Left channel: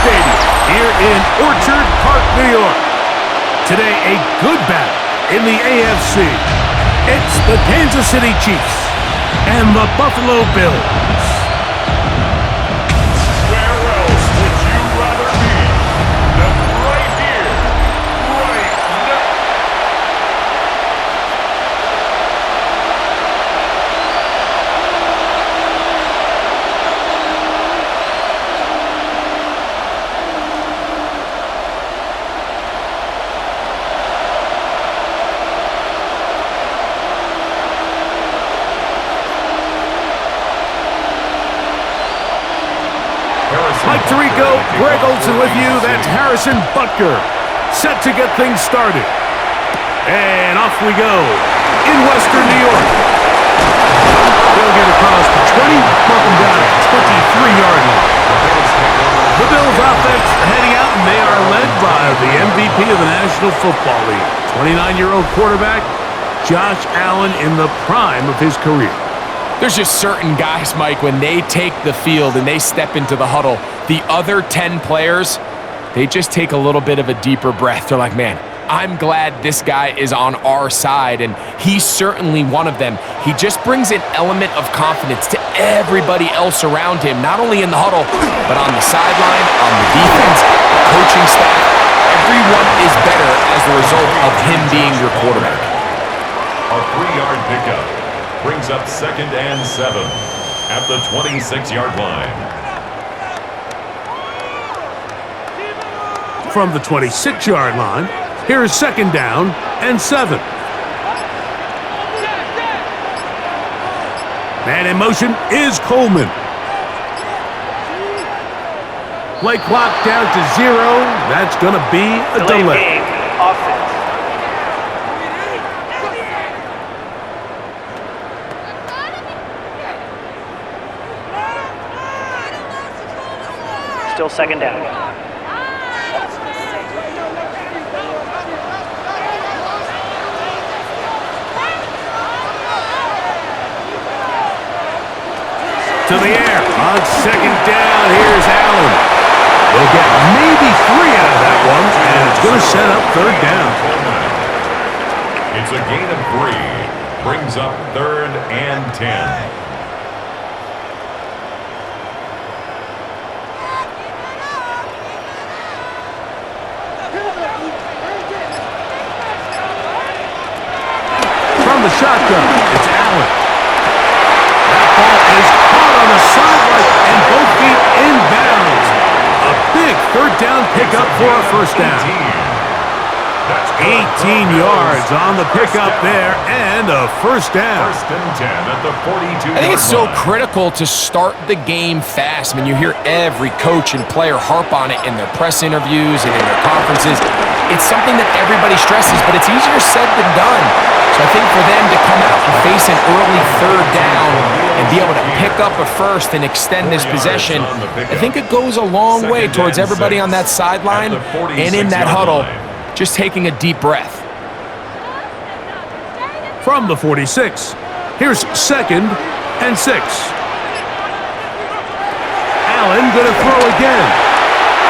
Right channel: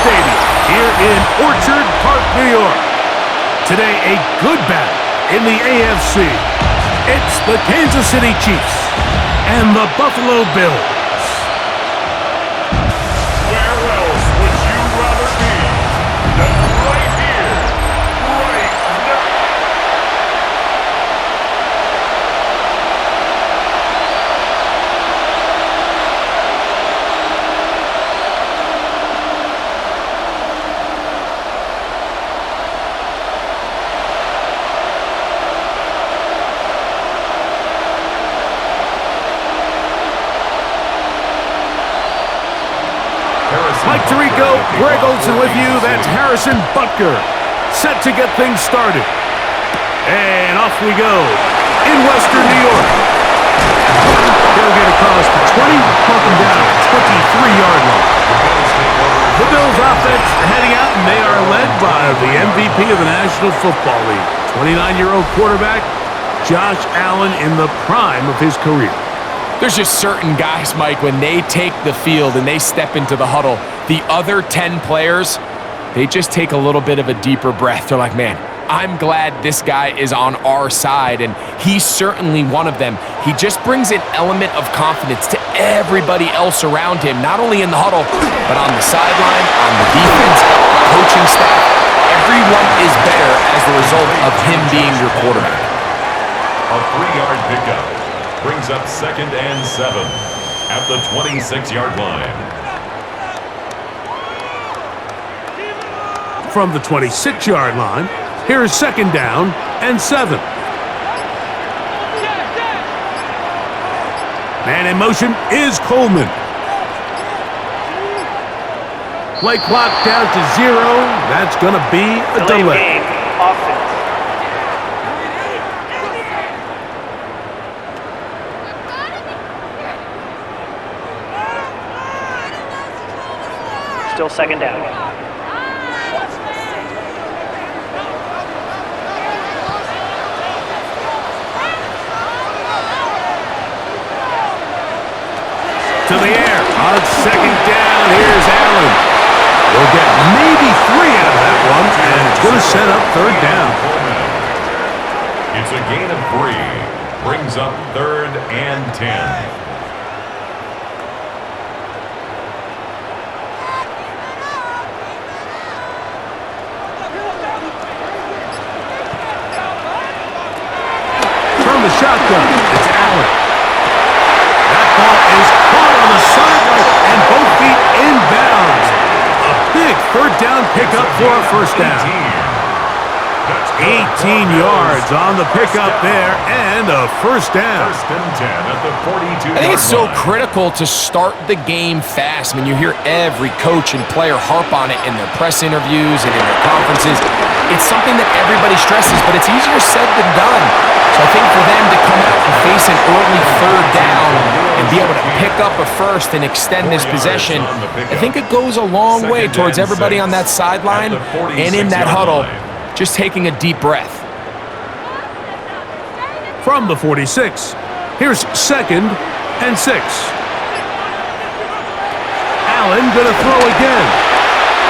Stadium here in Orchard Park, New York. Today, a good battle in the AFC. It's the Kansas City Chiefs and the Buffalo Bills. Where else would you rather be than right here, right now? Mike Tirico, Greg Olsen with you. That's Harrison Butker, set to get things started. And off we go in Western New York. He'll get across the 20, mark him down at the 23-yard line. The Bills offense heading out, and they are led by the MVP of the National Football League, 29-year-old quarterback Josh Allen in the prime of his career. There's just certain guys, Mike, when they take the field and they step into the huddle, the other 10 players, they just take a little bit of a deeper breath. They're like, man, I'm glad this guy is on our side, and he's certainly one of them. He just brings an element of confidence to everybody else around him, not only in the huddle, but on the sideline, on the defense, the coaching staff. Everyone is better as the result of him being your quarterback. A 3-yard pickup brings up 2nd and 7 at the 26-yard line. From the 26-yard line, here is 2nd down and 7. Man in motion is Coleman. Play clock down to 0. That's going to be a delay. Game, offense. Still 2nd down. To the air on 2nd down. Here's Allen. We'll get maybe 3 out of that one, and it's going to set up 3rd down. It's a gain of 3. Brings up 3rd and 10. From the shotgun, it's Allen. That ball is caught on the sideline and both feet inbounds. A big 3rd down pickup for a 1st down. 18 yards on the pickup there and a 1st down. 1st and 10 at the 42-yard line. I think it's so critical to start the game fast. I mean, you hear every coach and player harp on it in their press interviews and in their conferences. It's something that everybody stresses, but it's easier said than done. So I think for them to come out and face an early 3rd down and be able to pick up a 1st and extend this possession, I think it goes a long way towards everybody on that sideline and in that huddle just taking a deep breath. From the 46, here's 2nd and 6. Allen gonna throw again.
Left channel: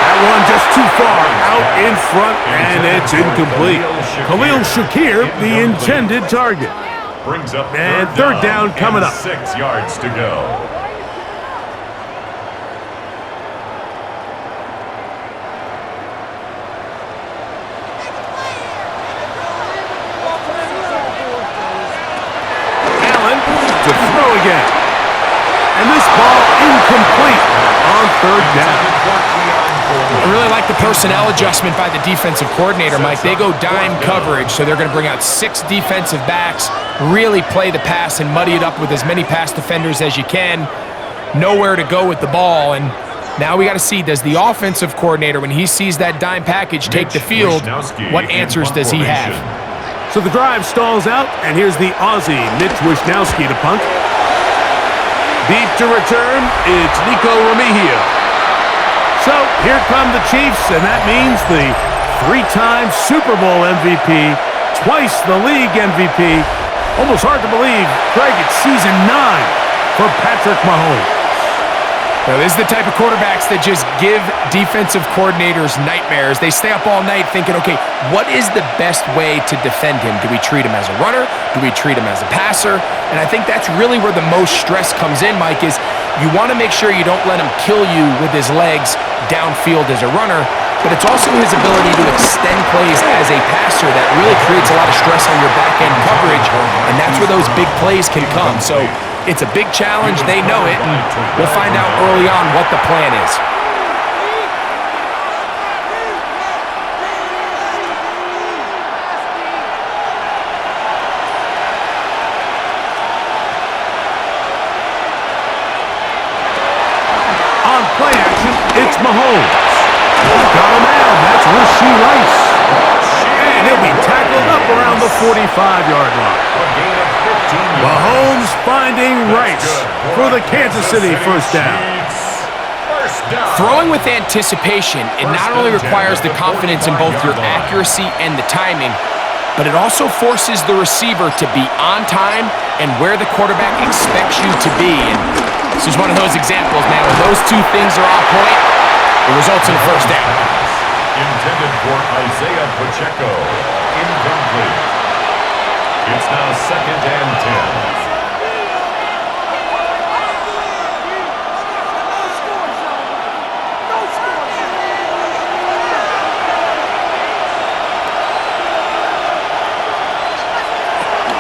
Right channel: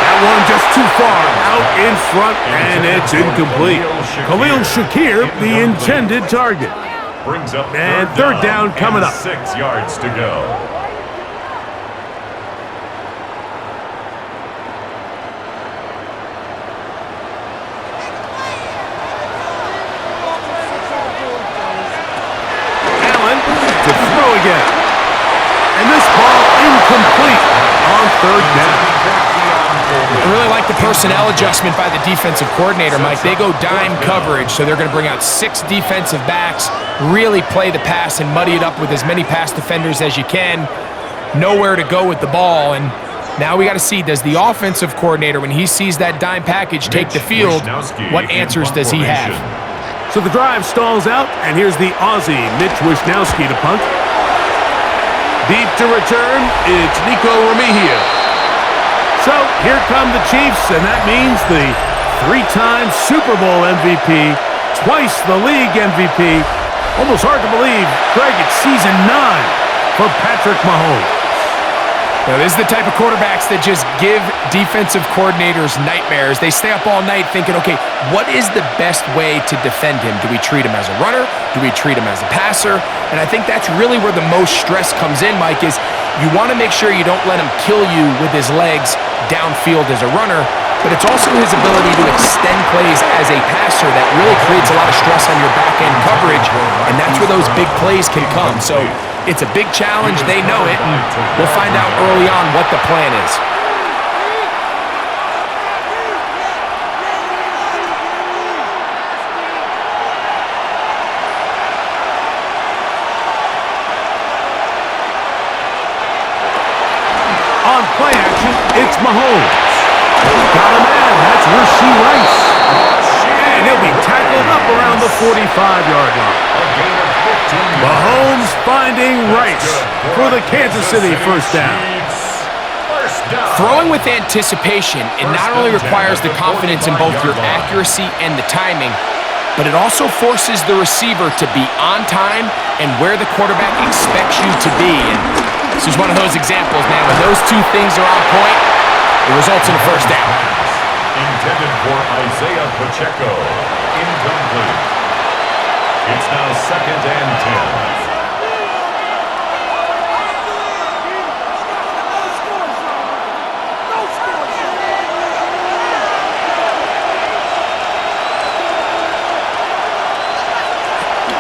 That one just too far out in front, and it's incomplete. Khalil Shakir, the intended target. Brings up and 3rd down coming up. 6 yards to go. To throw again. And this ball incomplete on 3rd down. I really like the personnel adjustment by the defensive coordinator, Mike. They go dime coverage, so they're going to bring out 6 defensive backs, really play the pass and muddy it up with as many pass defenders as you can. Nowhere to go with the ball, and now we got to see, does the offensive coordinator, when he sees that dime package take the field, what answers does he have? So the drive stalls out, and here's the Aussie, Mitch Wishnowsky, to punt. Deep to return, it's Nico Remigio. So here come the Chiefs, and that means the 3-time Super Bowl MVP, twice the league MVP. Almost hard to believe, Greg, it's season 9 for Patrick Mahomes. Now, this is the type of quarterbacks that just give defensive coordinators nightmares. They stay up all night thinking, okay, what is the best way to defend him? Do we treat him as a runner? Do we treat him as a passer? And I think that's really where the most stress comes in, Mike, is you want to make sure you don't let him kill you with his legs downfield as a runner, but it's also his ability to extend plays as a passer that really creates a lot of stress on your back-end coverage, and that's where those big plays can come. So it's a big challenge. They know it, and we'll find out early on what the plan is. On play action, it's Mahomes. Got a man. That's Rashee Rice. And he'll be tackled up around the 45-yard line. A gain of 15 yards. Mahomes finding Rice for the Kansas City first down. First down. Throwing with anticipation, it not only requires the confidence in both your accuracy and the timing, but it also forces the receiver to be on time and where the quarterback expects you to be. And this is one of those examples, man. When those two things are on point, it results in a first down. Intended for Isaiah Pacheco. Incomplete. It's now 2nd and 10.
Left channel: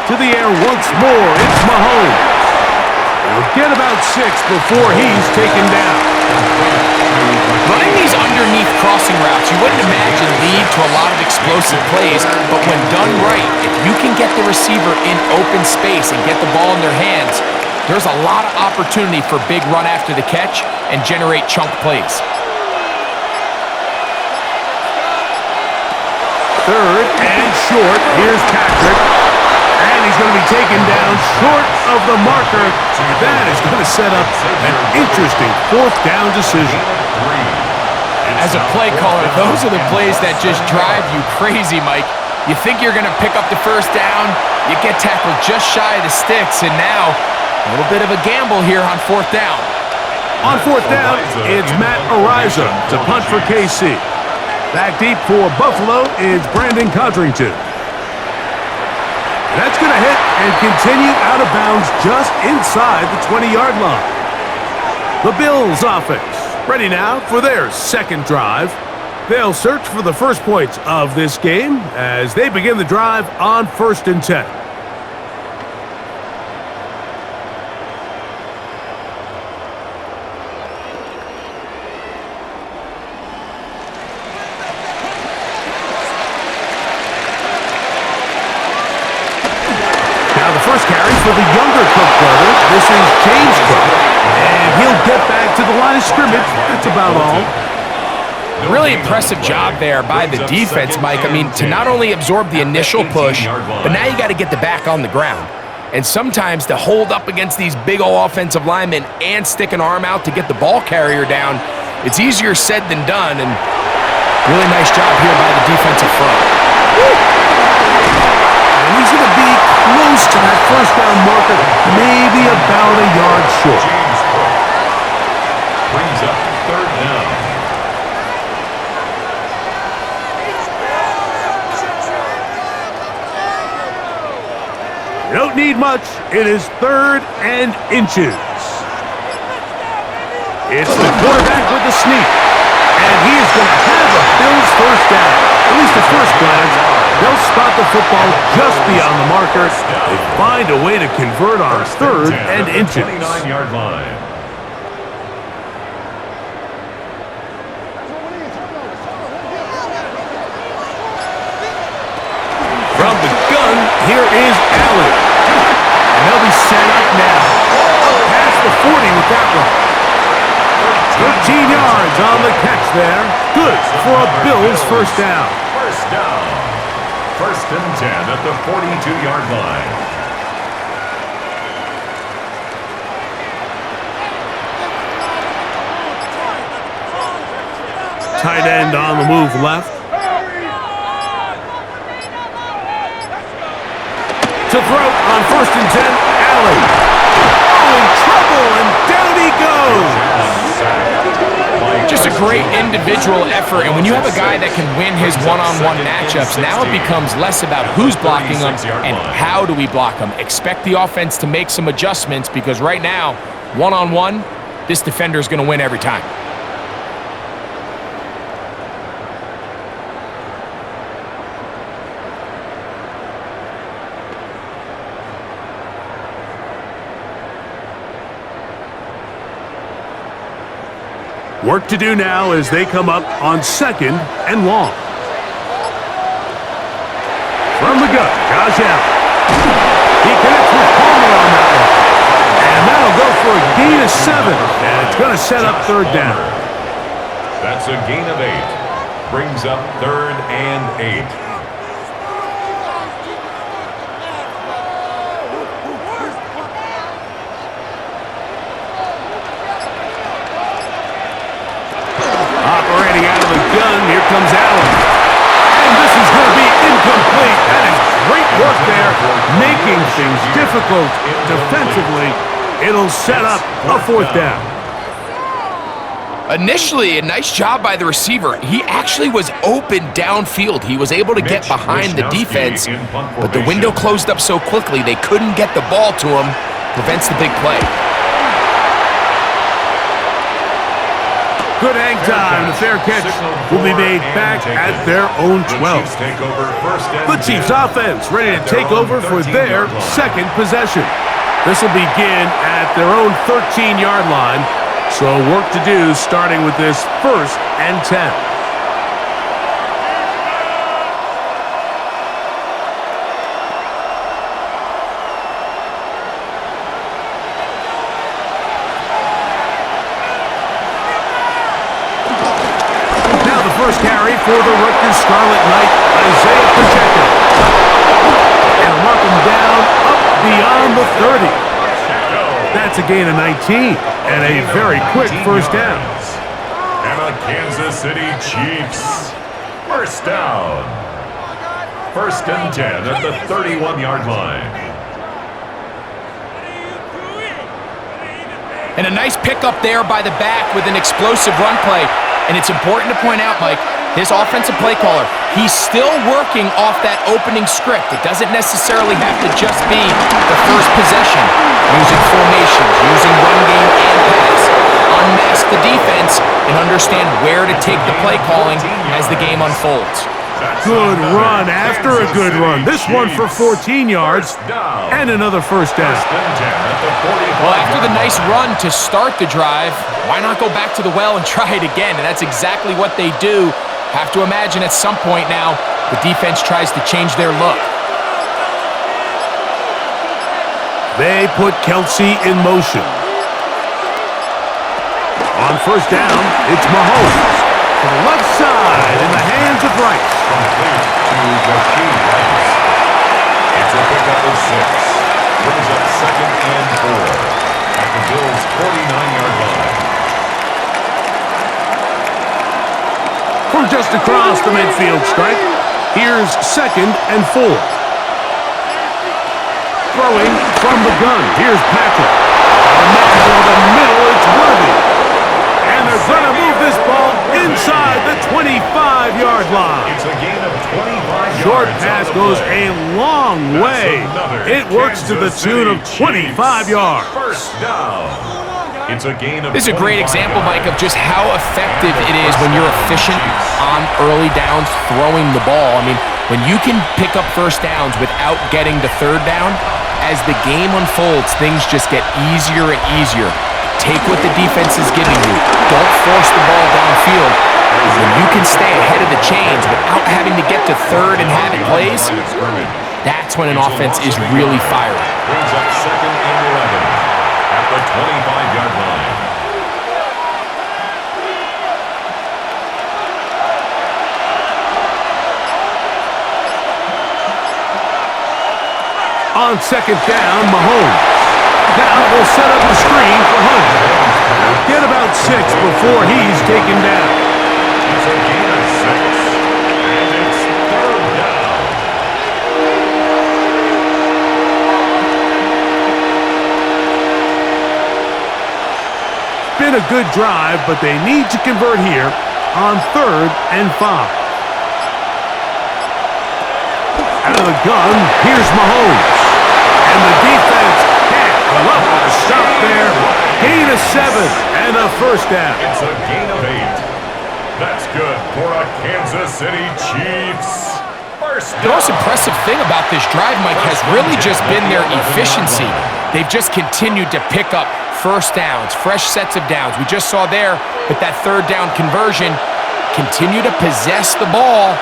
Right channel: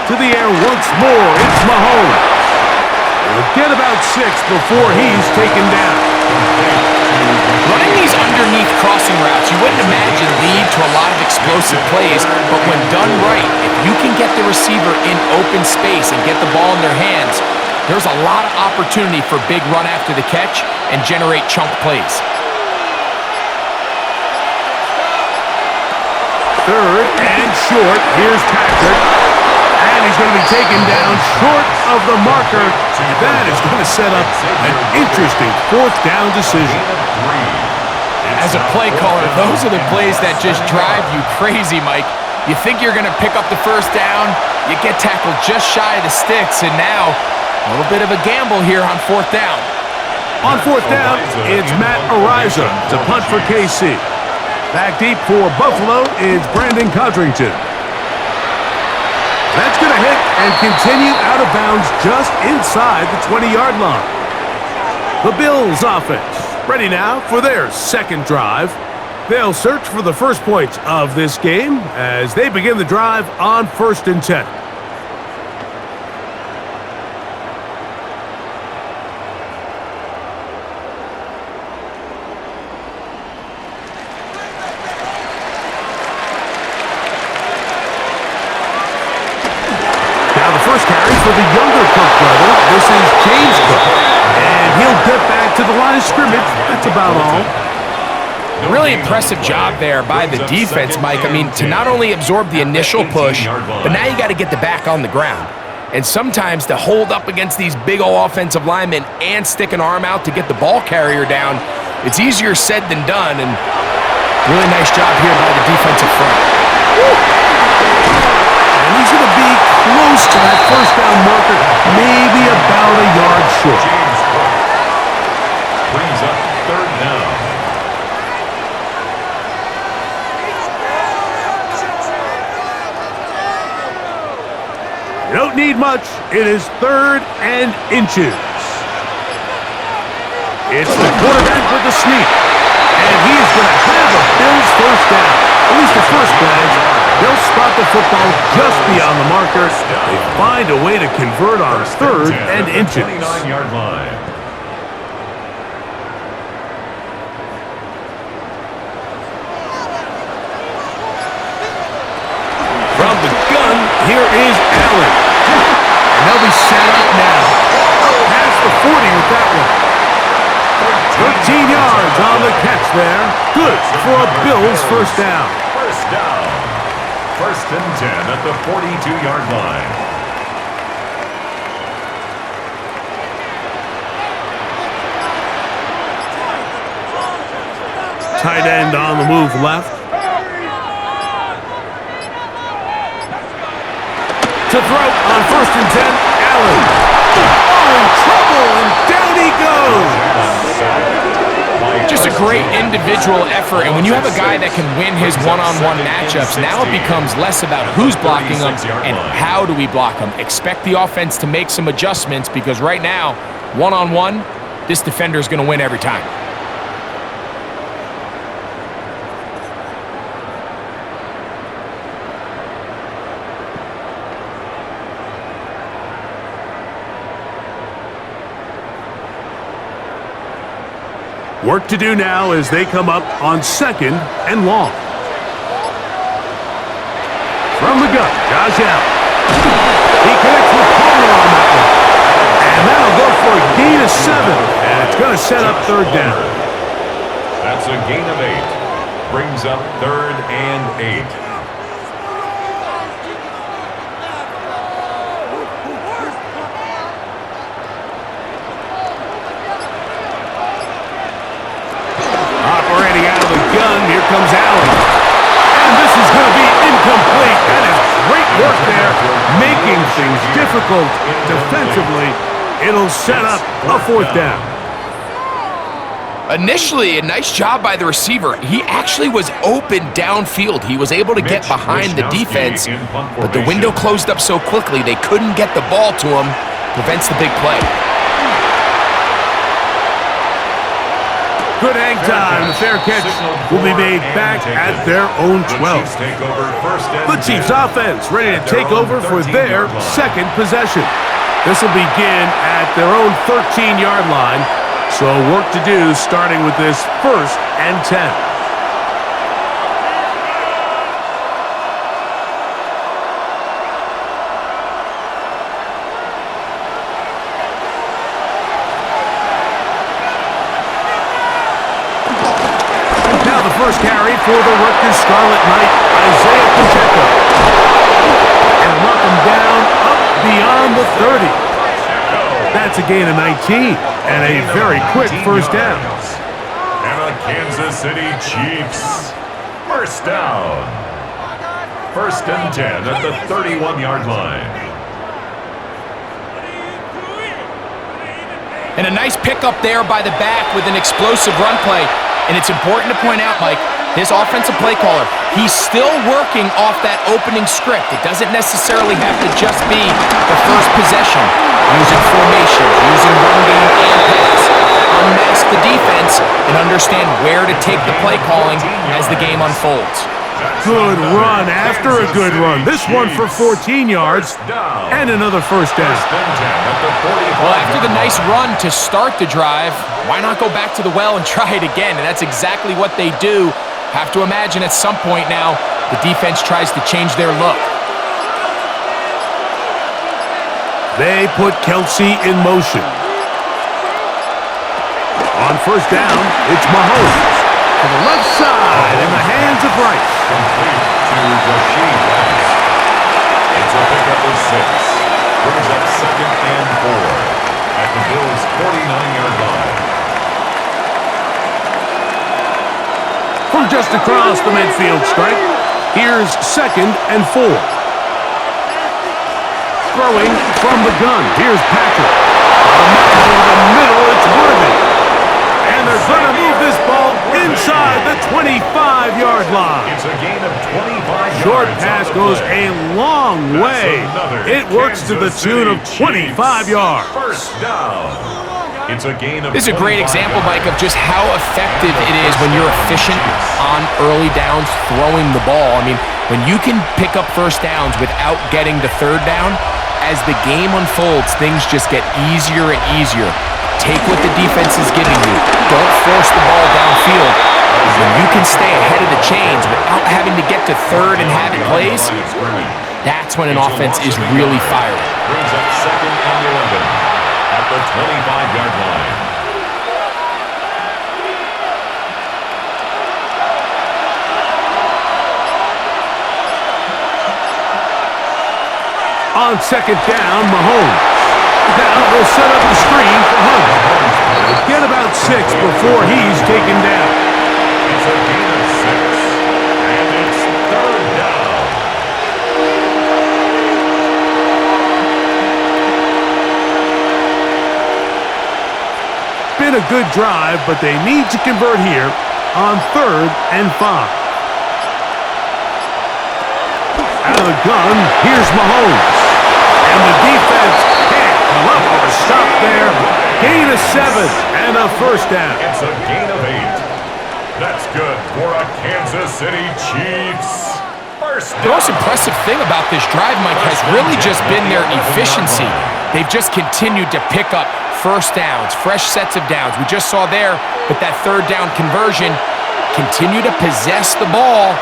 To the air once more, it's Mahomes. He'll get about 6 before he's taken down. Running these underneath crossing routes, you wouldn't imagine lead to a lot of explosive plays, but when done right, if you can get the receiver in open space and get the ball in their hands, there's a lot of opportunity for big run after the catch and generate chunk plays. 3rd and short. Here's Patrick. And he's going to be taken down short of the marker. And that is going to set up an interesting 4th down decision. As a play caller, those are the plays that just drive you crazy, Mike. You think you're going to pick up the first down, you get tackled just shy of the sticks, and now a little bit of a gamble here on 4th down. On 4th down, it's Matt Ariza to punt for KC. Back deep for Buffalo is Brandon Codrington. That's going to hit and continue out of bounds just inside the 20-yard line. The Bills offense ready now for their 2nd drive. They'll search for the first points of this game as they begin the drive on 1st and 10. Now the first carry for the younger Cook brother. This is James Cook. And he'll get back to the line of scrimmage. That's about all. Really impressive job there by the defense, Mike. I mean, to not only absorb the initial push, but now you got to get the back on the ground. And sometimes to hold up against these big old offensive linemen and stick an arm out to get the ball carrier down, it's easier said than done. And really nice job here by the defensive front. And he's going to be close to that first down marker, maybe about a yard short. James Cook brings up 3rd down. You don't need much. It is 3rd and inches. It's the quarterback with the sneak. And he is going to have a Bills first down. At least at first glance, they'll spot the football just beyond the marker. They find a way to convert on 3rd and inches. 29-yard line. From the gun, here is Allen. And they'll be set up now. Up past the 40 with that one. 13 yards on the catch there. Good for a Bills first down. First down. 1st and 10 at the 42-yard line. Tight end on the move left. To throw on 1st and 10, Allen. Oh, in trouble, and down he goes. sacked. By Just a great Christian. individual effort, and when you have a guy that can win his one-on-one matchups, now it becomes less about who's blocking him and how do we block him. Expect the offense to make some adjustments because right now, one-on-one, this defender is going to win every time. Work to do now as they come up on 2nd and long. From the gut, Josh Allen. He connects with Palmer on that one. And that'll go for a gain of 7. And it's going to set up 3rd down. That's a gain of 8. Brings up 3rd and 8. Operating out of the gun, here comes Allen. And this is going to be incomplete. That is great work there, making things difficult defensively. It'll set up a 4th down. Initially, a nice job by the receiver. He actually was open downfield. He was able to get behind the defense, but the window closed up so quickly they couldn't get the ball to him. Prevents the big play. Good hang time. The fair catch will be made back at their own 12. The Chiefs offense ready to take over for their 2nd possession. This will begin at their own 13-yard line. So work to do starting with this 1st and 10. First carry for the Rutgers Scarlet Knight, Isaiah Pacheco. And mark him down up beyond the 30. That's a gain of 19 and a very quick 1st down. And the Kansas City Chiefs. 1st down. 1st and 10 at the 31-yard line. And a nice pickup there by the back with an explosive run play. And it's important to point out, Mike, his offensive play caller, he's still working off that opening script. It doesn't necessarily have to just be the first possession. Using formations, using run game and pass. Unmask the defense and understand where to take the play calling as the game unfolds. Good run after a good run. This one for 14 yards and another 1st down. Well, after the nice run to start the drive, why not go back to the well and try it again? And that's exactly what they do. Have to imagine at some point now, the defense tries to change their look. They put Kelsey in motion. On 1st down, it's Mahomes. To the left side in the hands of Rice. Complete to Rashid Rice. It's a pickup of 6. Brings up 2nd and 4 at the Bills' 49-yard line. From just across the midfield stripe, here's 2nd and 4. Throwing from the gun, here's Patrick. Over the middle, it's Worthy. And they're going to move this ball inside the 25-yard line. It's a gain of 25 yards. Short pass goes a long way. It works to the tune of 25 yards. 1st down. It's a gain of. This is a great example, Mike, of just how effective it is when you're efficient on early downs throwing the ball. I mean, when you can pick up 1st downs without getting to 3rd down, as the game unfolds, things just get easier and easier. Take what the defense is giving you. Don't force the ball downfield. When you can stay ahead of the chains without having to get to 3rd and have it plays, that's when an offense is really firing. Brings up 2nd and 11 at the 25-yard line. On 2nd down, Mahomes. Now they'll set up the screen for Hunt. They'll get about 6 before he's taken down. It's a gain of 6, and it's 3rd down. been a good drive, but they need to convert here on 3rd and 5. Out of the gun, here's Mahomes. And the defense can't come up with a stop there. Gain of 7 and a first down. It's a gain of 8. That's good for a Kansas City Chiefs. First down. The most impressive thing about this drive, Mike, has really just been their efficiency. They've just continued to pick up first downs, fresh sets of downs. We just saw there with that 3rd down conversion, continue to possess the ball.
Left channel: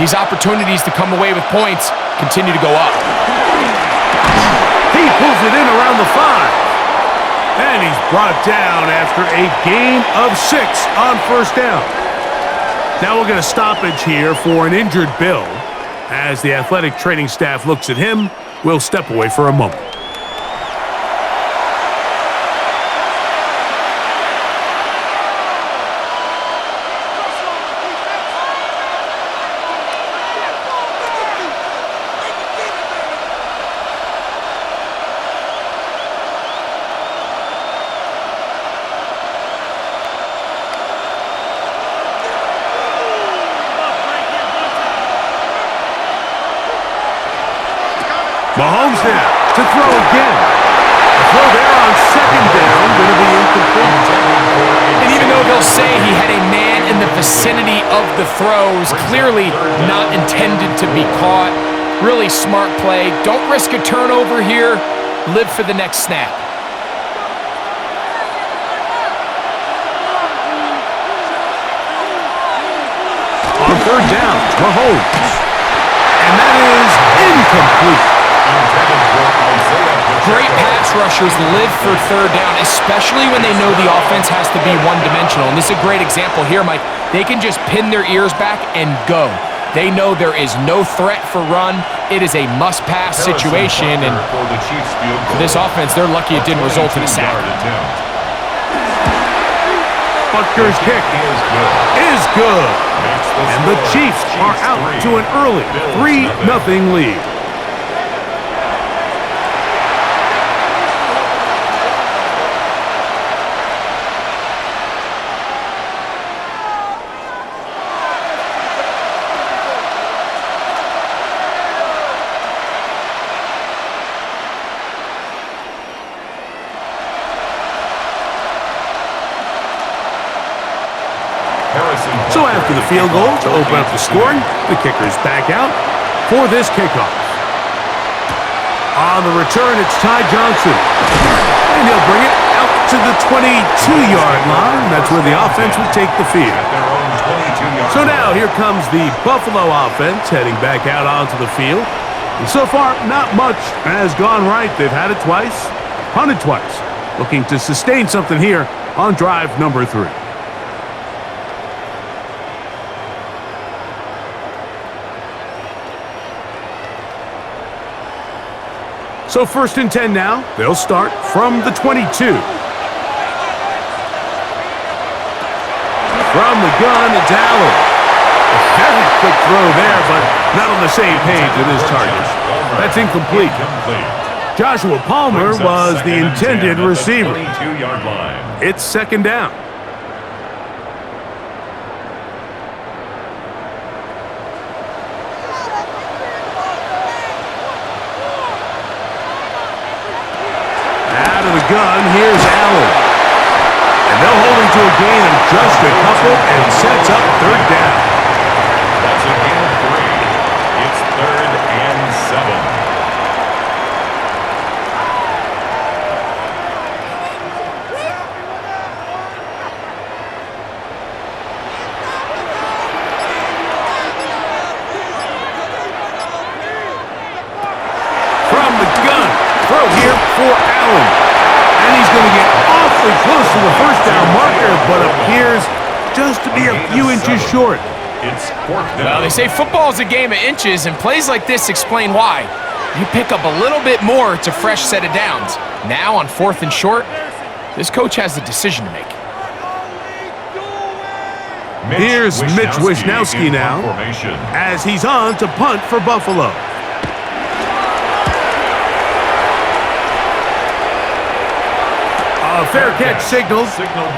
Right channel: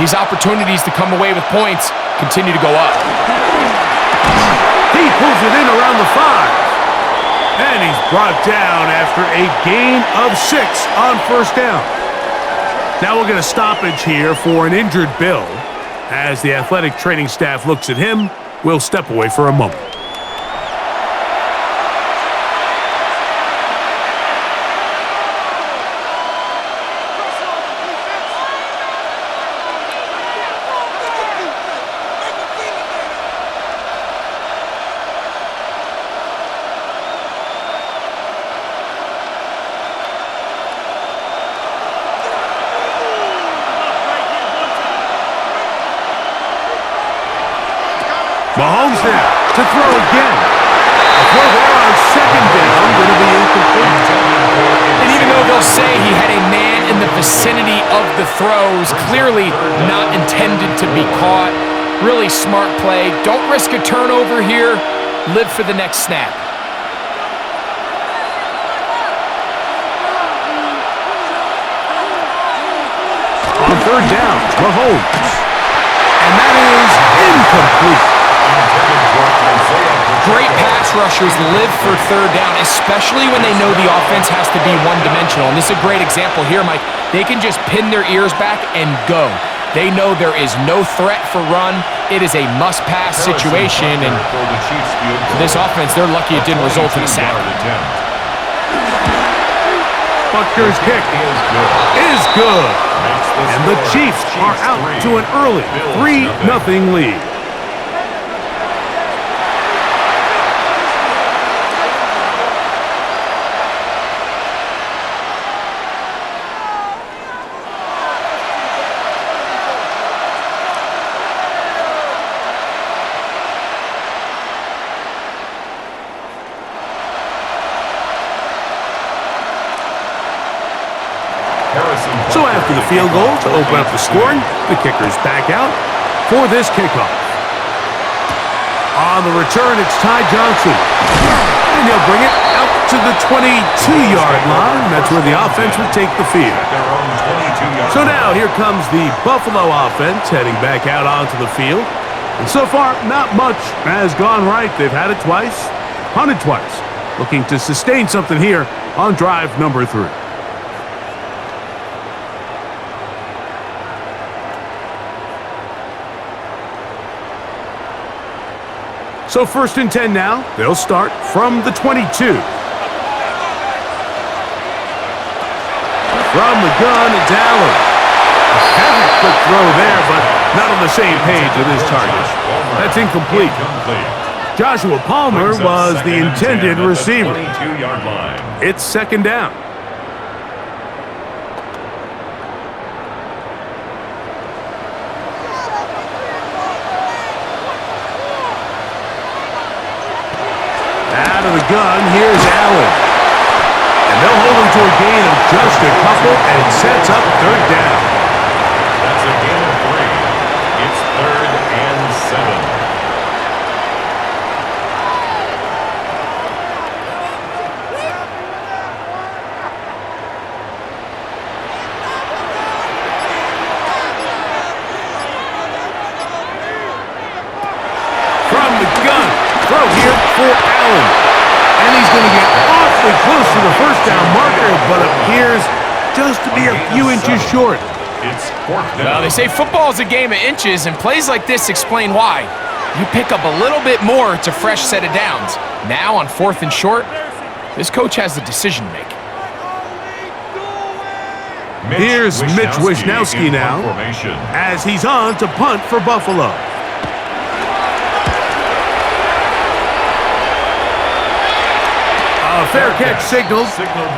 These opportunities to come away with points continue to go up. He pulls it in around the 5. And he's brought down after a gain of 6 on first down. Now we'll get a stoppage here for an injured Bill. As the athletic training staff looks at him, we'll step away for a moment. Mahomes now to throw again. A throw there on 2nd down, going to be incomplete. And even though they'll say he had a man in the vicinity of the throws, clearly not intended to be caught. Really smart play. Don't risk a turnover here. Live for the next snap. On 3rd down, Mahomes. And that is incomplete. Great pass rushers live for 3rd down, especially when they know the offense has to be one-dimensional. And this is a great example here, Mike. They can just pin their ears back and go. They know there is no threat for run. It is a must-pass situation. And for this offense, they're lucky it didn't result in a sack. Butker's kick is good. And the Chiefs are out to an early 3-0 lead. So after the field goal to open up the scoring, the kicker's back out for this kickoff. On the return, it's Ty Johnson. And he'll bring it out to the 22-yard line. That's where the offense would take the field. So now here comes the Buffalo offense heading back out onto the field. And so far, not much has gone right. They've had it twice, punted twice. Looking to sustain something here on drive number 3. So 1st and 10 now. They'll start from the 22. From the gun, it's Allen. A very quick throw there, but not on the same page with his target. That's incomplete. Joshua Palmer was the intended receiver. It's 2nd down. Out of the gun, here's Allen. And they'll hold him to a gain of just a couple and sets up 3rd down. That's a gain of 3. It's 3rd and 7. From the gun, throw here for Allen. And he's going to get awfully close to the first down marker, but appears just to be a few inches short. It's 4th down. Well, they say football is a game of inches, and plays like this explain why. You pick up a little bit more, it's a fresh set of downs. Now on 4th and short, this coach has a decision to make. Here's Mitch Wishnowsky now, as he's on to punt for Buffalo. A fair catch signaled,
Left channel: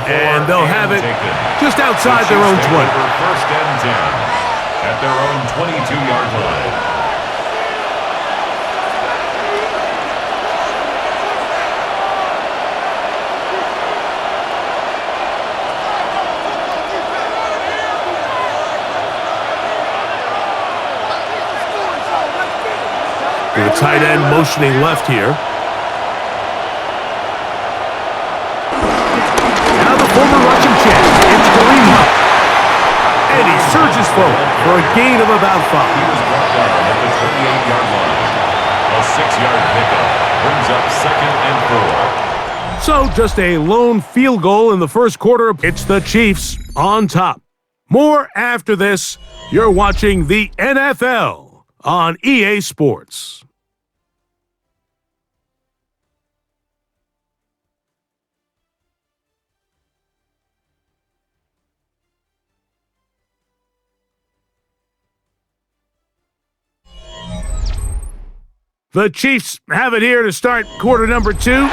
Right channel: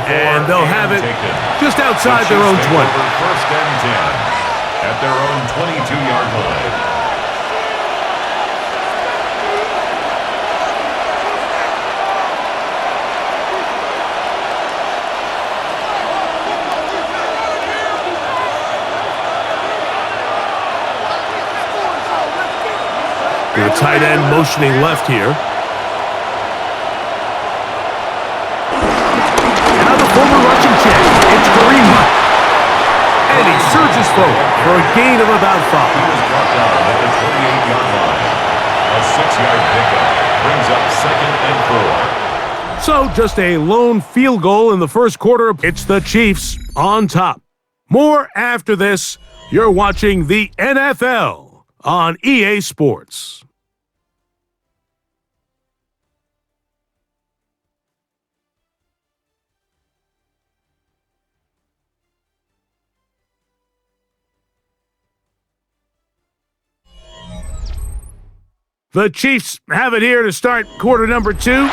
and they'll have it just outside their own 20. First and 10 at their own 22-yard line. The tight end motioning left here. Now the former Russian champ, it's Kareem Hunt. And he surges forward for a gain of about 5. He was brought down at the 28-yard line. A 6-yard pickup brings up second and 4. So just a lone field goal in the first quarter. It's the Chiefs on top. More after this. You're watching the NFL on EA Sports. The Chiefs have it here to start quarter number 2.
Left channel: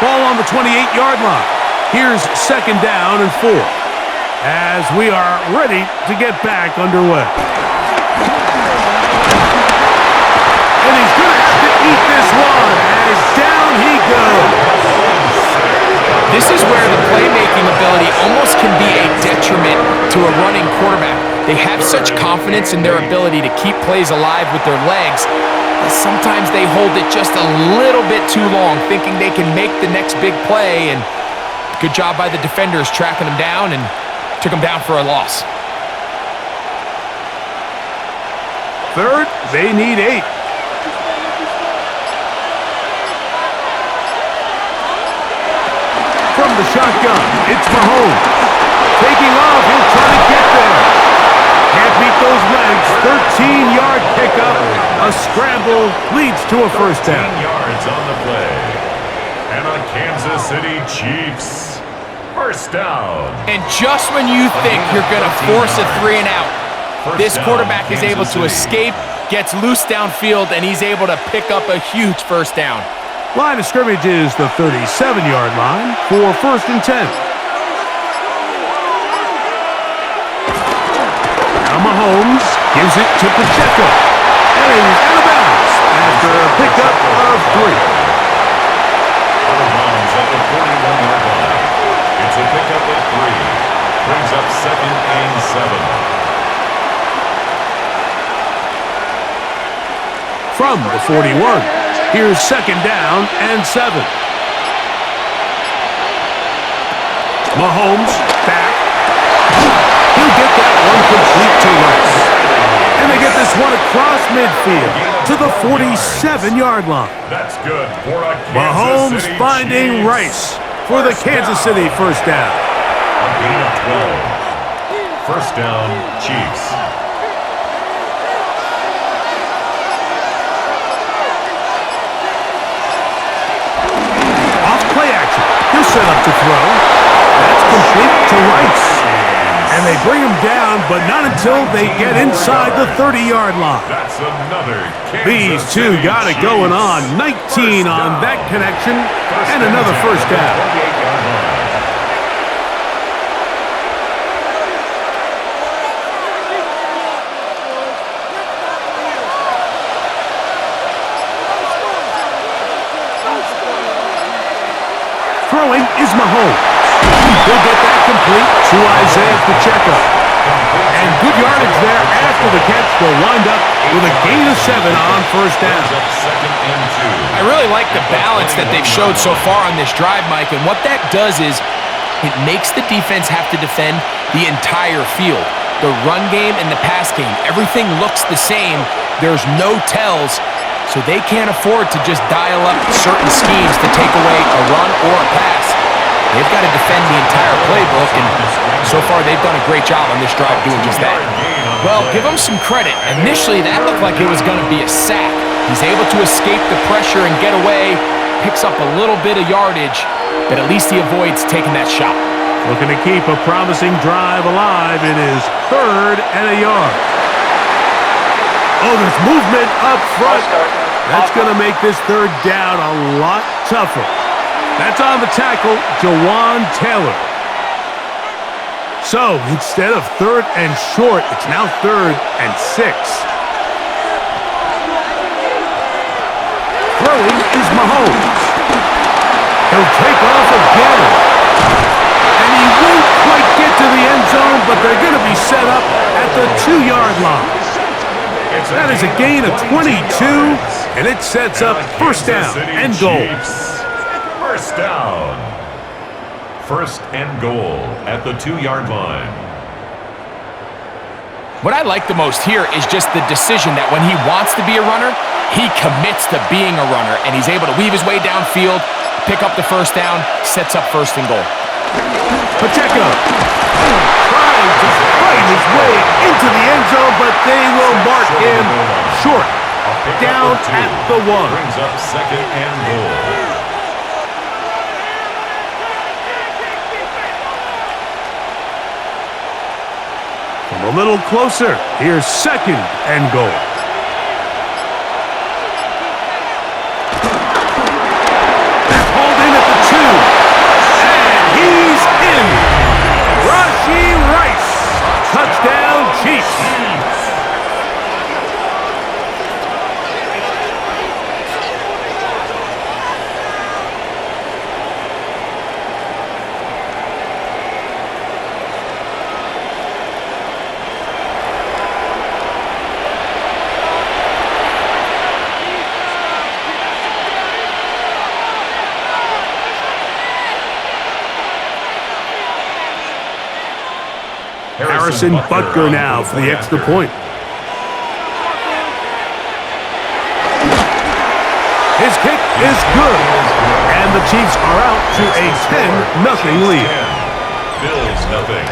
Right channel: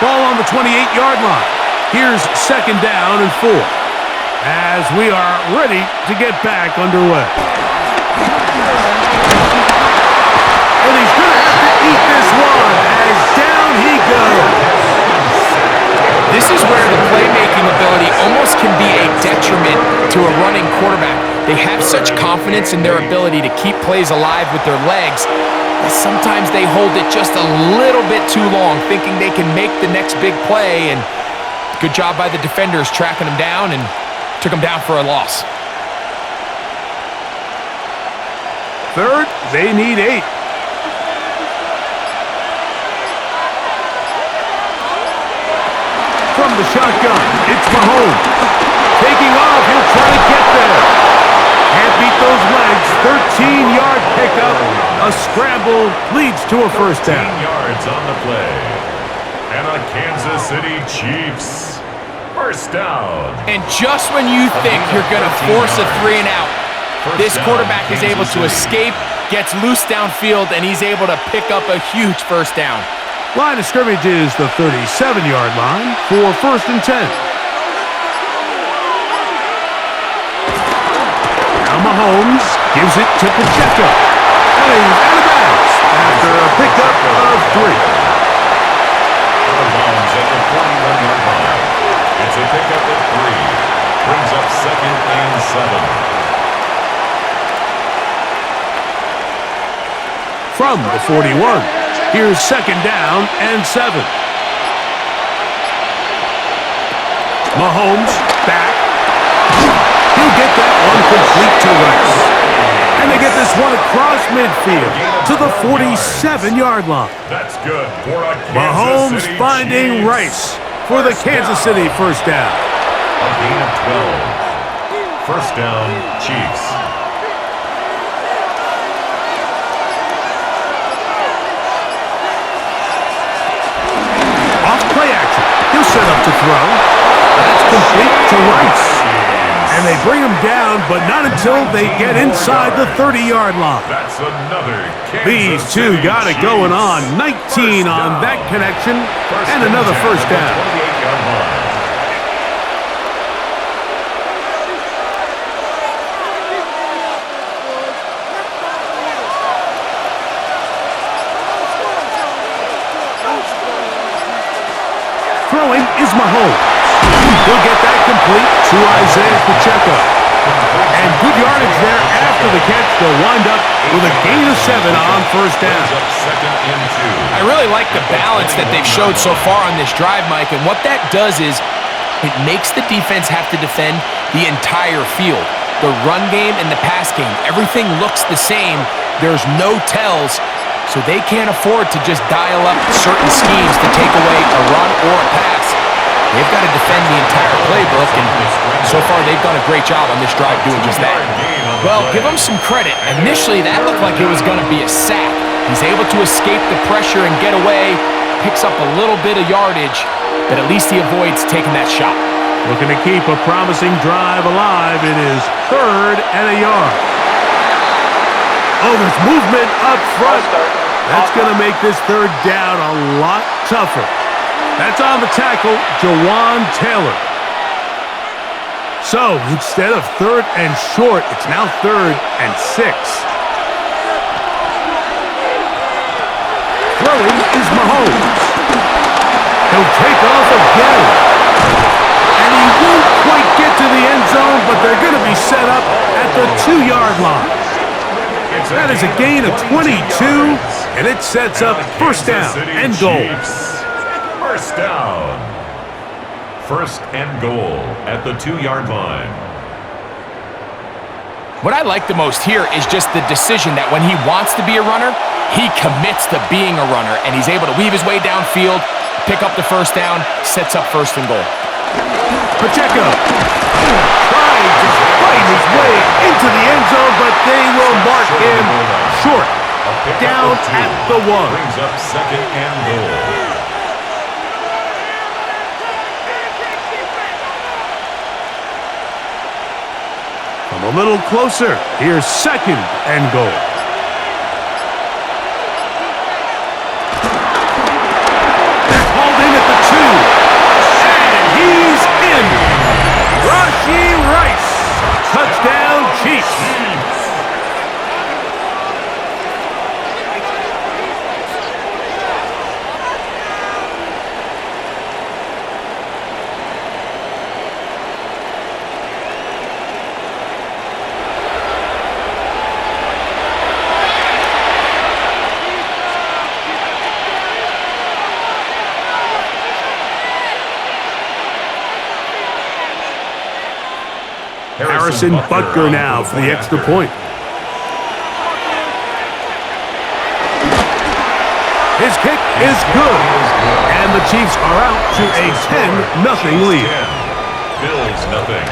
Ball on the 28-yard line. Here's second down and 4 as we are ready to get back underway. And he's going to have to eat this one as down he goes. This is where the playmaking ability almost can be a detriment to a running quarterback. They have such confidence in their ability to keep plays alive with their legs that sometimes they hold it just a little bit too long, thinking they can make the next big play, and good job by the defenders tracking them down and took them down for a loss. Third, they need 8. From the shotgun, it's Mahomes. Taking off, he'll try to get there. Can't beat those legs. 13-yard pickup. A scramble leads to a first down. 13 yards on the play. And a Kansas City Chiefs first down. And just when you think you're going to force a 3 and out, this quarterback is able to escape, gets loose downfield, and he's able to pick up a huge first down. Line of scrimmage is the 37-yard line for first and 10. Now Mahomes gives it to Pacheco. And he's out of bounds after a pickup of 3. Out of bounds at the 41-yard line. It's a pickup of 3. Brings up second and 7. From the 41, here's second down and 7. Mahomes back. He'll get that one complete to Rice. And they get this one across midfield to the 47-yard line. That's good for a Mahomes Kansas City finding Chiefs. Rice for the Kansas City first down. A gain of 12. First down, Chiefs. Off play action. He'll set up to throw. That's complete to Rice. And they bring him down, but not until they get inside the 30-yard line. That's another Kansas These two City got it Chiefs. going on. 19 on that connection, and another first down. 28-yard line. Throwing is Mahomes. He'll get that complete to Isaiah Pacheco. And good yardage there after the catch. They'll wind up with a gain of 7 on first down. Second and 2. I really like the balance that they've showed so far on this drive, Mike, and what that does is it makes the defense have to defend the entire field. The run game and the pass game, everything looks the same. There's no tells, so they can't afford to just dial up certain schemes to take away a run or a pass. They've got to defend the entire playbook, and so far they've done a great job on this drive doing just that. Well, give him some credit. Initially, that looked like it was going to be a sack. He's able to escape the pressure and get away, picks up a little bit of yardage, but at least he avoids taking that shot. Looking to keep a promising drive alive. It is third and a yard. Oh, there's movement up front. That's going to make this third down a lot tougher. That's on the tackle, Jawan Taylor. So, instead of 3rd and short, it's now 3rd and 6. Throwing is Mahomes. He'll take off again. And he won't quite get to the end zone, but they're going to be set up at the 2-yard line. That is a gain of 22, and it sets up first down and goal. First down. First and goal at the 2-yard line. What I like the most here is just the decision that when he wants to be a runner, he commits to being a runner, and he's able to weave his way downfield, pick up the first down, sets up first and goal. Pacheco trying to fight his way into the end zone, but they will mark him short. Down at the 1. Brings up second and goal. From a little closer, here's second and goal. They're hauled in at the 2. And he's in. Rashee Rice. Touchdown, Chiefs. Harrison Butker now for the extra point. His kick is good. And the Chiefs are out to a 10-0 lead. Bills nothing.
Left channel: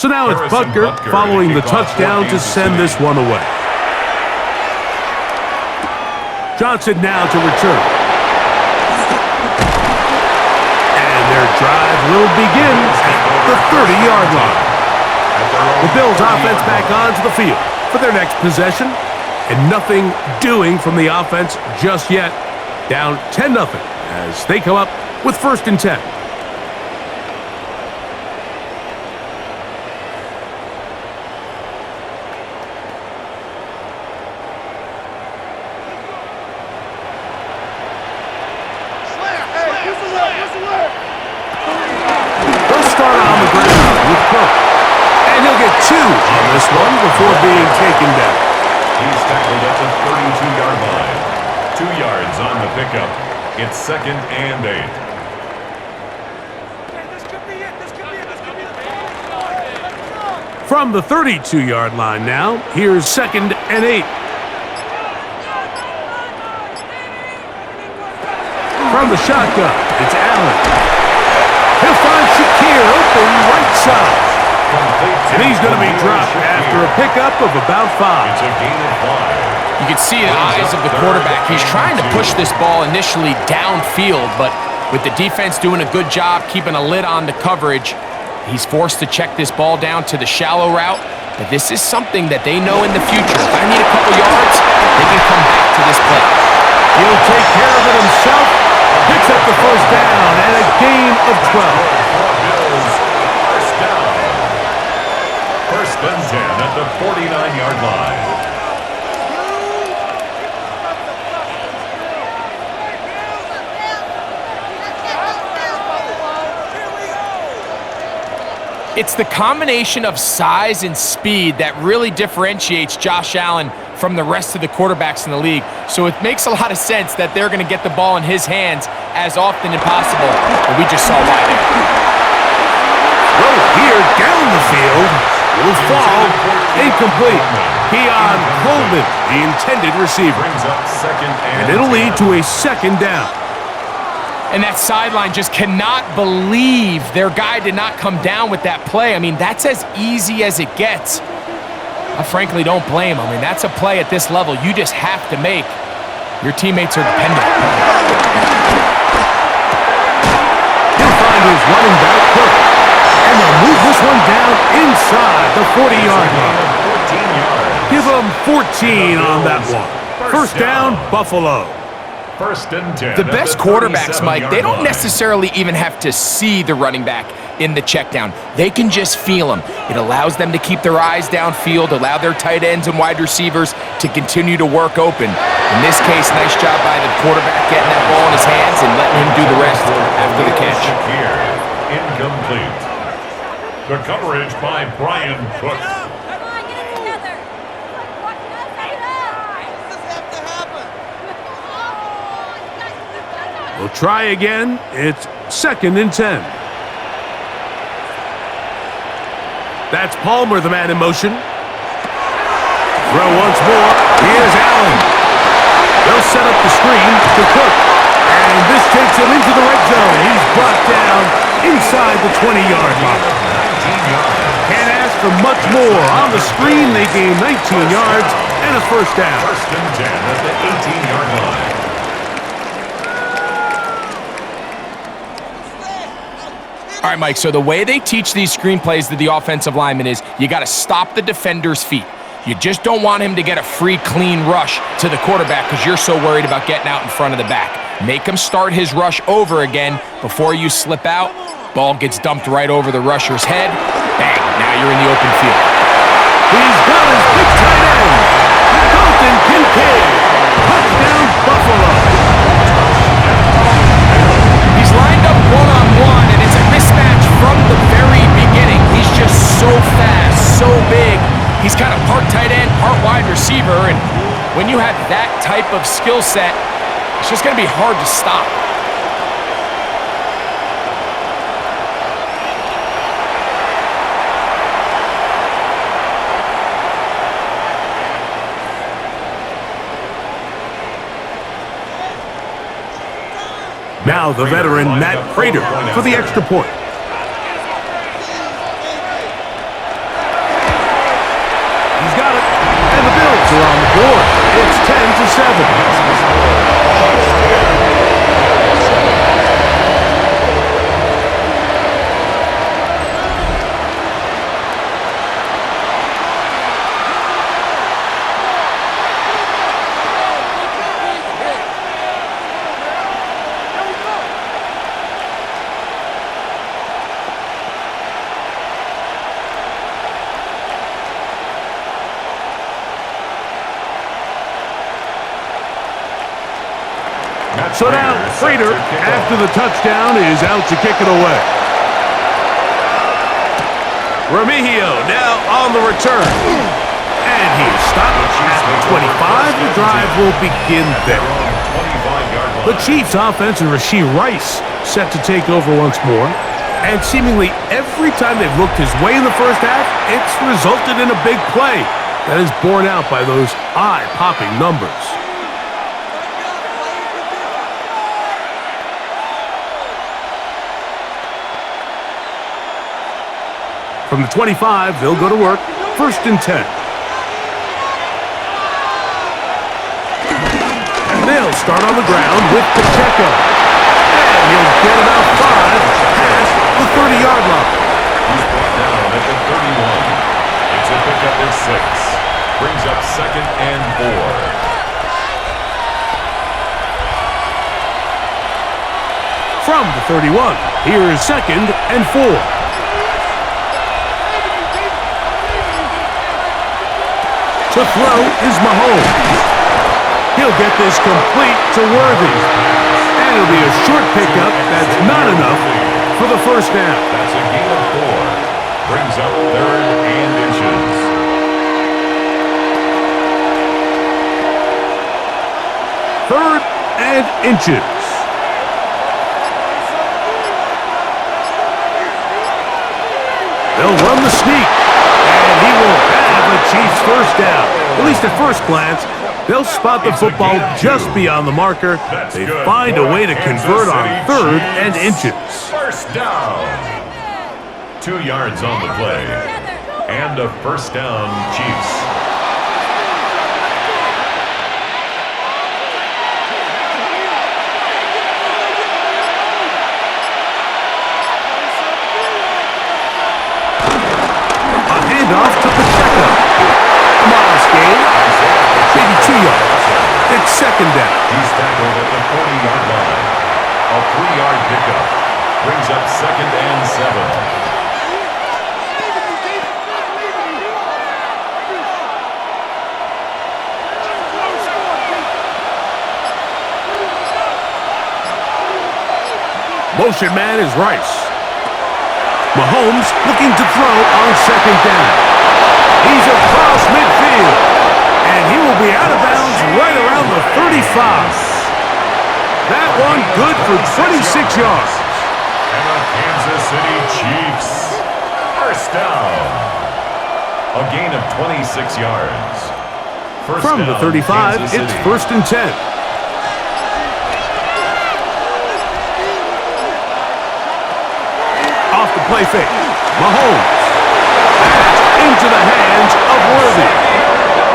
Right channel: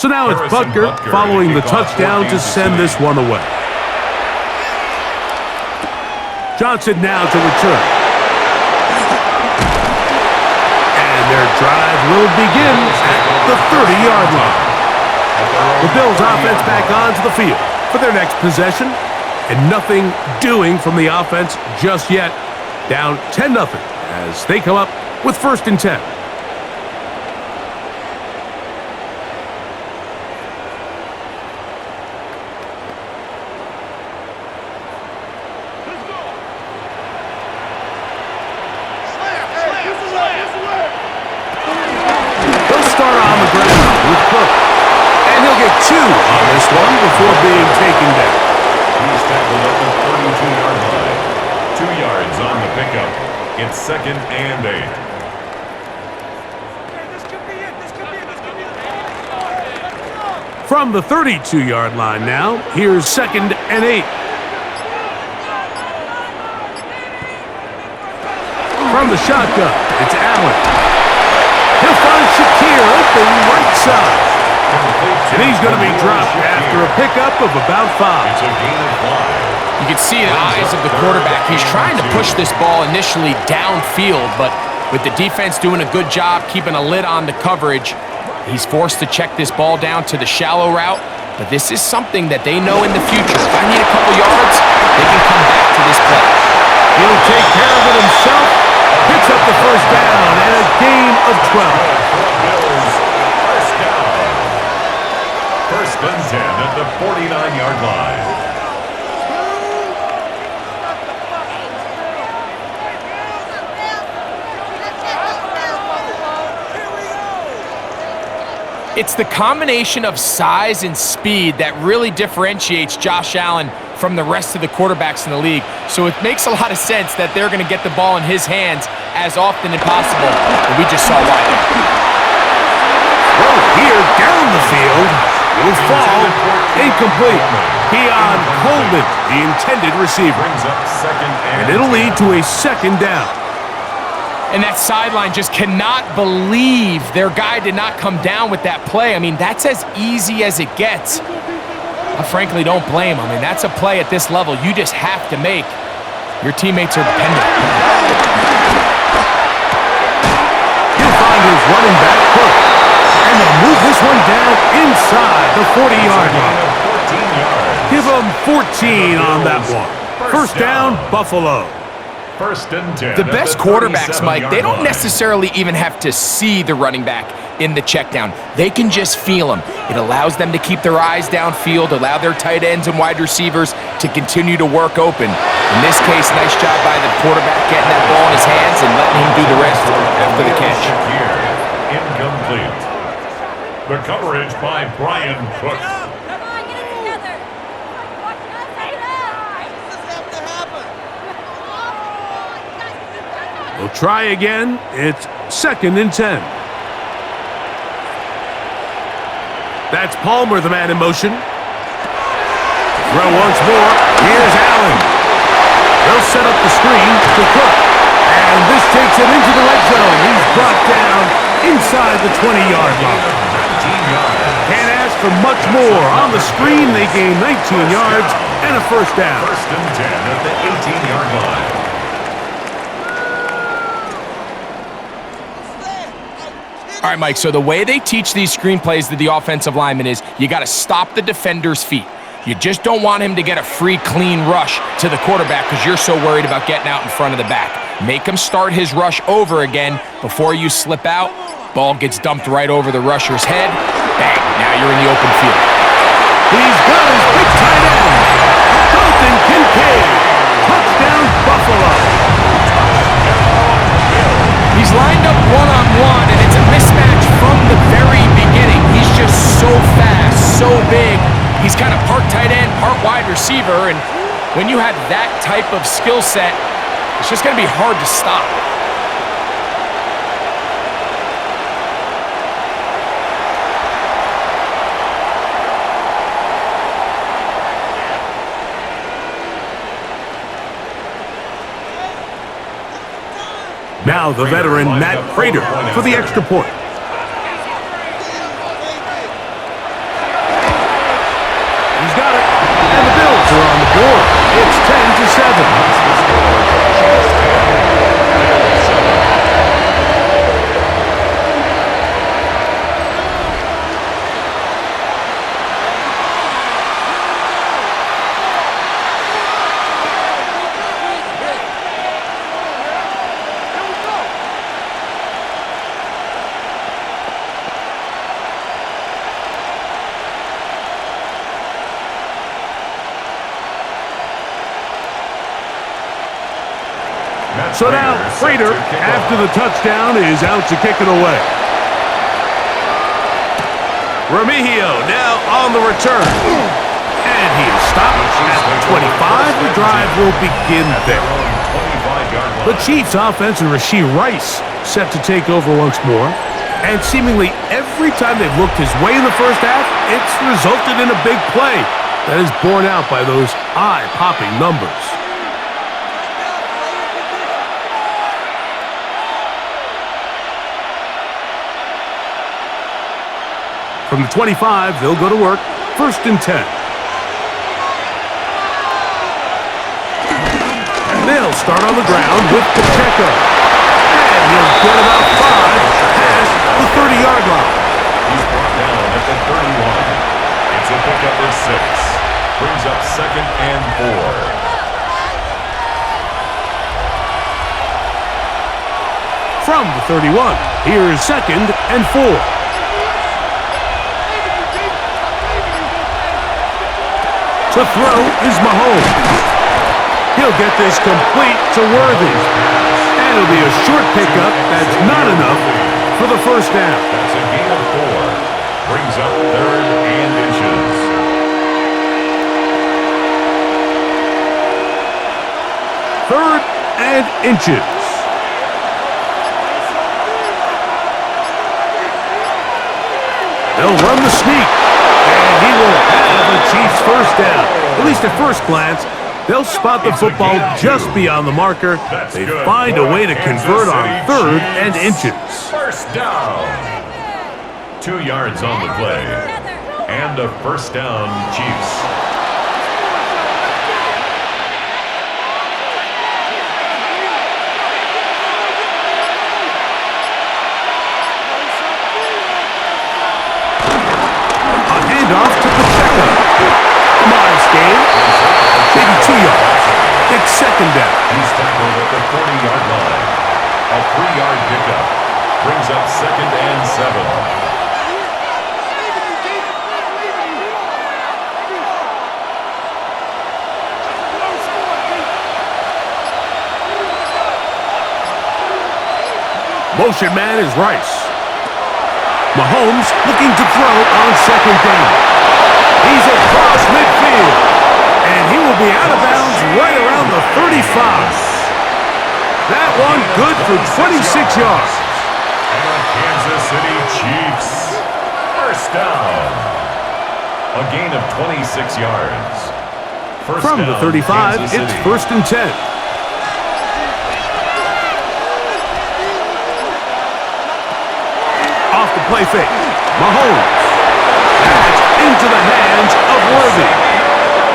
So now it's Butker following the touchdown to send this one away. Johnson now to return. And their drive will begin at the 30-yard line. The Bills offense back onto the field for their next possession. And nothing doing from the offense just yet. Down 10-0 as they come up with first and 10. And he'll get 2 on this one before being taken down. He's tackled at the 32-yard line. 2 yards on the pickup. It's second and 8. From the 32-yard line now, here's second and 8. From the shotgun, it's Allen. He'll find Shakir open right side. And he's going to be dropped after a pickup of about 5. It's a gain of 5. You can see the eyes of the quarterback. He's trying to push this ball initially downfield, but with the defense doing a good job keeping a lid on the coverage, he's forced to check this ball down to the shallow route. But this is something that they know in the future. If I need a couple yards, they can come back to this play. He'll take care of it himself. Picks up the first down and a gain of 12. Bills, first down. First and 10 at the 49-yard line. It's the combination of size and speed that really differentiates Josh Allen from the rest of the quarterbacks in the league. So it makes a lot of sense that they're going to get the ball in his hands as often as possible. And we just saw why there. Throw here down the field. Will fall. Incomplete. Keon Coleman, the intended receiver. Brings up second and it'll lead to a second down. And that sideline just cannot believe their guy did not come down with that play. I mean, that's as easy as it gets. I frankly don't blame him. I mean, that's a play at this level you just have to make. Your teammates are dependent. He'll find his running back first. And they'll move this one down inside the 40-yard line. 14 yards. Give them 14 on that one. First down, Buffalo. First and 10. The best quarterbacks, Mike, they don't necessarily even have to see the running back in the check down. They can just feel him. It allows them to keep their eyes downfield, allow their tight ends and wide receivers to continue to work open. In this case, nice job by the quarterback getting that ball in his hands and letting him do the rest after the catch. Incomplete. The coverage by Brian Cook. Come on, get it together. Watch us, set it up. This has to happen. Oh, you guys can do better. We'll try again. It's 2nd and 10. That's Palmer, the man in motion. Throw once more. Here's Allen. They'll set up the screen to Cook. And this takes him into the red zone. He's brought down inside the 20-yard line. 19 yards. Can't ask for much more. On the screen, they gain 19 yards and a first down. First and 10 at the 18-yard line. All right, Mike, so the way they teach these screenplays to the offensive lineman is you got to stop the defender's feet. You just don't want him to get a free, clean rush to the quarterback because you're so worried about getting out in front of the back. Make him start his rush over again before you slip out. Ball gets dumped right over the rusher's head. Bang, now you're in the open field. He's got his big tight end, Dalton Kincaid. Touchdown, Buffalo. He's lined up one-on-one, and it's a mismatch from the very beginning. He's just so fast, so big. He's kind of part tight end, part wide receiver, and when you have that type of skill set, it's just going to be hard to stop. Now the veteran Matt Prater for the extra point. He's got it, and the Bills are on the board. It's 10-7. That's the score. Chiefs 10, Bills 7. So now Prater, after the touchdown, is out to kick it away. Remigio now on the return. And he is stopped at the 25. The drive will begin there. The Chiefs offense and Rashee Rice set to take over once more. And seemingly every time they've looked his way in the first half, it's resulted in a big play that is borne out by those eye-popping numbers. From the 25, they'll go to work. 1st and 10. They'll start on the ground with Pacheco. And he'll get about 5 past the 30-yard line. He's brought down at the 31. It's a pickup of 6. Brings up 2nd and 4. From the 31, here's 2nd and 4. To throw is Mahomes. He'll get this complete to Worthy. And it'll be a short pickup that's not enough for the first down. That's a gain of 4. Brings up 3rd and inches. 3rd and inches. They'll run the sneak. And he will have a Chiefs first down. At least at first glance, They'll spot the football just beyond the marker. They find a way to convert on third and inches. First down. 2 yards on the play. And a first down, Chiefs. A handoff to Pacheco. A modest gain. Maybe 2 yards. It's second down. He's tackled at the 40-yard line. A 3-yard pickup. Brings up second and 7. Motion man is Rice. Mahomes looking to throw on second down. He's across midfield. And he will be out of bounds right around the 35. That one good for 26 yards. And the Kansas City Chiefs. First down. A gain of 26 yards. From the 35, it's first and 10. Off the play fake. Mahomes. That's into the hands of Worthy.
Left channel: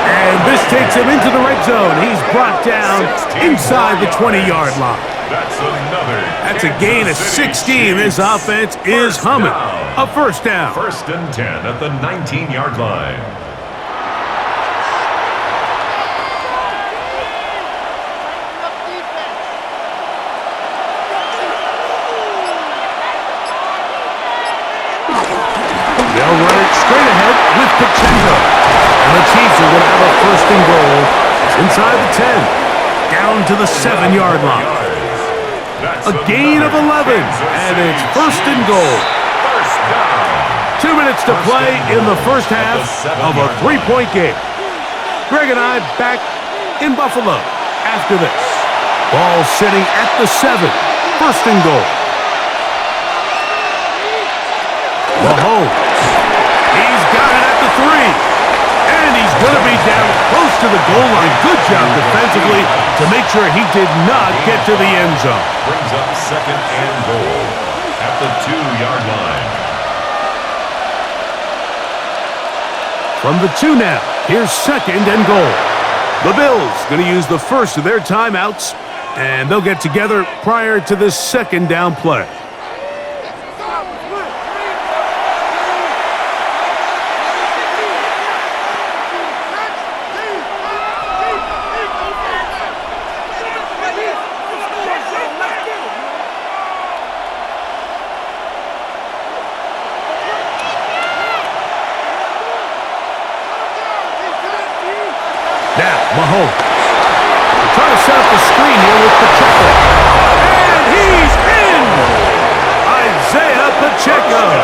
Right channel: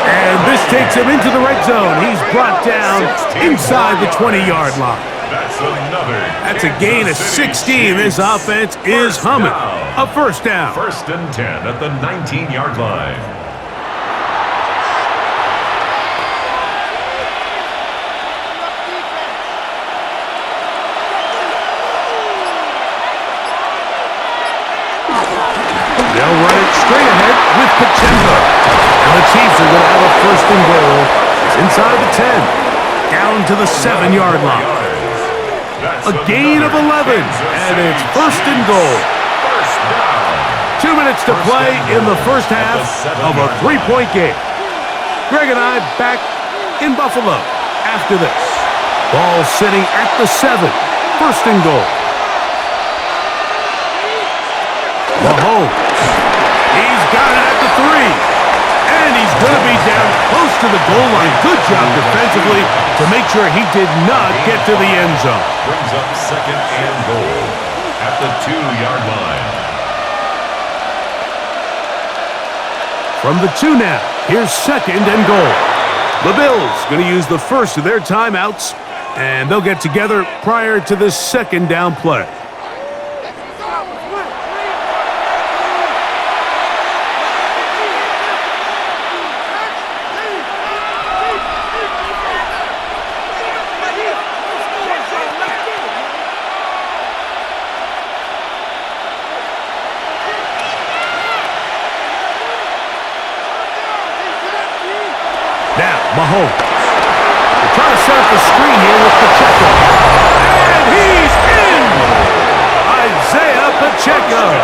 And this takes him into the red zone. He's brought down inside the 20-yard line. That's a gain of 16. This offense is humming. A first down. First and 10 at the 19-yard line. They'll run it straight ahead with Pacheco. And the Chiefs are going to have a first and goal. It's inside the 10. Down to the 7-yard line. A gain of 11. And it's first and goal. 2 minutes to play in the first half of a 3-point game. Greg and I back in Buffalo after this. Ball sitting at the 7. First and goal. Mahomes. He's got it at the 3. And he's going to be down close to the goal line. Good job defensively to make sure he did not get to the end zone. Brings up second and goal at the 2-yard line. From the 2 now, here's second and goal. The Bills going to use the first of their timeouts, and they'll get together prior to this second down play. Now, Mahomes. They're trying to set up the screen here with Pacheco. And he's in! Isaiah Pacheco.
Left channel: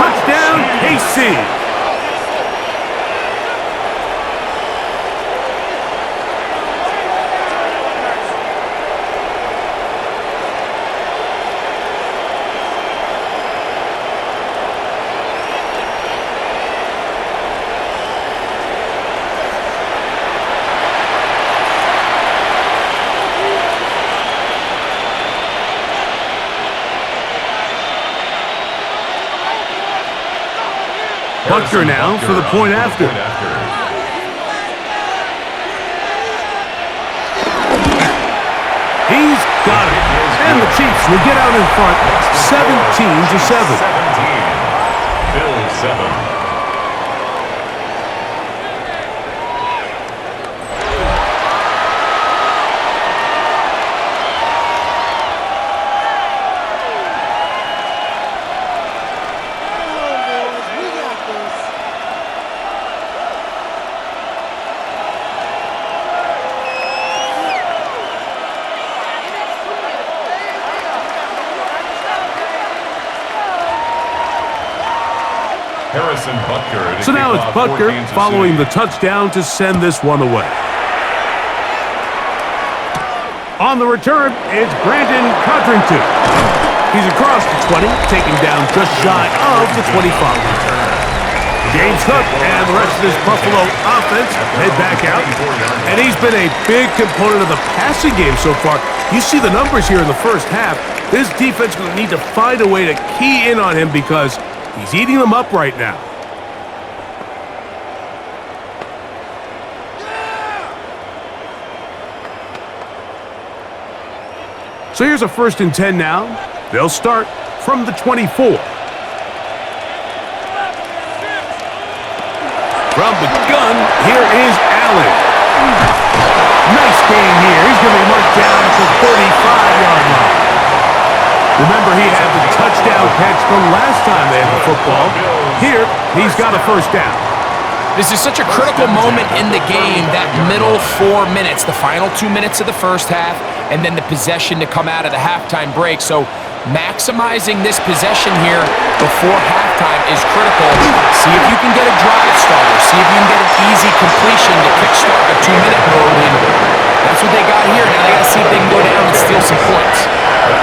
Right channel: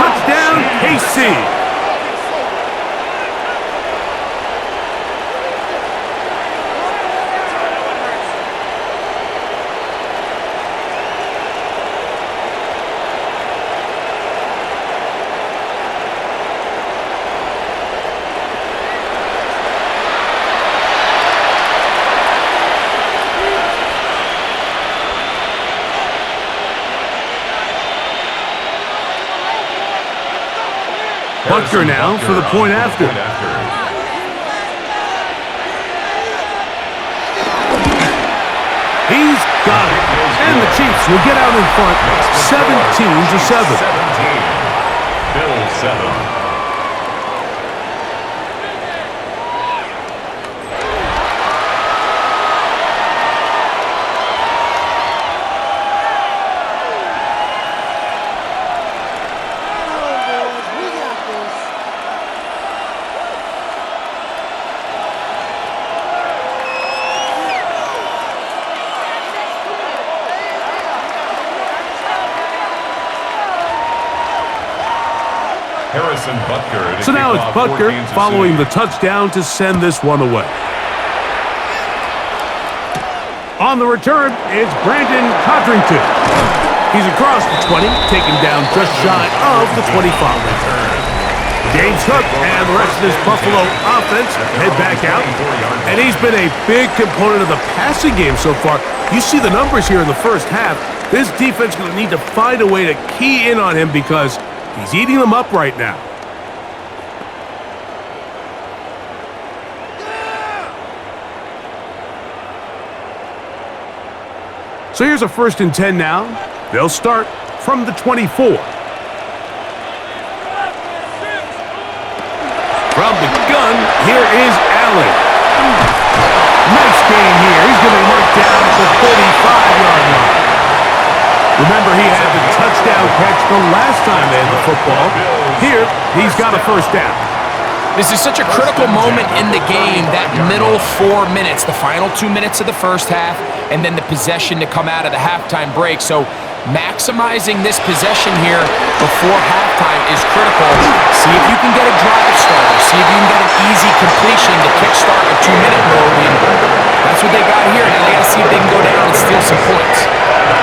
Touchdown, KC. Butker now for the point after. He's got it. And the Chiefs will get out in front 17-7. 17. Bills 7. So now it's Butker following the touchdown to send this one away. On the return, it's Brandon Codrington. He's across the 20, taken down just shy of the 25. James Cook and the rest of this Buffalo offense head back out. And he's been a big component of the passing game so far. You see the numbers here in the first half. This defense is going to need to find a way to key in on him because he's eating them up right now. So here's a 1st and 10 now. They'll start from the 24. From the gun, here is Allen. Nice gain here. He's going to be marked down at the 35-yard line. Remember, he had the touchdown catch the last time they had the football. Here, he's got a 1st down. This is such a critical moment in the game, that middle 4 minutes, the final 2 minutes of the first half, and then the possession to come out of the halftime break. So maximizing this possession here before halftime is critical. See if you can get a drive starter. See if you can get an easy completion to kickstart a 2-minute mode, and that's what they got here. Now they got to see if they can go down and steal some points.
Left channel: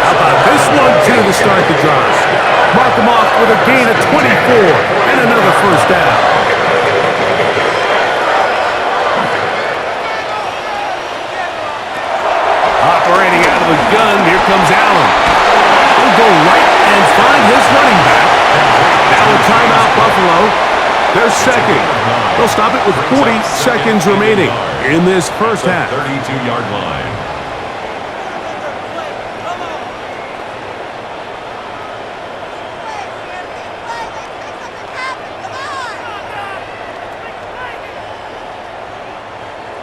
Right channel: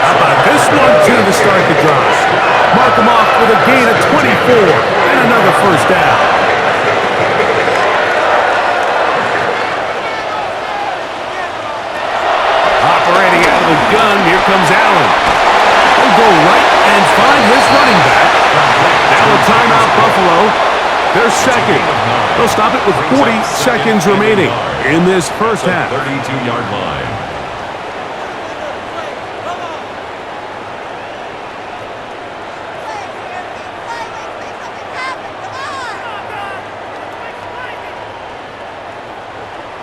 How about this one, too, to start the drive? Mark him off with a gain of 24 and another 1st down. Operating out of the gun, here comes Allen. He'll go right and find his running back. Now a timeout, Buffalo. They're second. They'll stop it with 40 seconds remaining in this first half. 32-yard line.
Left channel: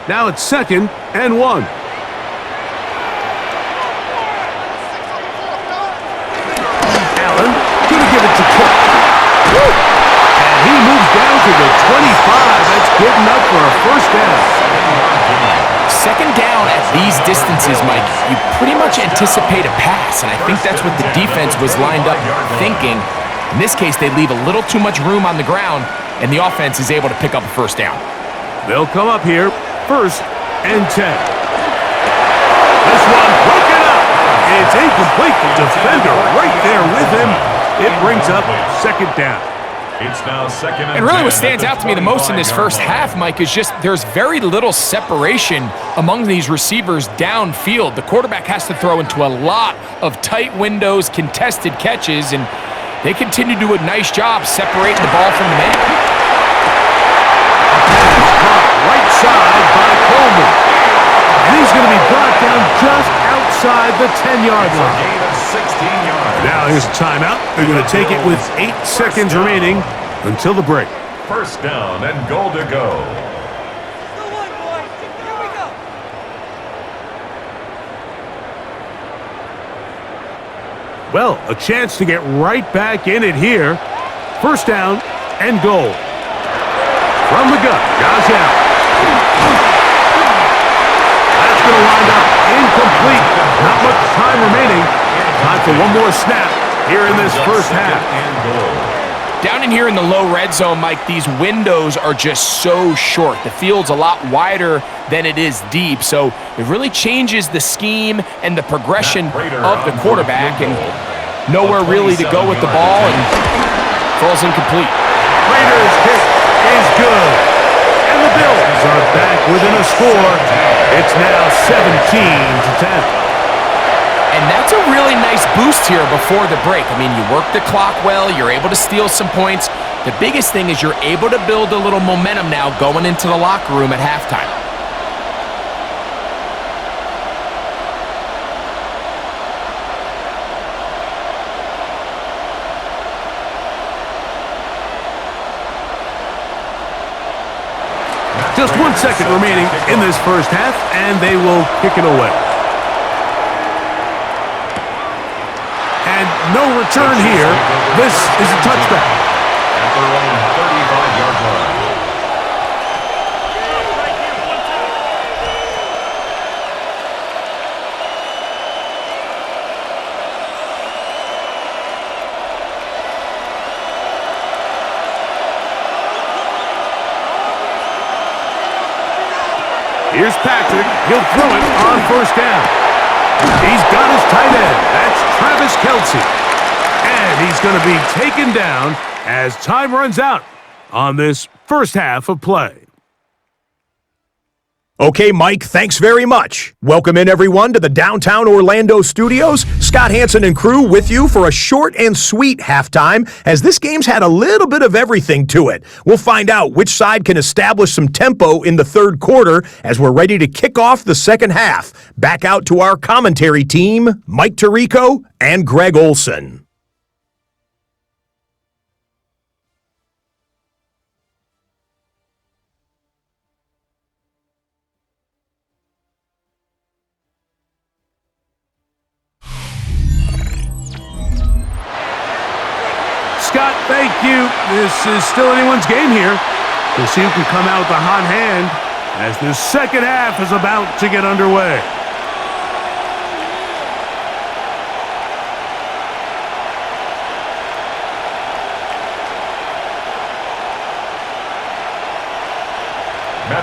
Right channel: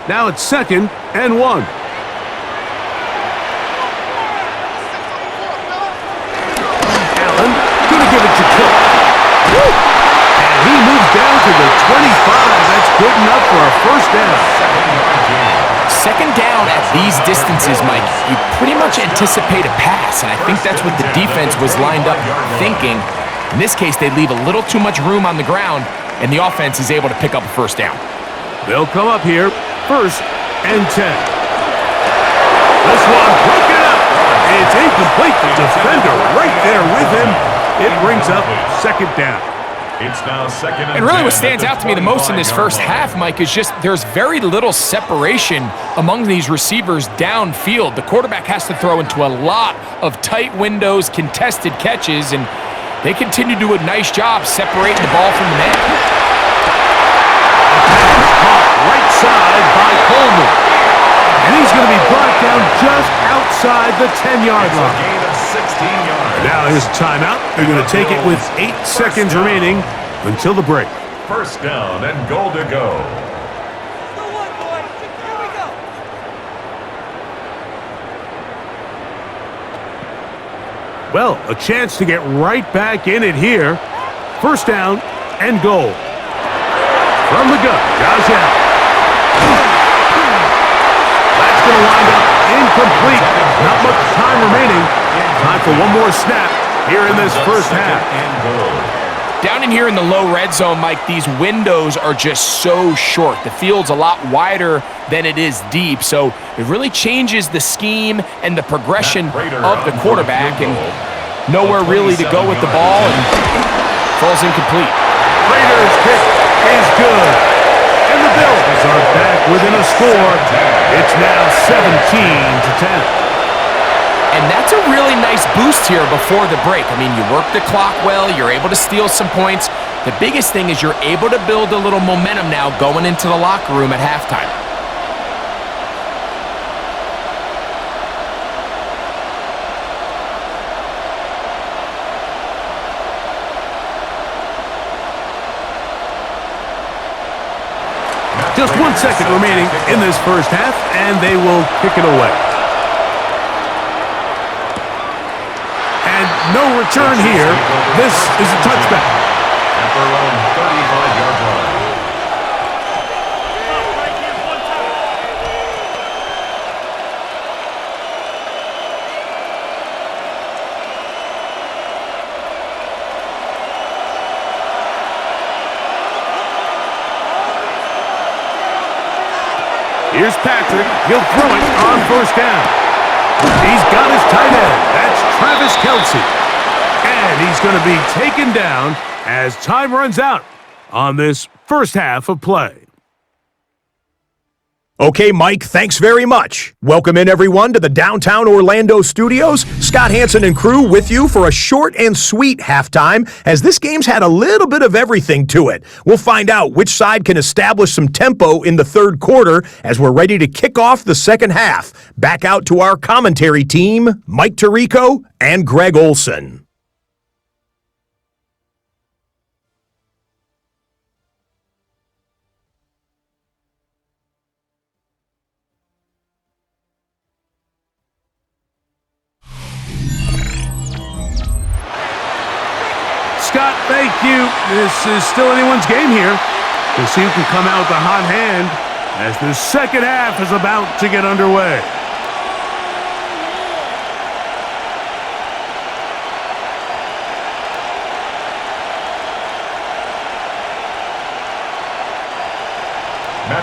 Now it's 2nd and 1. Allen gonna give it to Cook. Woo! And he moves down to the 25. That's good enough for a 1st down. 2nd down at these distances, Mike, you pretty much anticipate a pass, and I think that's what the defense was lined up thinking. In this case, they leave a little too much room on the ground, and the offense is able to pick up a 1st down. They'll come up here, 1st and 10. This one broken up. It's incomplete. The defender right there with him. It brings up 2nd down. It's now 2nd and And really 10 what stands out to me the most in this first half, Mike, is just there's very little separation among these receivers downfield. The quarterback has to throw into a lot of tight windows, contested catches, and they continue to do a nice job separating the ball from the man. A pass caught right side by Coleman. And he's going to be brought down just outside the 10-yard line. A gain of 16 yards. Now here's a timeout. They're going to take it with 8 seconds remaining until the break. 1st down and goal to go. Still one, boys. Here we go. Well, a chance to get right back in it here. 1st down and goal. From the gun, Josh Allen. That's going to wind up incomplete. Not much time remaining. Time for one more snap here in this first half. Down in here in the low red zone, Mike, these windows are just so short. The field's a lot wider than it is deep, so it really changes the scheme and the progression of the quarterback, and nowhere really to go with the ball, and falls incomplete. Raiders' kick is good. And the Bills are back within a score. It's now 17-10. And that's a really nice boost here before the break. I mean, you work the clock well, you're able to steal some points. The biggest thing is you're able to build a little momentum now going into the locker room at halftime. Just 1 second remaining in this first half, and they will kick it away. And no return here. This is a touchback. At their own 35-yard line. Here's Patrick. He'll throw it on 1st down. He's got his tight end. That's Travis Kelce. And he's going to be taken down as time runs out. on this first half of play. Okay, Mike, thanks very much. Welcome in, everyone, to the downtown Orlando studios. Scott Hansen and crew with you for a short and sweet halftime, as this game's had a little bit of everything to it. We'll find out which side can establish some tempo in the third quarter as we're ready to kick off the second half. Back out to our commentary team, Mike Tirico and Greg Olson. Scott, thank you. This is still anyone's game here. We'll see who can come out with a hot hand as the second half is about to get underway.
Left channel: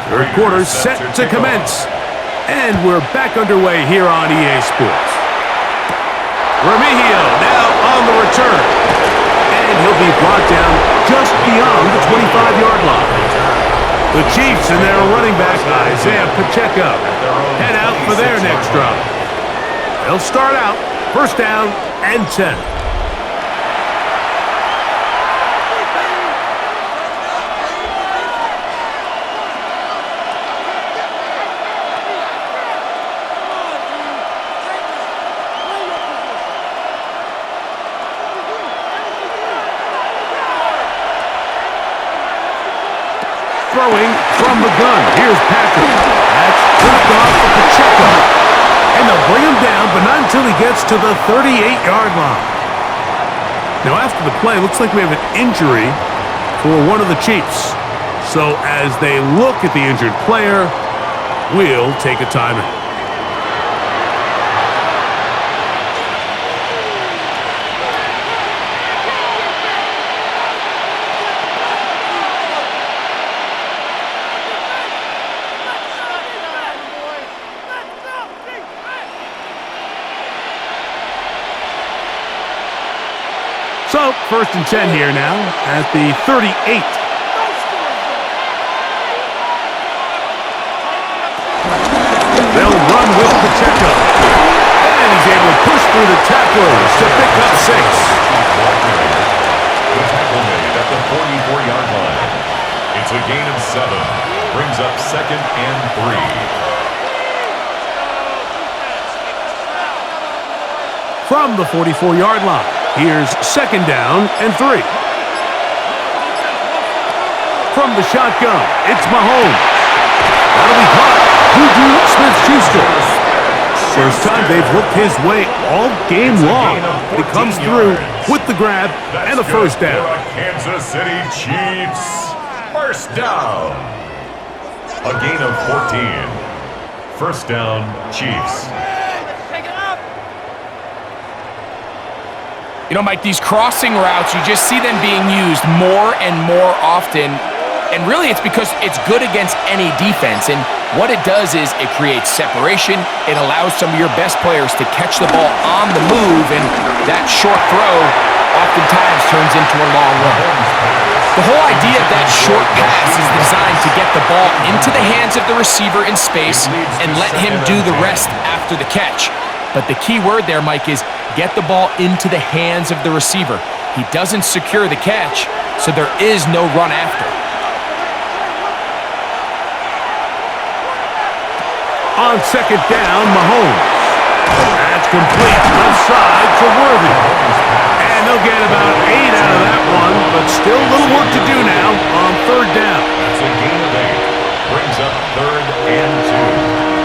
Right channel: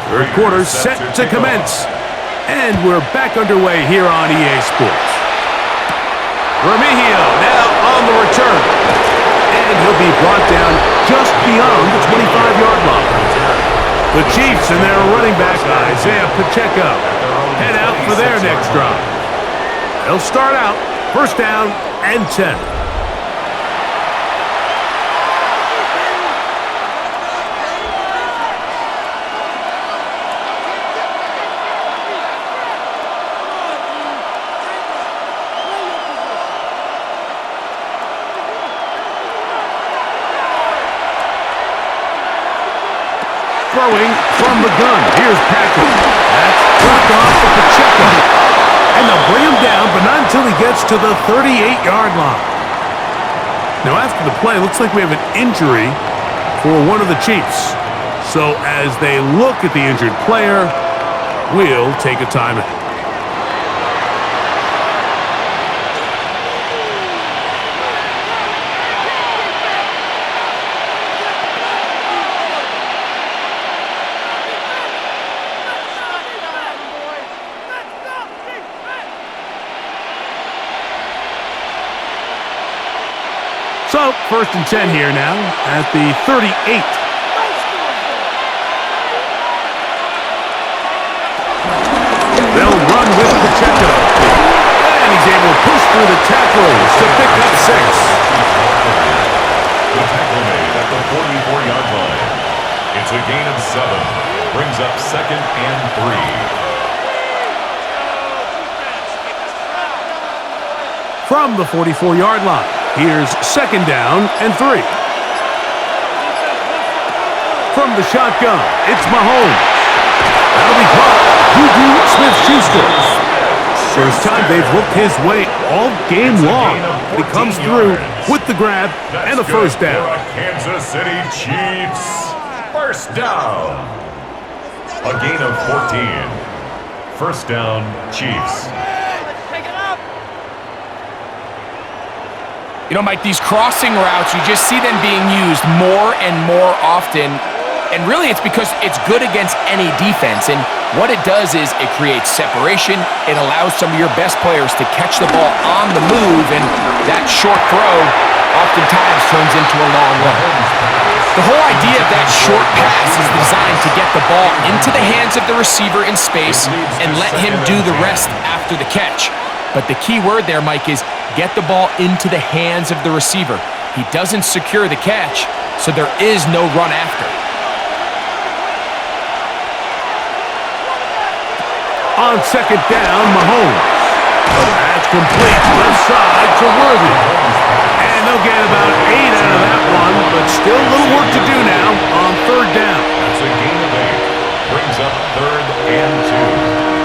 Third quarter set to commence. And we're back underway here on EA Sports. Remigio now on the return. And he'll be brought down just beyond the 25-yard line. The Chiefs and their running back, Isaiah Pacheco, head out for their next drive. They'll start out first down and 10. Throwing from the gun. Here's Patrick. That's dropped off for Pacheco. And they'll bring him down, but not until he gets to the 38-yard line. Now, after the play, it looks like we have an injury for one of the Chiefs. So as they look at the injured player, we'll take a timeout. So, first and 10 here now at the 38. They'll run with Pacheco. And he's able to push through the tacklers to pick up 6. The tackle made at the 44-yard line. It's a gain of 7. Brings up second and 3. From the 44-yard line. Here's second down and 3. From the shotgun, it's Mahomes. That'll be caught. Juju Smith-Schuster. First time they've looked his way all game long. But he comes through with the grab and a first down. Kansas City Chiefs. First down. A gain of 14. First down, Chiefs. You know, Mike, these crossing routes, you just see them being used more and more often. And really, it's because it's good against any defense. And what it does is it creates separation. It allows some of your best players to catch the ball on the move. And that short throw oftentimes turns into a long run. The whole idea of that short pass is designed to get the ball into the hands of the receiver in space and let him do the rest after the catch. But the key word there, Mike, is get the ball into the hands of the receiver. He doesn't secure the catch, so there is no run after. On second down, Mahomes. That's complete left side to Worthy. And they'll get about 8 out of that one, but still a little work to do now on third down. That's a gain of 8. Brings up third and 2.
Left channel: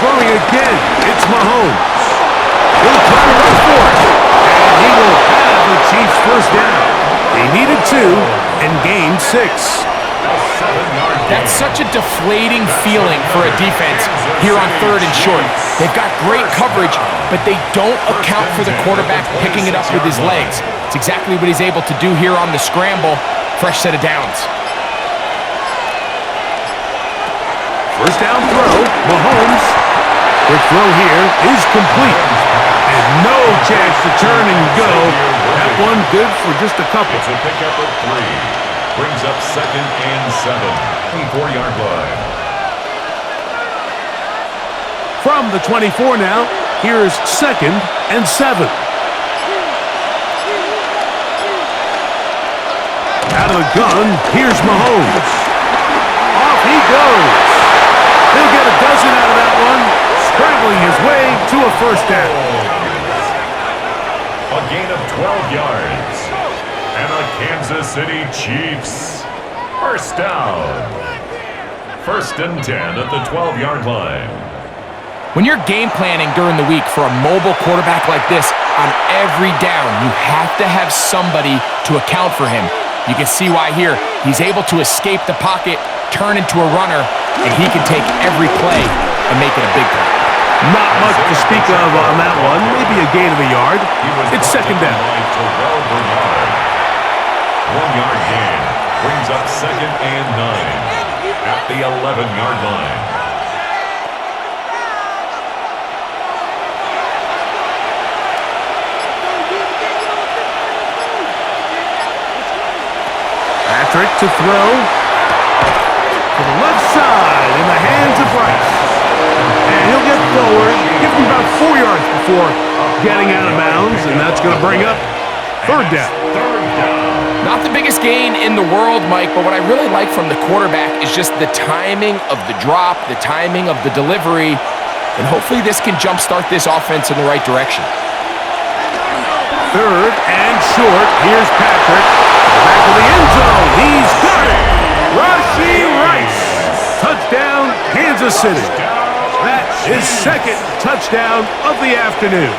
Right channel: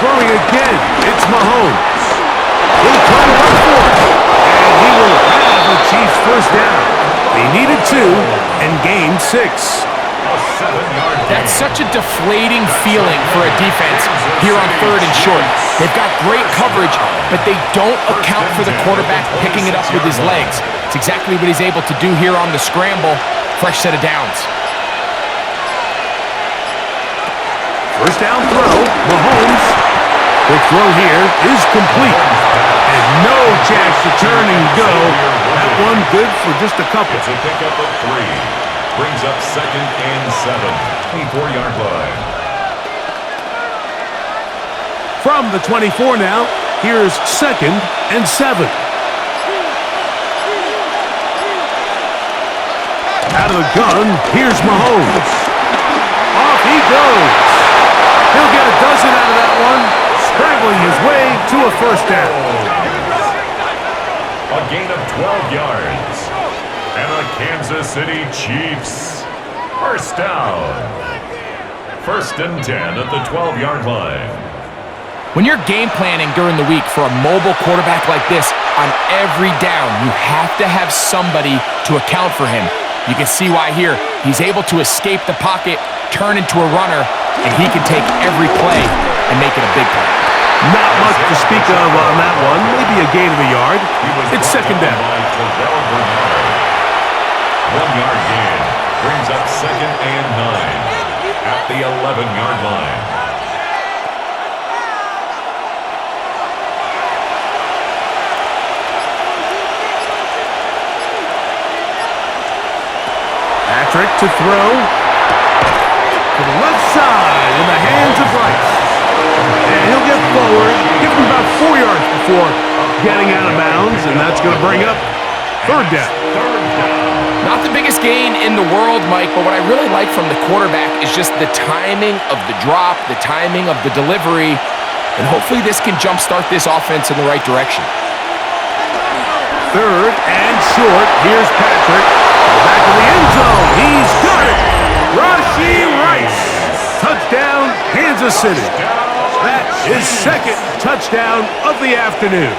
Throwing again, it's Mahomes. He'll try to run for it, and he will have the Chiefs first down. They needed 2 and gained 6. That's such a deflating feeling for a defense here on third and short. They've got great coverage, but they don't account for the quarterback picking it up with his legs. It's exactly what he's able to do here on the scramble. Fresh set of downs. First down throw, Mahomes. Quick throw here is complete. And no chance to turn and go. That one good for just a couple. It's a pickup of 3. Brings up 2nd and 7. 24-yard line. From the 24 now, here's 2nd and 7. Out of the gun, here's Mahomes. Off he goes. He'll get a dozen out of that one, scrambling his way to a first down. A gain of 12 yards. And the Kansas City Chiefs. First down. 1st and 10 at the 12-yard line. When you're game planning during the week for a mobile quarterback like this, on every down, you have to have somebody to account for him. You can see why here. He's able to escape the pocket, turn into a runner, and he can take every play and make it a big play. Not much to speak of on that one. Maybe a gain of a yard. It's 2nd down. By Terrell Bernard. 1-yard gain. Brings up 2nd and 9 at the 11-yard line. Patrick to throw to the left side in the hands of Rice. And he'll get forward, give him about 4 yards before getting out of bounds, and that's going to bring up 3rd down. Not the biggest gain in the world, Mike, but what I really like from the quarterback is just the timing of the drop, the timing of the delivery, and hopefully this can jumpstart this offense in the right direction. 3rd and short. Here's Patrick. To the back of the end zone. He's got it. Rashee Rice. Touchdown, Kansas City. That is 2nd touchdown of the afternoon.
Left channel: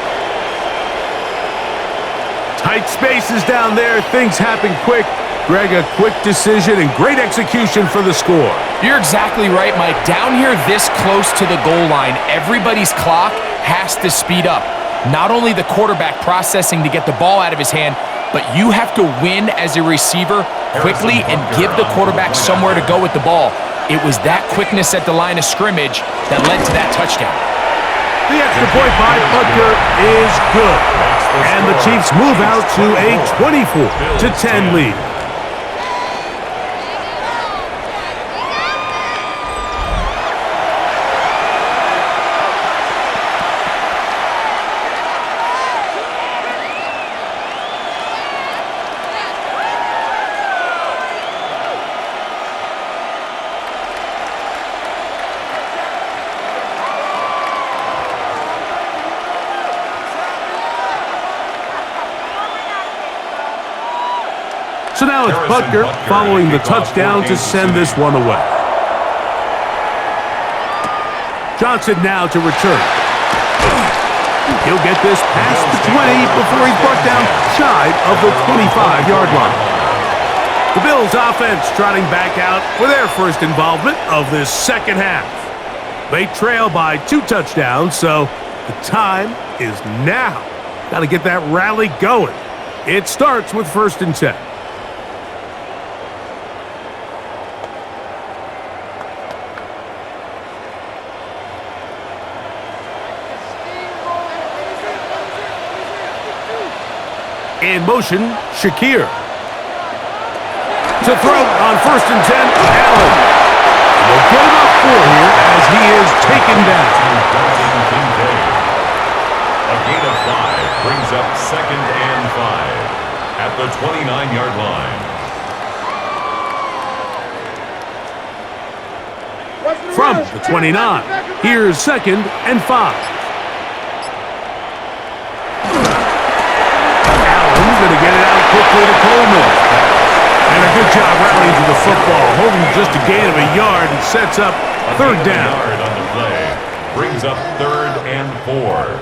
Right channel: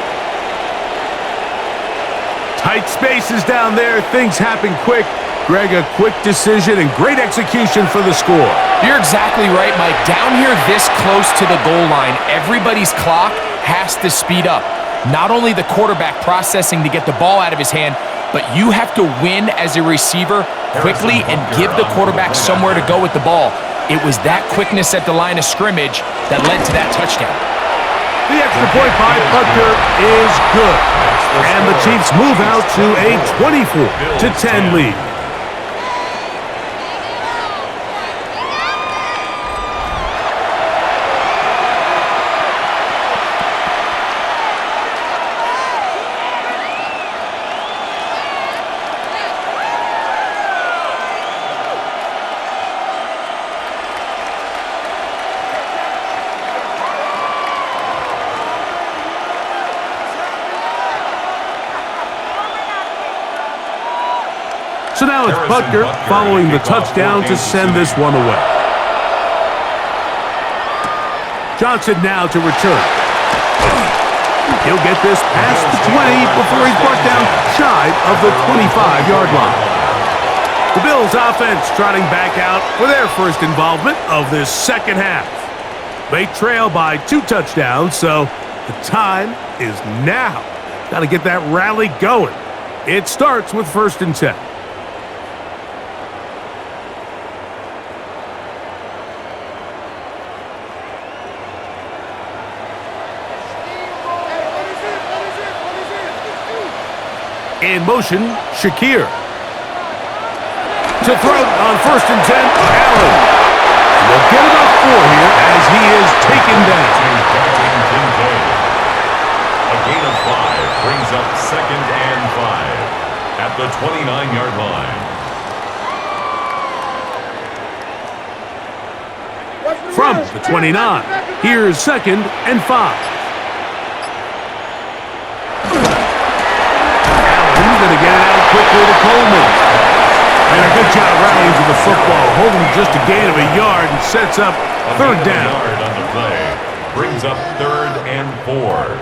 Tight spaces down there. Things happen quick. Greg, a quick decision and great execution for the score. You're exactly right, Mike. Down here this close to the goal line, everybody's clock has to speed up. Not only the quarterback processing to get the ball out of his hand, but you have to win as a receiver quickly and give the quarterback somewhere to go with the ball. It was that quickness at the line of scrimmage that led to that touchdown. The extra point by Butker is good. And the Chiefs move out to a 24-10 lead. So now it's Butker following the touchdown to send this one away. Johnson now to return. He'll get this past the 20 before he's brought down shy of the 25-yard line. The Bills offense trotting back out for their first involvement of this second half. They trail by 2 touchdowns, so the time is now. Got to get that rally going. It starts with 1st and 10. In motion, Shakir. To throw on 1st and 10, Allen. We'll get about 4 here as he is taken down. A gain of 5 brings up 2nd and 5 at the 29-yard line. From the 29, here's 2nd and 5. Going to get it out quickly to Coleman. And a good job rallying to the football, holding just a gain of a yard and sets up 3rd down. A yard on the play brings up 3rd and 4.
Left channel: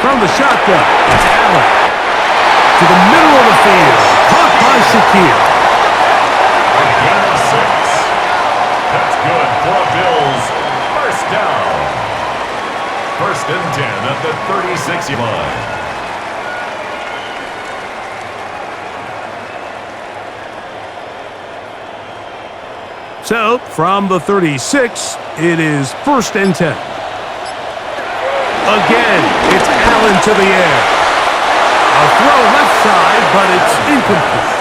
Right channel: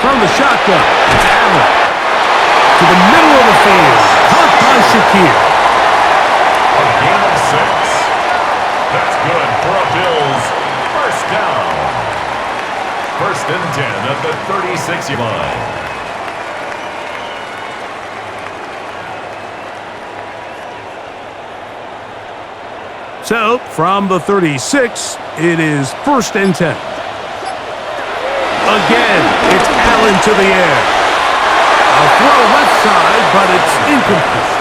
From the shotgun, it's Allen. To the middle of the field, caught by Shakir. A gain of 6. That's good for a Bills first down. First and 10 at the 36-yard line. So, from the 36, it is first and 10. Again, it's Allen to the air. A throw left side, but it's incomplete.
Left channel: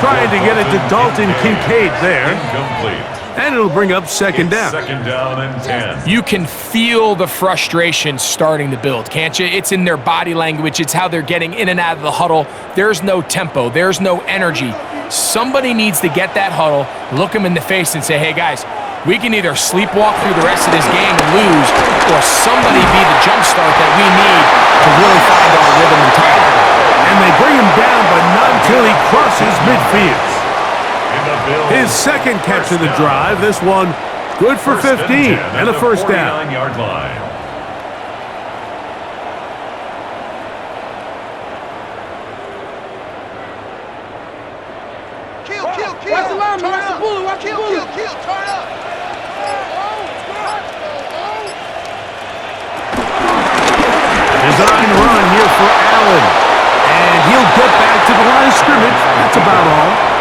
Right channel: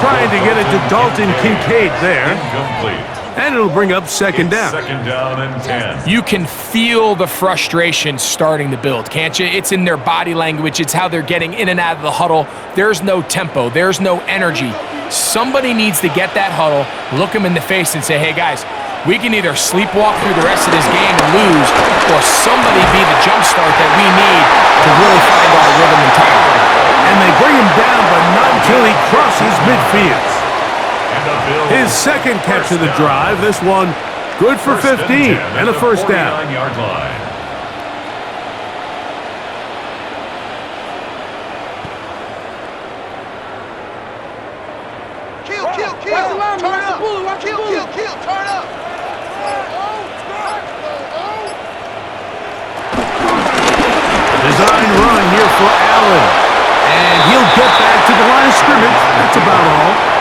Trying to get it to Dalton Kincaid there. Incomplete. And it'll bring up second down. Second down and 10. You can feel the frustration starting to build, can't you? It's in their body language. It's how they're getting in and out of the huddle. There's no tempo. There's no energy. Somebody needs to get that huddle, look them in the face and say, hey, guys, we can either sleepwalk through the rest of this game and lose, or somebody be the jump start that we need to really find our rhythm and timing. And they bring him down, but not until he crosses midfield. His second catch of the drive, this one good for 15 and a first down. 49-yard line. Kill, turn up. Kill, turn up. Design run here for Allen. And he'll get back to the line of scrimmage. That's about all.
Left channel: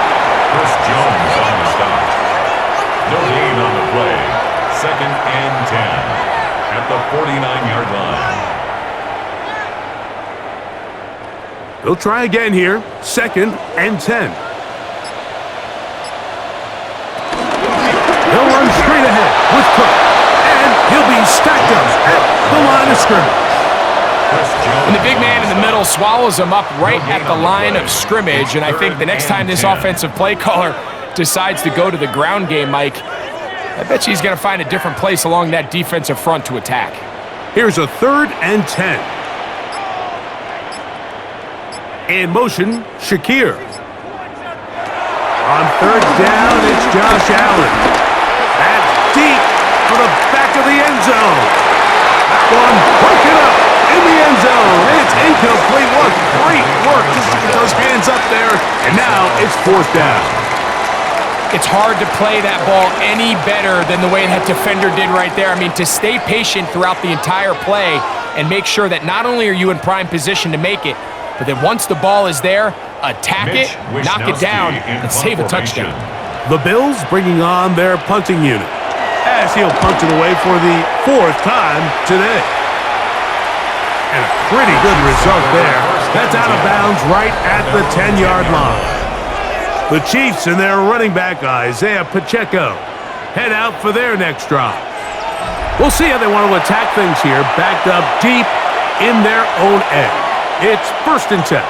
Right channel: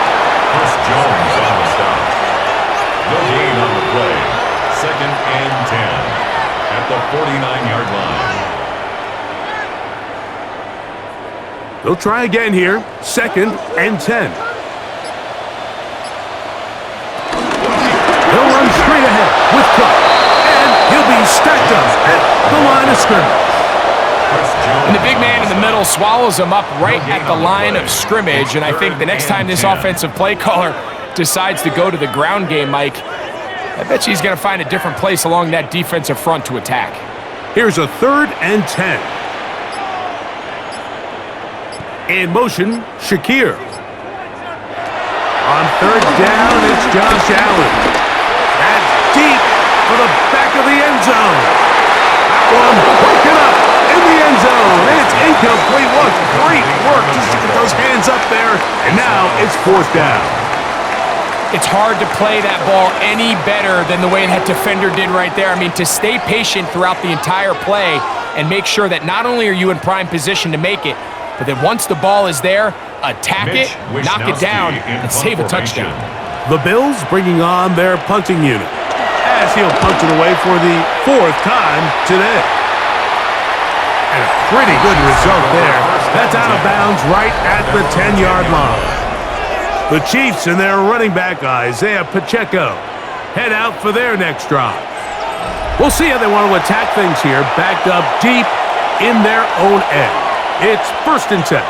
Chris Jones on the stop. No gain on the play. Second and 10 at the 49-yard line. They'll try again here. Second and 10. He'll run straight ahead with Cook. And he'll be stacked up at the line of scrimmage. And the big man in the middle swallows him up right at the line of scrimmage. And I think the next time this offensive play caller decides to go to the ground game, Mike, I bet you he's going to find a different place along that defensive front to attack. Here's a third and 10. In motion, Shakir. On third down, it's Josh Allen. That's deep for the back of the end zone. That one broken up in the end zone. It's incomplete. What great work just to get those hands up there. And now it's fourth down. It's hard to play that ball any better than the way that defender did right there. I mean, to stay patient throughout the entire play and make sure that not only are you in prime position to make it, but then once the ball is there, attack it, knock it down, and save a touchdown. The Bills bringing on their punting unit as he'll punt it away for the fourth time today. And a pretty good result there. That's out of bounds right at the 10-yard line. The Chiefs and their running back, Isaiah Pacheco, head out for their next drive. We'll see how they want to attack things here, backed up deep in their own end. It's first and 10.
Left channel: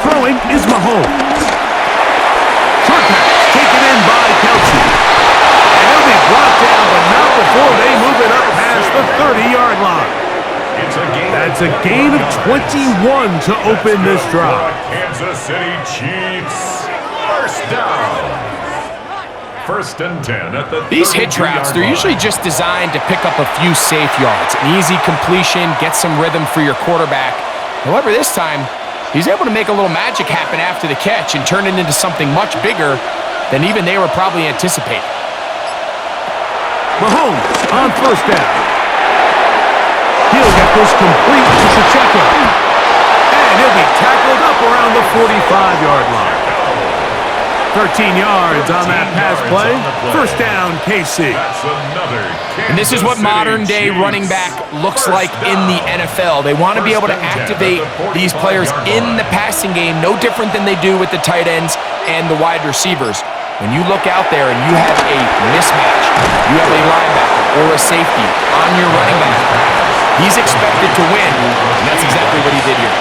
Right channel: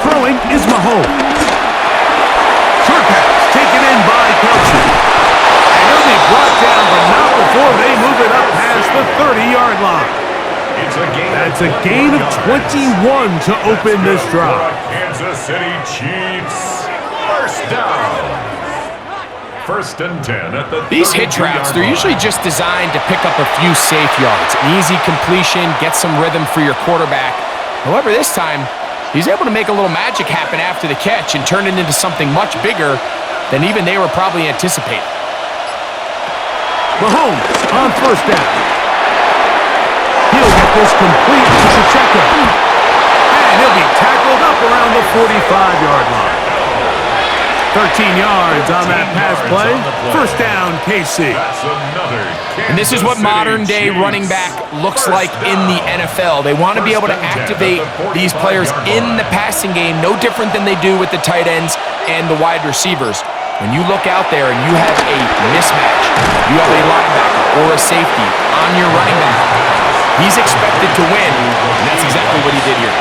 Throwing is Mahomes. Short pass taken in by Kelsey. And he'll be brought down, but not before they move it up past the 30-yard line. That's a gain of 21 to open this drive. Kansas City Chiefs. First down. First and 10 at the These hitch routes, they're usually just designed to pick up a few safe yards. An easy completion, get some rhythm for your quarterback. However, this time, he's able to make a little magic happen after the catch and turn it into something much bigger than even they were probably anticipating. Mahomes on first down. He'll get this complete to Pacheco. And he'll be tackled up around the 45-yard line. 13 yards on that pass play. First down, KC. And this is what modern-day running back looks like in the NFL. They want to be able to activate these players in the passing game, no different than they do with the tight ends and the wide receivers. When you look out there and you have a mismatch, you have a linebacker or a safety on your running back, he's expected to win, and that's exactly what he did here.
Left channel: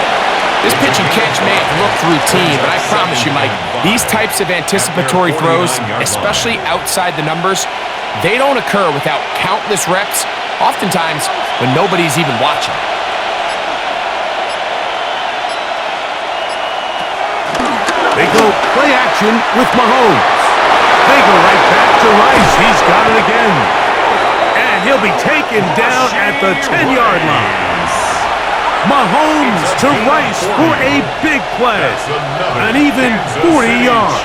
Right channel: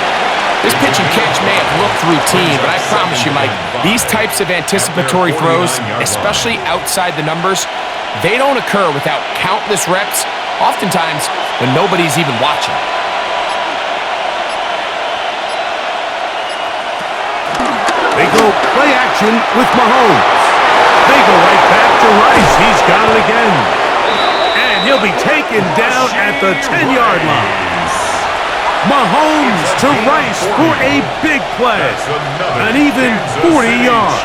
This pitch and catch may have looked routine, but I promise you, Mike, these types of anticipatory throws, especially outside the numbers, they don't occur without countless reps, oftentimes when nobody's even watching. They go play action with Mahomes. They go right back to Rice. He's got it again. And And he'll be taken down at the 10-yard line. Mahomes to Rice for a big play. An even 40 yards.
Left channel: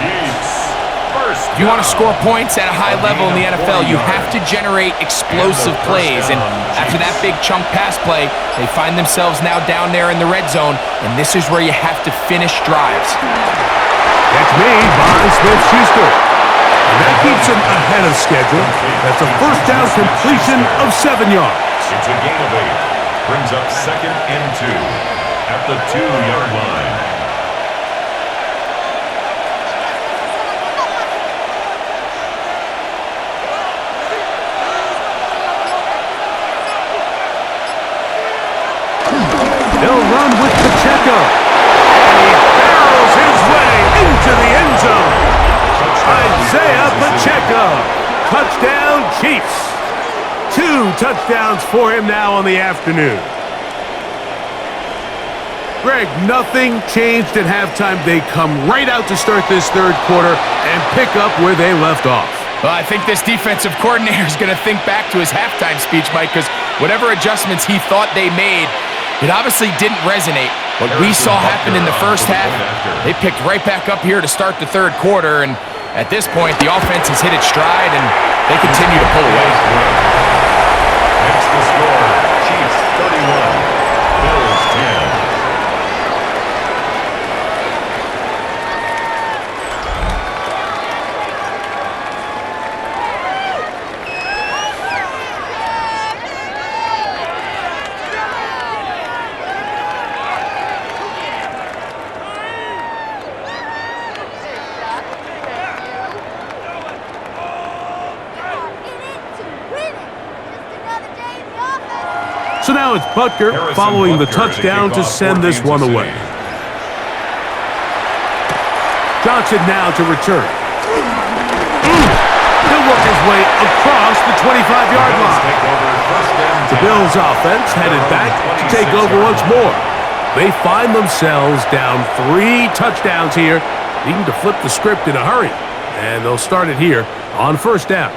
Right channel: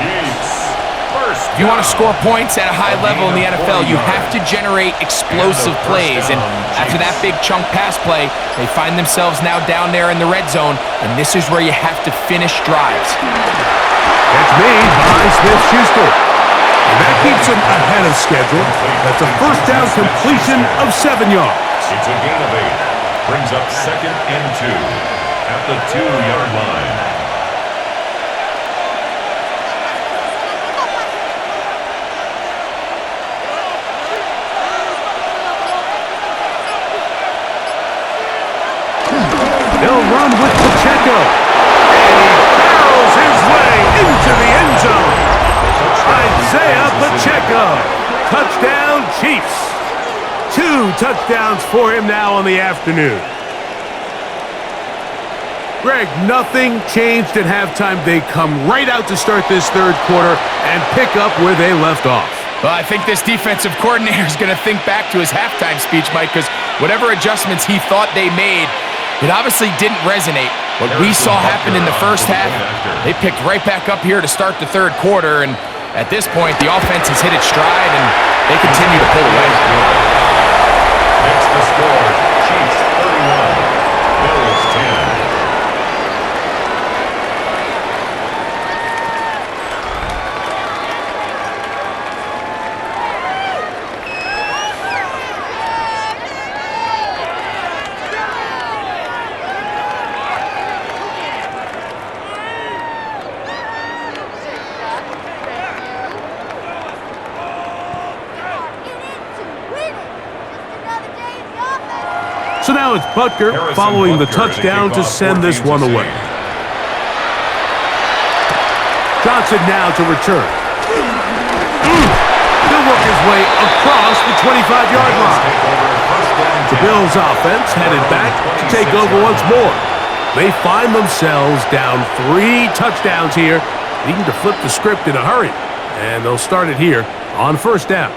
If you want to score points at a high level in the NFL, you have to generate explosive plays. And after that big chunk pass play, they find themselves now down there in the red zone, and this is where you have to finish drives. That's made by Smith-Schuster. And that keeps him ahead of schedule. That's a first down completion of 7 yards. It's a gain of 8. Brings up 2nd and 2 at the 2-yard line. They'll run with Pacheco. And he barrels his way into the end zone. Isaiah Pacheco. Touchdown, Chiefs. 2 touchdowns for him now on the afternoon. Greg, nothing changed at halftime. They come right out to start this third quarter and pick up where they left off. Well, I think this defensive coordinator is going to think back to his halftime speech, Mike, because whatever adjustments he thought they made, it obviously didn't resonate. What we saw happen in the first half, they picked right back up here to start the third quarter, and at this point, the offense has hit its stride, and they continue to pull away. Makes the score, Chiefs 31, Bills 10. So now it's Butker following the touchdown to send this one away. Johnson now to return. He'll work his way across the 25-yard line. The Bills offense headed back to take over once more. They find themselves down 3 touchdowns here, needing to flip the script in a hurry. And they'll start it here on first down.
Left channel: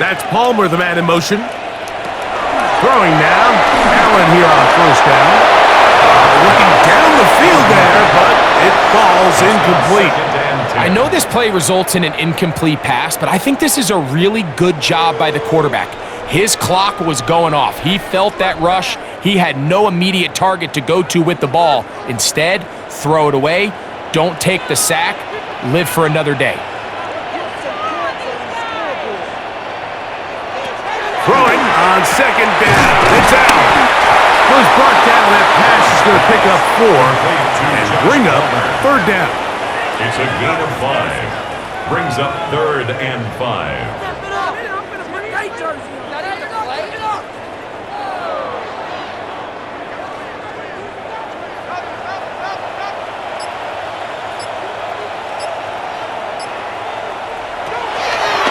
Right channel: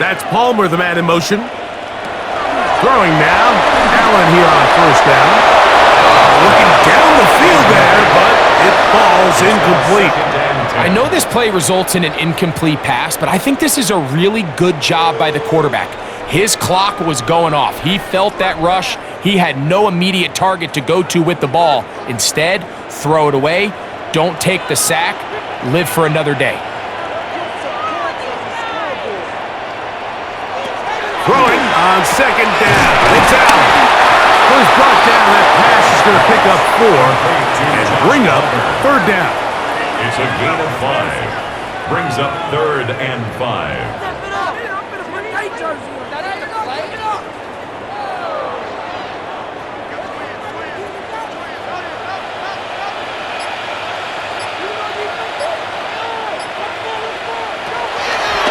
That's Palmer, the man in motion. Throwing now. Allen here on first down. Looking down the field there, but it falls incomplete. I know this play results in an incomplete pass, but I think this is a really good job by the quarterback. His clock was going off. He felt that rush. He had no immediate target to go to with the ball. Instead, throw it away. Don't take the sack. Live for another day. Throwing on second down. It's Allen. Was brought down. That pass is going to pick up 4 and bring up third down. It's a gain of 5. Brings up 3rd and 5.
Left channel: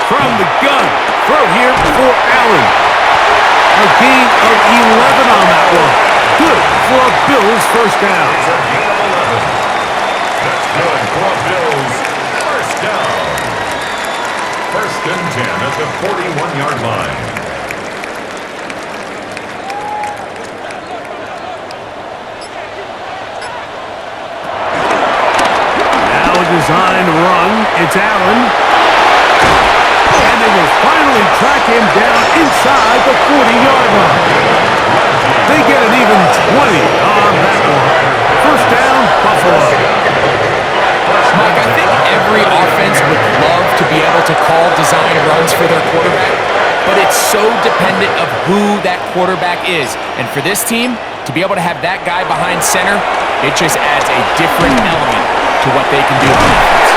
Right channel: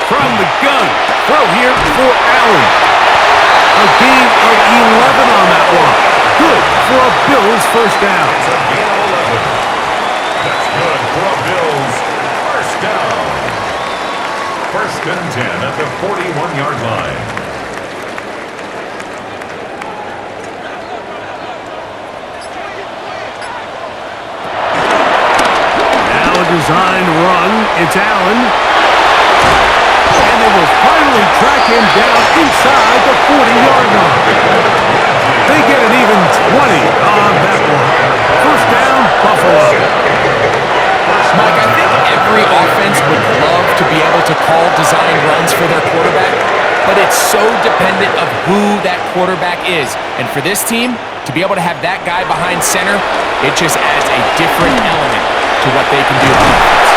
From the gun. Throw here for Allen. A gain of 11 on that one. Good for a Bills first down. It's a gain of 11. That's good for a Bills first down. 1st and 10 at the 41-yard line. Now a designed run. It's Allen. And they will finally track him down inside the 40-yard line. They get an even 20 on that one. First down, Buffalo. Mike, I think every offense would love to be able to call design runs for their quarterback, but it's so dependent of who that quarterback is. And for this team, to be able to have that guy behind center, it just adds a different element to what they can do on offense.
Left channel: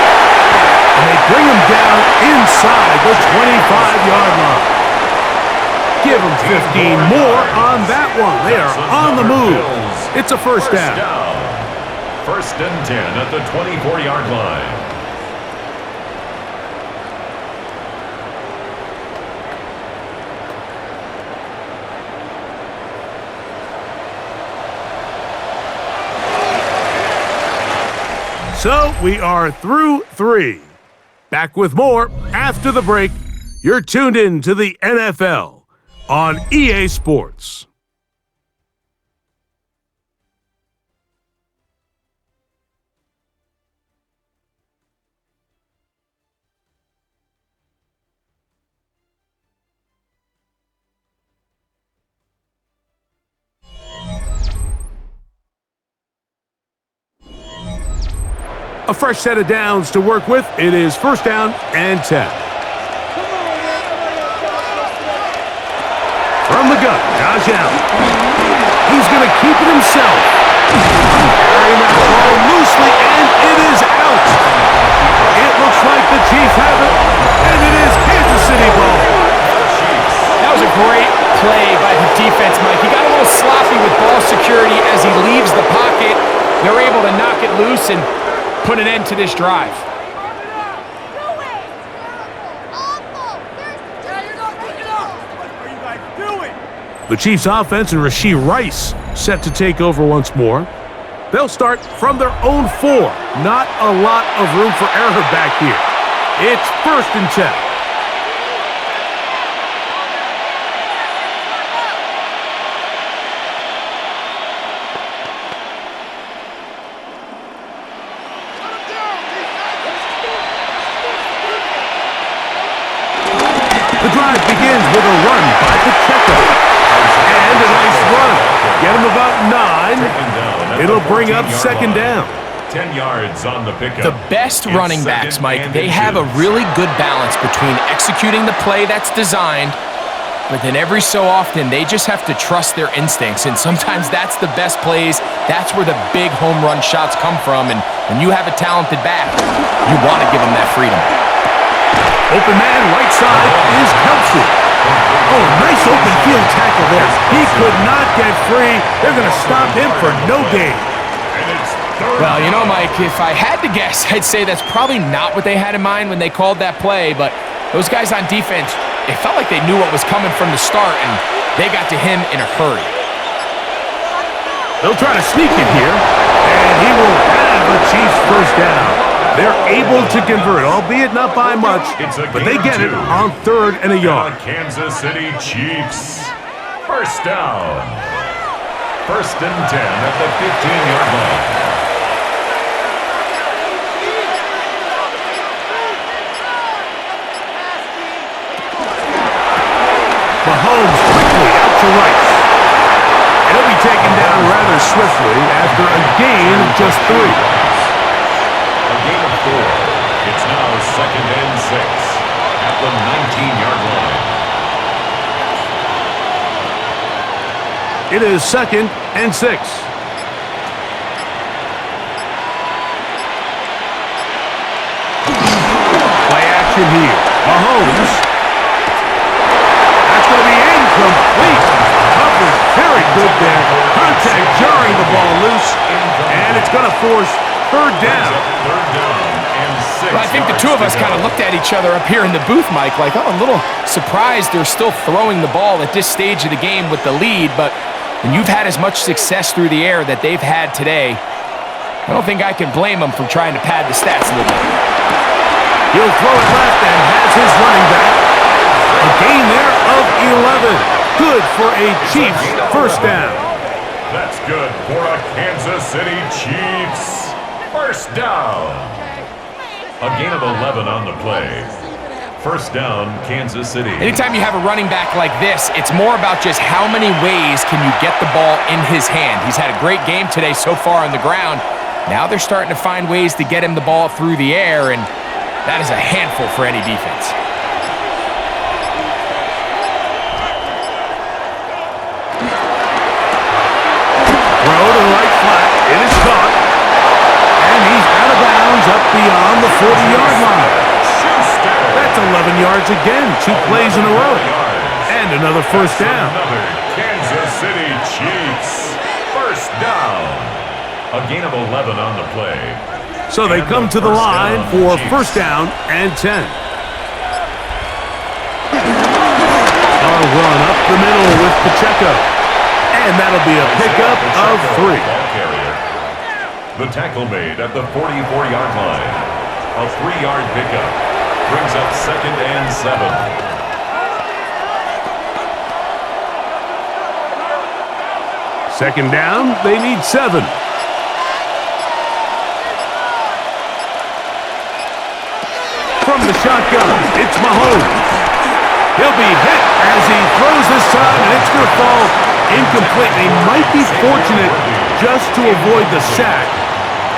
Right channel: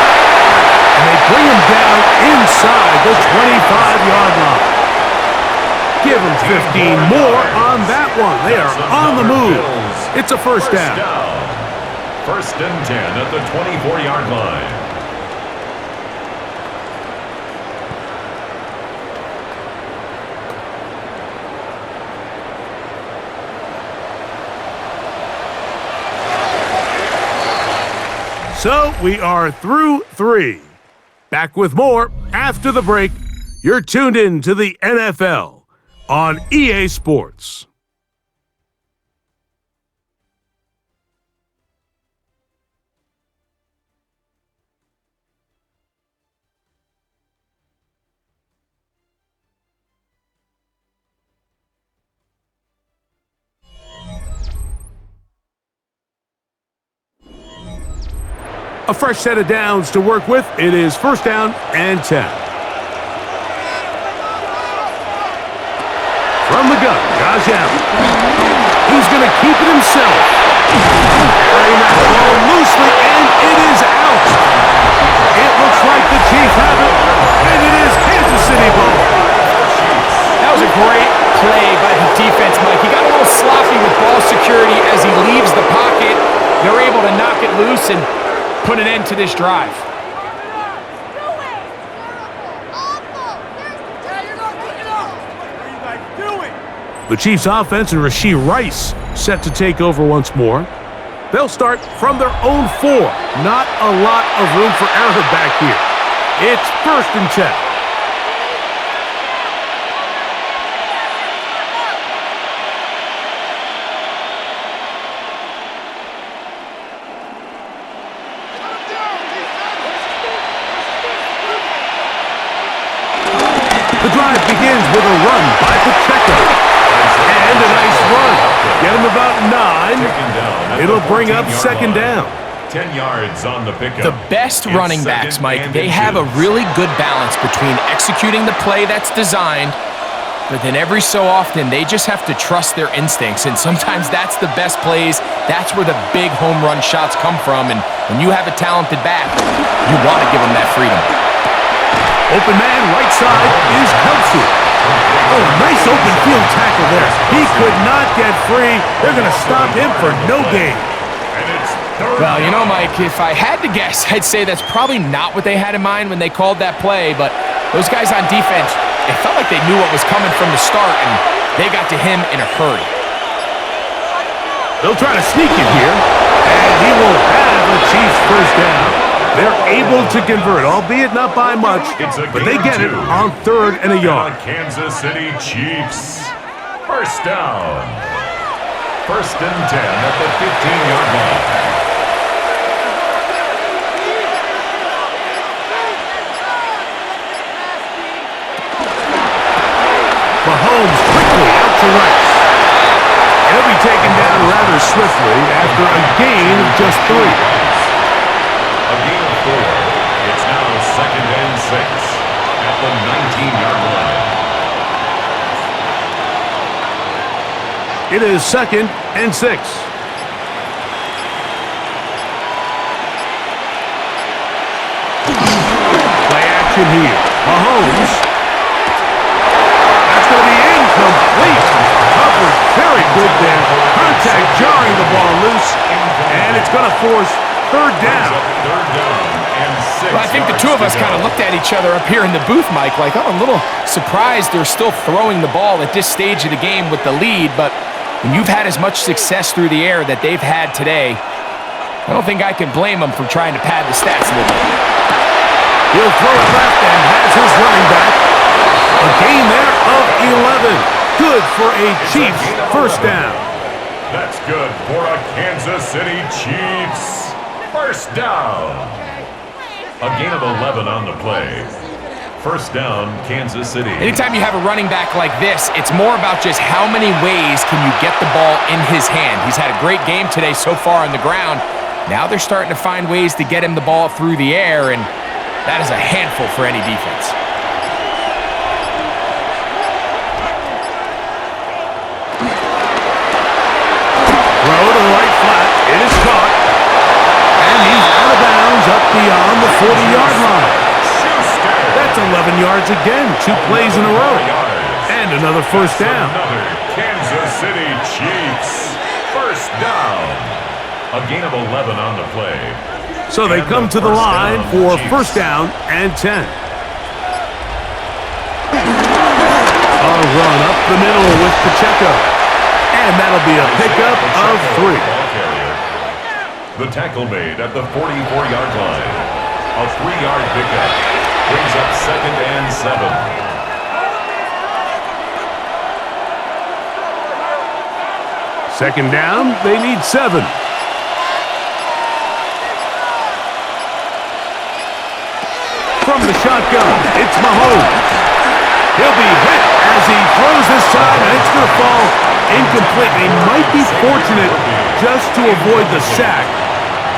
And they bring him down inside the 25-yard line. Give him 15 more on that one. They are on the move. It's a first down. 1st and 10 at the 24-yard line. So we are through 3. Back with more after the break. You're tuned in to the NFL on EA Sports. A fresh set of downs to work with. It is first down and 10. From the gun, Josh Allen. He's going to keep it himself. Carrying that ball loosely, and it is out. It looks like the Chiefs have it, and it is Kansas City ball. That was a great play by the defense, Mike. He got a little sloppy with ball security as he leaves the pocket. They're able to knock it loose and put an end to this drive. The Chiefs offense and Rashee Rice set to take over once more. They'll start from their own 4. Not a lot of room for error back here. It's first and 10. The drive begins with a run by Pacheco. And a nice run. Get him about 9. It'll bring up second down. 10 yards on the pickup. The best running backs, Mike, they have a really good balance between executing the play that's designed, but then every so often they just have to trust their instincts, and sometimes that's the best plays. That's where the big home run shots come from, and when you have a talented back, you want to give them that freedom. Open man, right side is Kelsey. Oh, nice open field tackle there. He could not get free. They're going to stop him for no gain. Well, you know, Mike, if I had to guess, I'd say that's probably not what they had in mind when they called that play, but those guys on defense, it felt like they knew what was coming from the start, and they got to him in a hurry. They'll try to sneak it here, and he will have a Chiefs first down. They're able to convert, albeit not by much, but they get it on 3rd and a yard. Kansas City Chiefs. First down. First and 10 at the 15-yard line. Mahomes quickly out to Rice. He'll be taken down rather swiftly after a gain of just 3. A gain of 4. It's now second and 6 at the 19-yard line. It is second and 6. Play action here. Mahomes. That's going to be incomplete. Coverage very good there. Contact jarring the ball loose. And it's going to force third down. Third down and 6. Well, I think the two of us kind of looked at each other up here in the booth, Mike, like, I'm a little surprised they're still throwing the ball at this stage of the game with the lead, but when you've had as much success through the air that they've had today, I don't think I can blame them for trying to pad the stats a little bit. He'll throw it left and has his running back. A gain there of 11. Good for a Chiefs first down. That's good for a Kansas City Chiefs. First down. A gain of 11 on the play. First down, Kansas City. Anytime you have a running back like this, it's more about just how many ways can you get the ball in his hand. He's had a great game today so far on the ground. Now they're starting to find ways to get him the ball through the air, and that is a handful for any defense. Throw to the right flat. It is caught. And he's out of bounds up beyond the 40-yard line. That's 11 yards again. 2 plays in a row. And another first down. Another Kansas City Chiefs. First down. A gain of 11 on the play. So they come to the line for first down and 10. A run up the middle with Pacheco. And that'll be a pickup of 3. The tackle made at the 44-yard line. A 3-yard pickup brings up 2nd and 7. Second down, they need 7. From the shotgun, it's Mahomes. He'll be hit as he throws this time, and it's going to fall incomplete. He might be fortunate just to avoid the sack,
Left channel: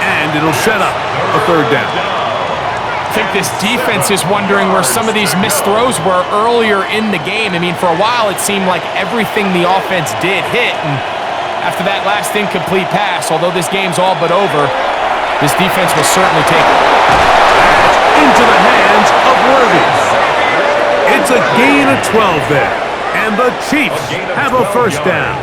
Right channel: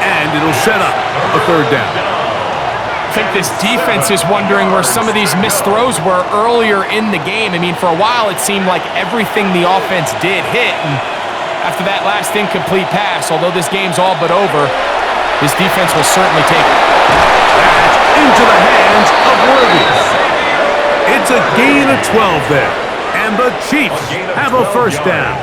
and it'll set up a 3rd down. I think this defense is wondering where some of these missed throws were earlier in the game. I mean, for a while, it seemed like everything the offense did hit, and after that last incomplete pass, although this game's all but over, this defense will certainly take it. That's into the hands of Worthy. It's a gain of 12 there, and the Chiefs have a 1st down.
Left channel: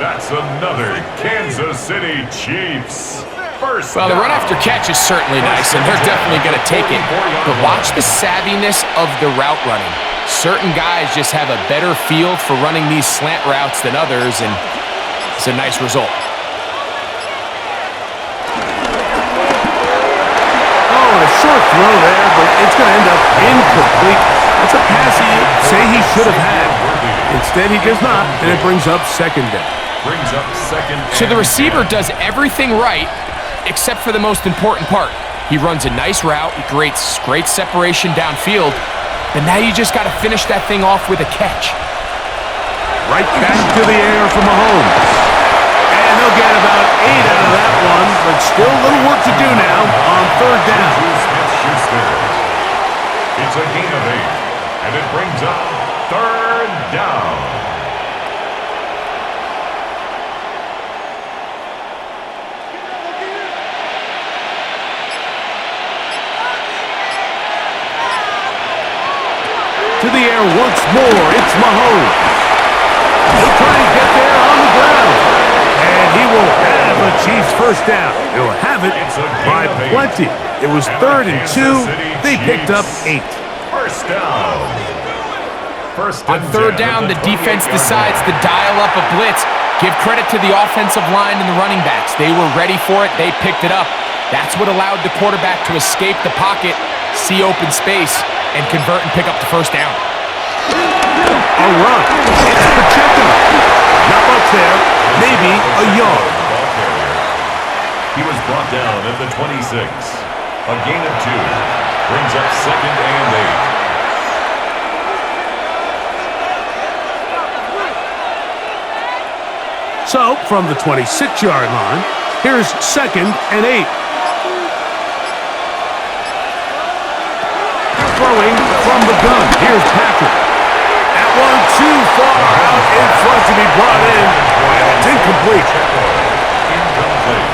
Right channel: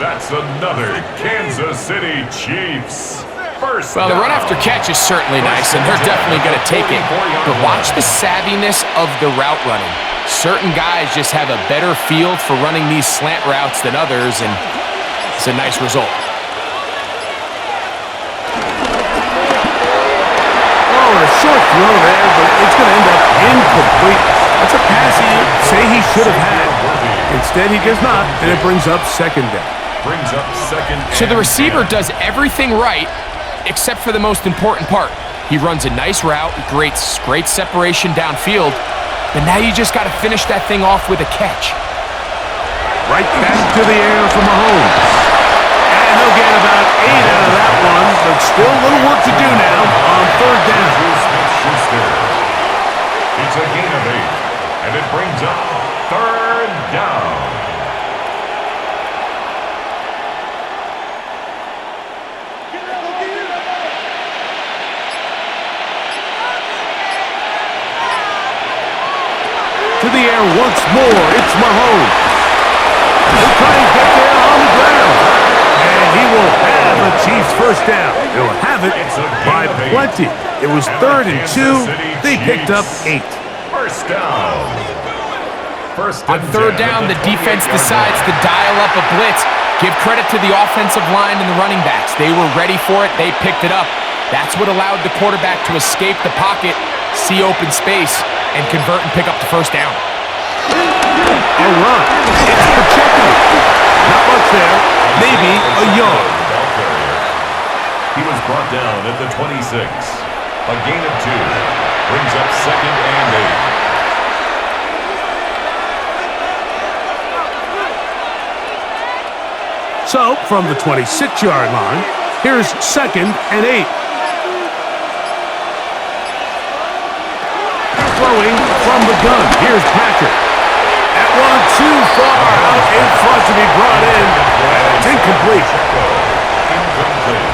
That's another Kansas City Chiefs. First Well, the down. run after catch is certainly nice, and they're definitely going to take it. But watch the savviness of the route running. Certain guys just have a better feel for running these slant routes than others, and it's a nice result. Oh, and a short throw there, but it's going to end up incomplete. That's a pass he'd say he should have had. Instead, he does not, and it brings up 2nd down. Brings up 2nd. So the receiver does everything right, except for the most important part. He runs a nice route, he creates great separation downfield, but now you just got to finish that thing off with a catch. Right back to the air for Mahomes. And they'll get about 8 out of that one, but still a little work to do now on 3rd down. Smith-Schuster. It's a gain of 8, and it brings up 3rd down. To the air once more, it's Mahomes. He'll try and get there on the ground. And he will have a Chiefs 1st down. He'll have it by plenty. It was 3rd and 2. They picked up 8. First down. On 3rd down, the defense decides to dial up a blitz. Give credit to the offensive line and the running backs. They were ready for it. They picked it up. That's what allowed the quarterback to escape the pocket, see open space, and convert and pick up the 1st down. A run. It's Pacheco. Not much there. Maybe a yard. The ball carrier. He was brought down at the 26. A gain of 2. Brings up 2nd and 8. So, from the 26-yard line, here's 2nd and 8. Throwing from the gun. Here's Patrick. That one too far out in front to be brought in. And it's incomplete. Incomplete.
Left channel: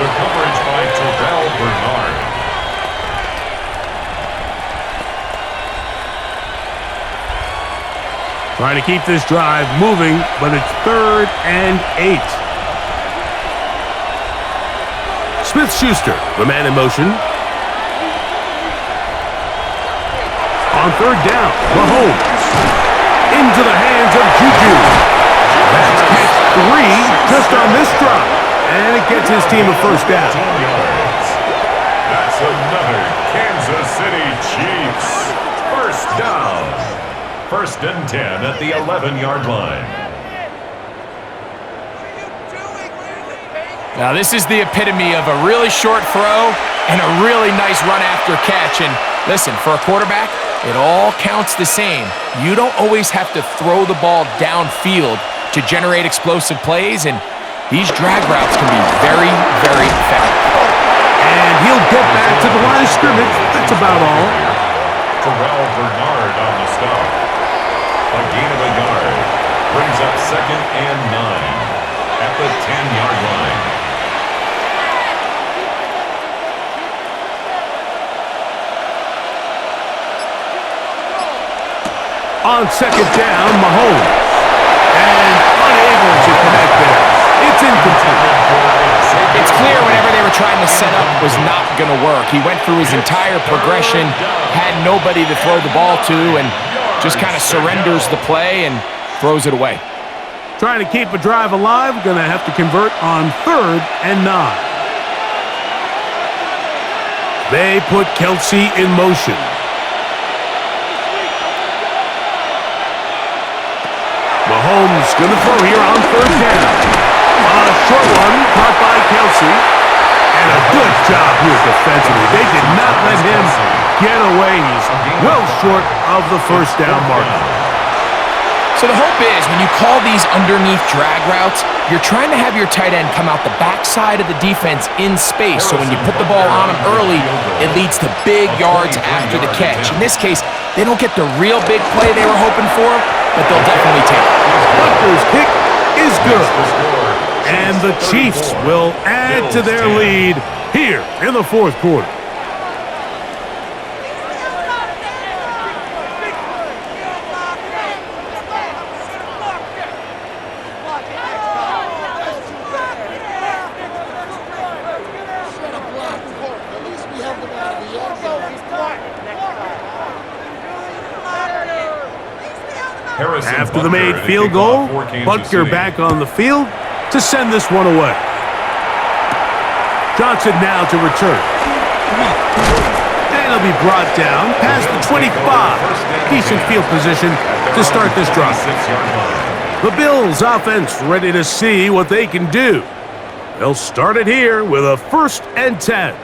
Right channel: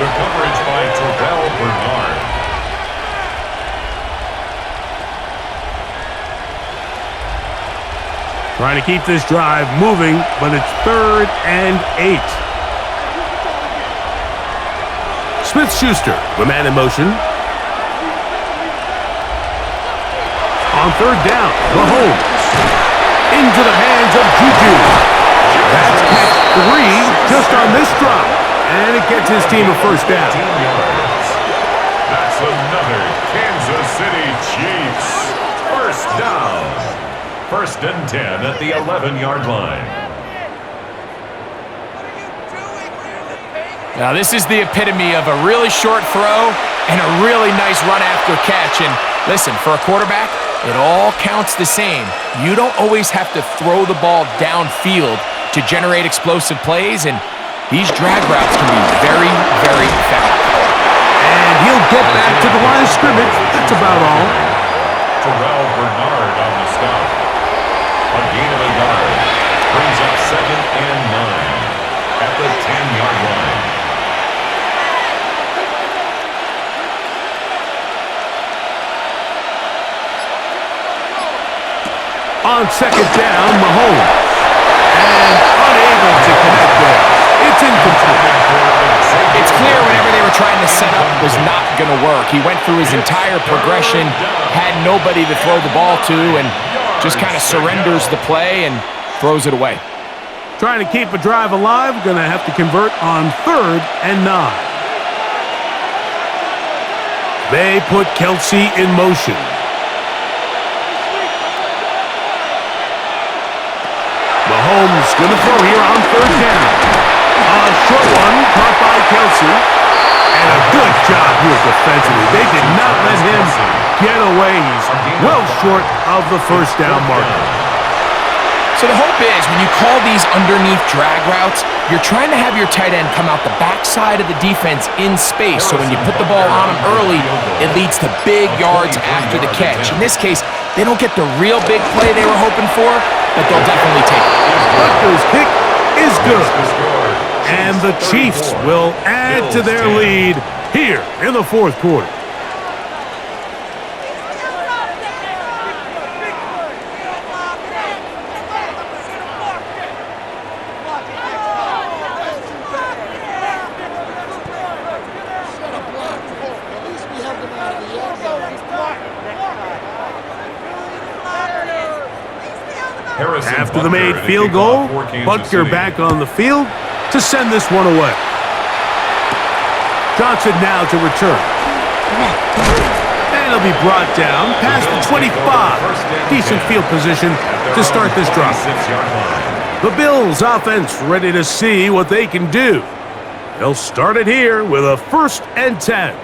The coverage by Terrell Bernard. Trying to keep this drive moving, but it's 3rd and 8. Smith-Schuster, the man in motion. On 3rd down, Mahomes. Into the hands of Juju. That's catch 3 just on this drop. And it gets his team a 1st down. 15 yards. That's another Kansas City Chiefs. 1st down. 1st and 10 at the 11-yard line. Now this is the epitome of a really short throw and a really nice run after catch. And listen, for a quarterback, it all counts the same. You don't always have to throw the ball downfield to generate explosive plays, and these drag routes can be very, very effective. And he'll get back to the line of scrimmage. That's about all. Terrell Bernard on the stop. A gain of a yard. Brings up 2nd and 9 at the 10-yard line. On 2nd down, Mahomes. And unable to connect there. It's incomplete. It's clear whenever they were trying to set up was not going to work. He went through his entire progression, had nobody to throw the ball to, and just kind of surrenders the play and throws it away. Trying to keep a drive alive, going to have to convert on 3rd and 9. They put Kelsey in motion. Mahomes going to throw here on 3rd down. A short one caught by Kelsey. And a good job here defensively. They did not let him get away. He's well short of the 1st down marker. So the hope is when you call these underneath drag routes, you're trying to have your tight end come out the backside of the defense in space. So when you put the ball on him early, it leads to big yards after the catch. In this case, they don't get the real big play they were hoping for, but they'll definitely take it. Butker's kick is good. And the Chiefs will add to their lead here in the 4th quarter. After the made field goal, Butker back on the field to send this one away. Johnson now to return. And he'll be brought down past the 25. Decent field position to start this drive. The Bills offense ready to see what they can do. They'll start it here with a 1st and 10.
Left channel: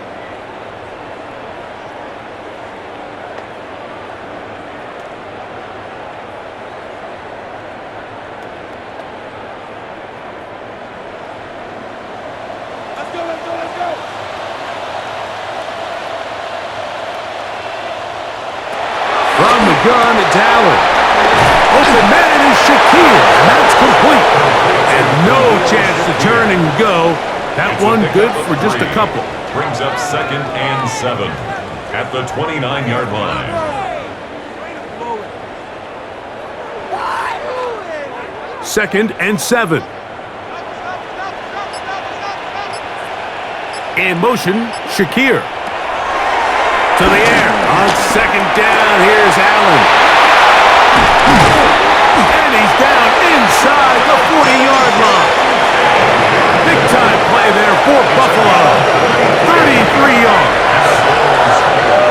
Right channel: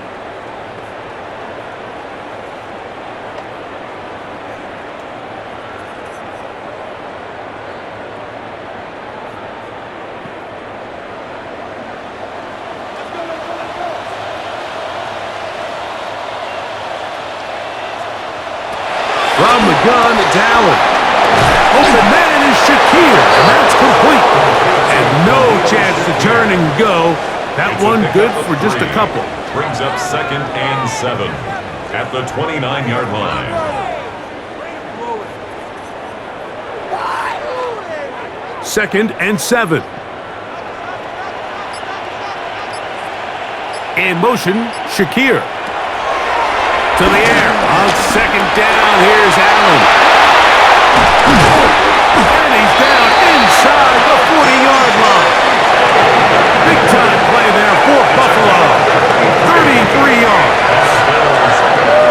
From the gun, it's Allen. Open man is Shakir, and that's complete. And no chance to turn and go. That one good for just a couple. Brings up 2nd and 7 at the 29-yard line. Second and 7. In motion, Shakir. To the air on 2nd down. Here's Allen. And he's down inside the 40-yard line. Big time play there for Buffalo. 33 yards.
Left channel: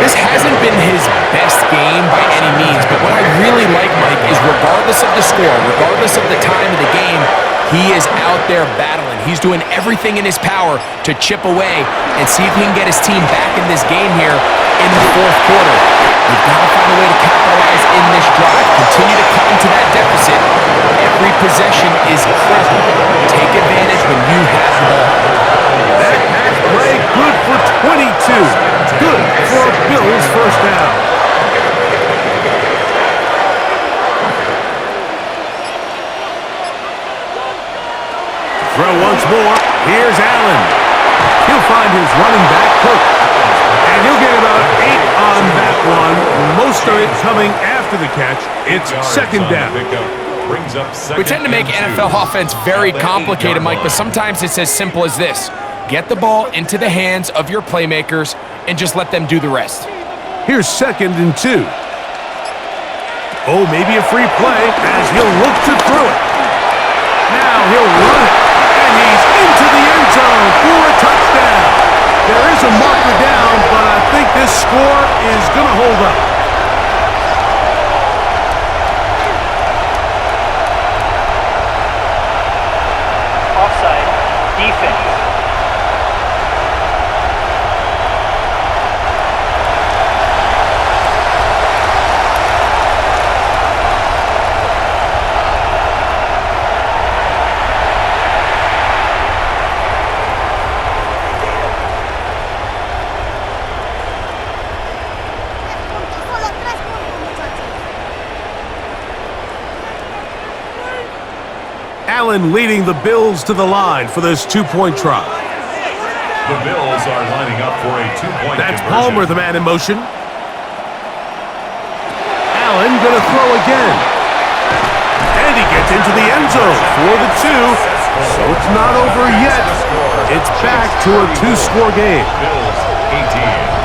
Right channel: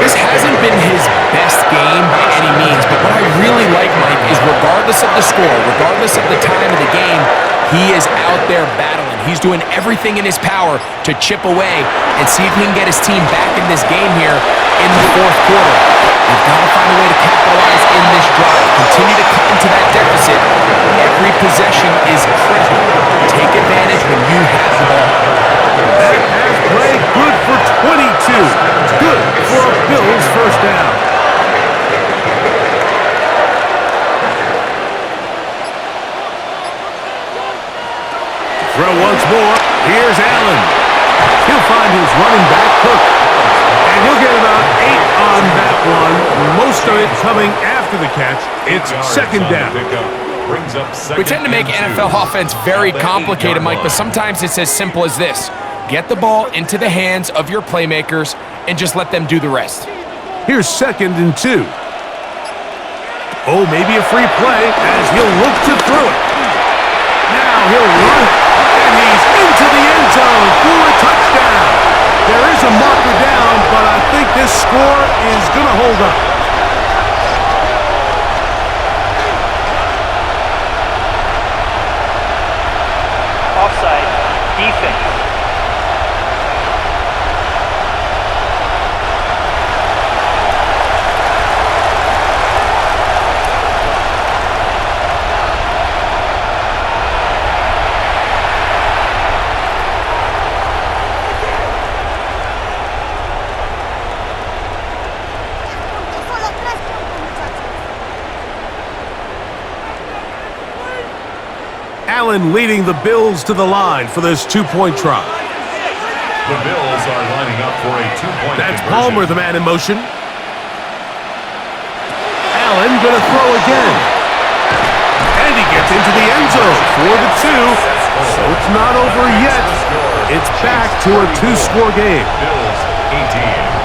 This hasn't been his best game by any means, but what I really like, Mike, is regardless of the score, regardless of the time of the game, he is out there battling. He's doing everything in his power to chip away and see if he can get his team back in this game here in the 4th quarter. They've got to find a way to capitalize in this drive. Continue to cut into that deficit. Every possession is critical. Take advantage when you have the ball. That pass play good for 22. Good for a Bills 1st down. Throw once more. Here's Allen. He'll find his running back, Cook. And he'll get about 8 on that one. Most of it coming after the catch. It's 2nd down. We tend to make NFL offense very complicated, Mike, but sometimes it's as simple as this. Get the ball into the hands of your playmakers and just let them do the rest. Here's 2nd and 2. Oh, maybe a free play as he'll look to throw it. Now he'll run it. And he's into the end zone for a touchdown. There is a marker down, but I think this score is going to hold up. Offside. Defense. Allen leading the Bills to the line for this 2-point try. The Bills are lining up for a 2-point That's conversion. Palmer, the man in motion. Allen going to throw again. And he gets into the end zone for the 2. So it's not over yet. It's back to a 2-score game. Bills 18.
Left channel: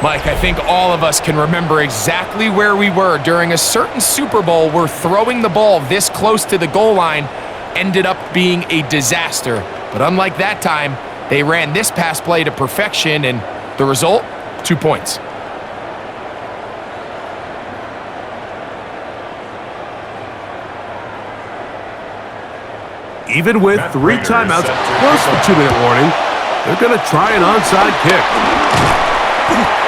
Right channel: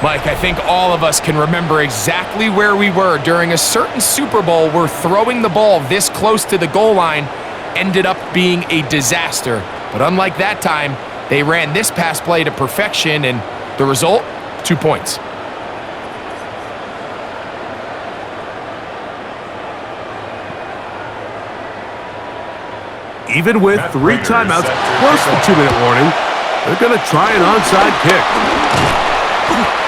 Mike, I think all of us can remember exactly where we were during a certain Super Bowl where throwing the ball this close to the goal line ended up being a disaster. But unlike that time, they ran this pass play to perfection, and the result, 2 points. Even with 3 timeouts plus the 2-minute warning, they're going to try an onside kick.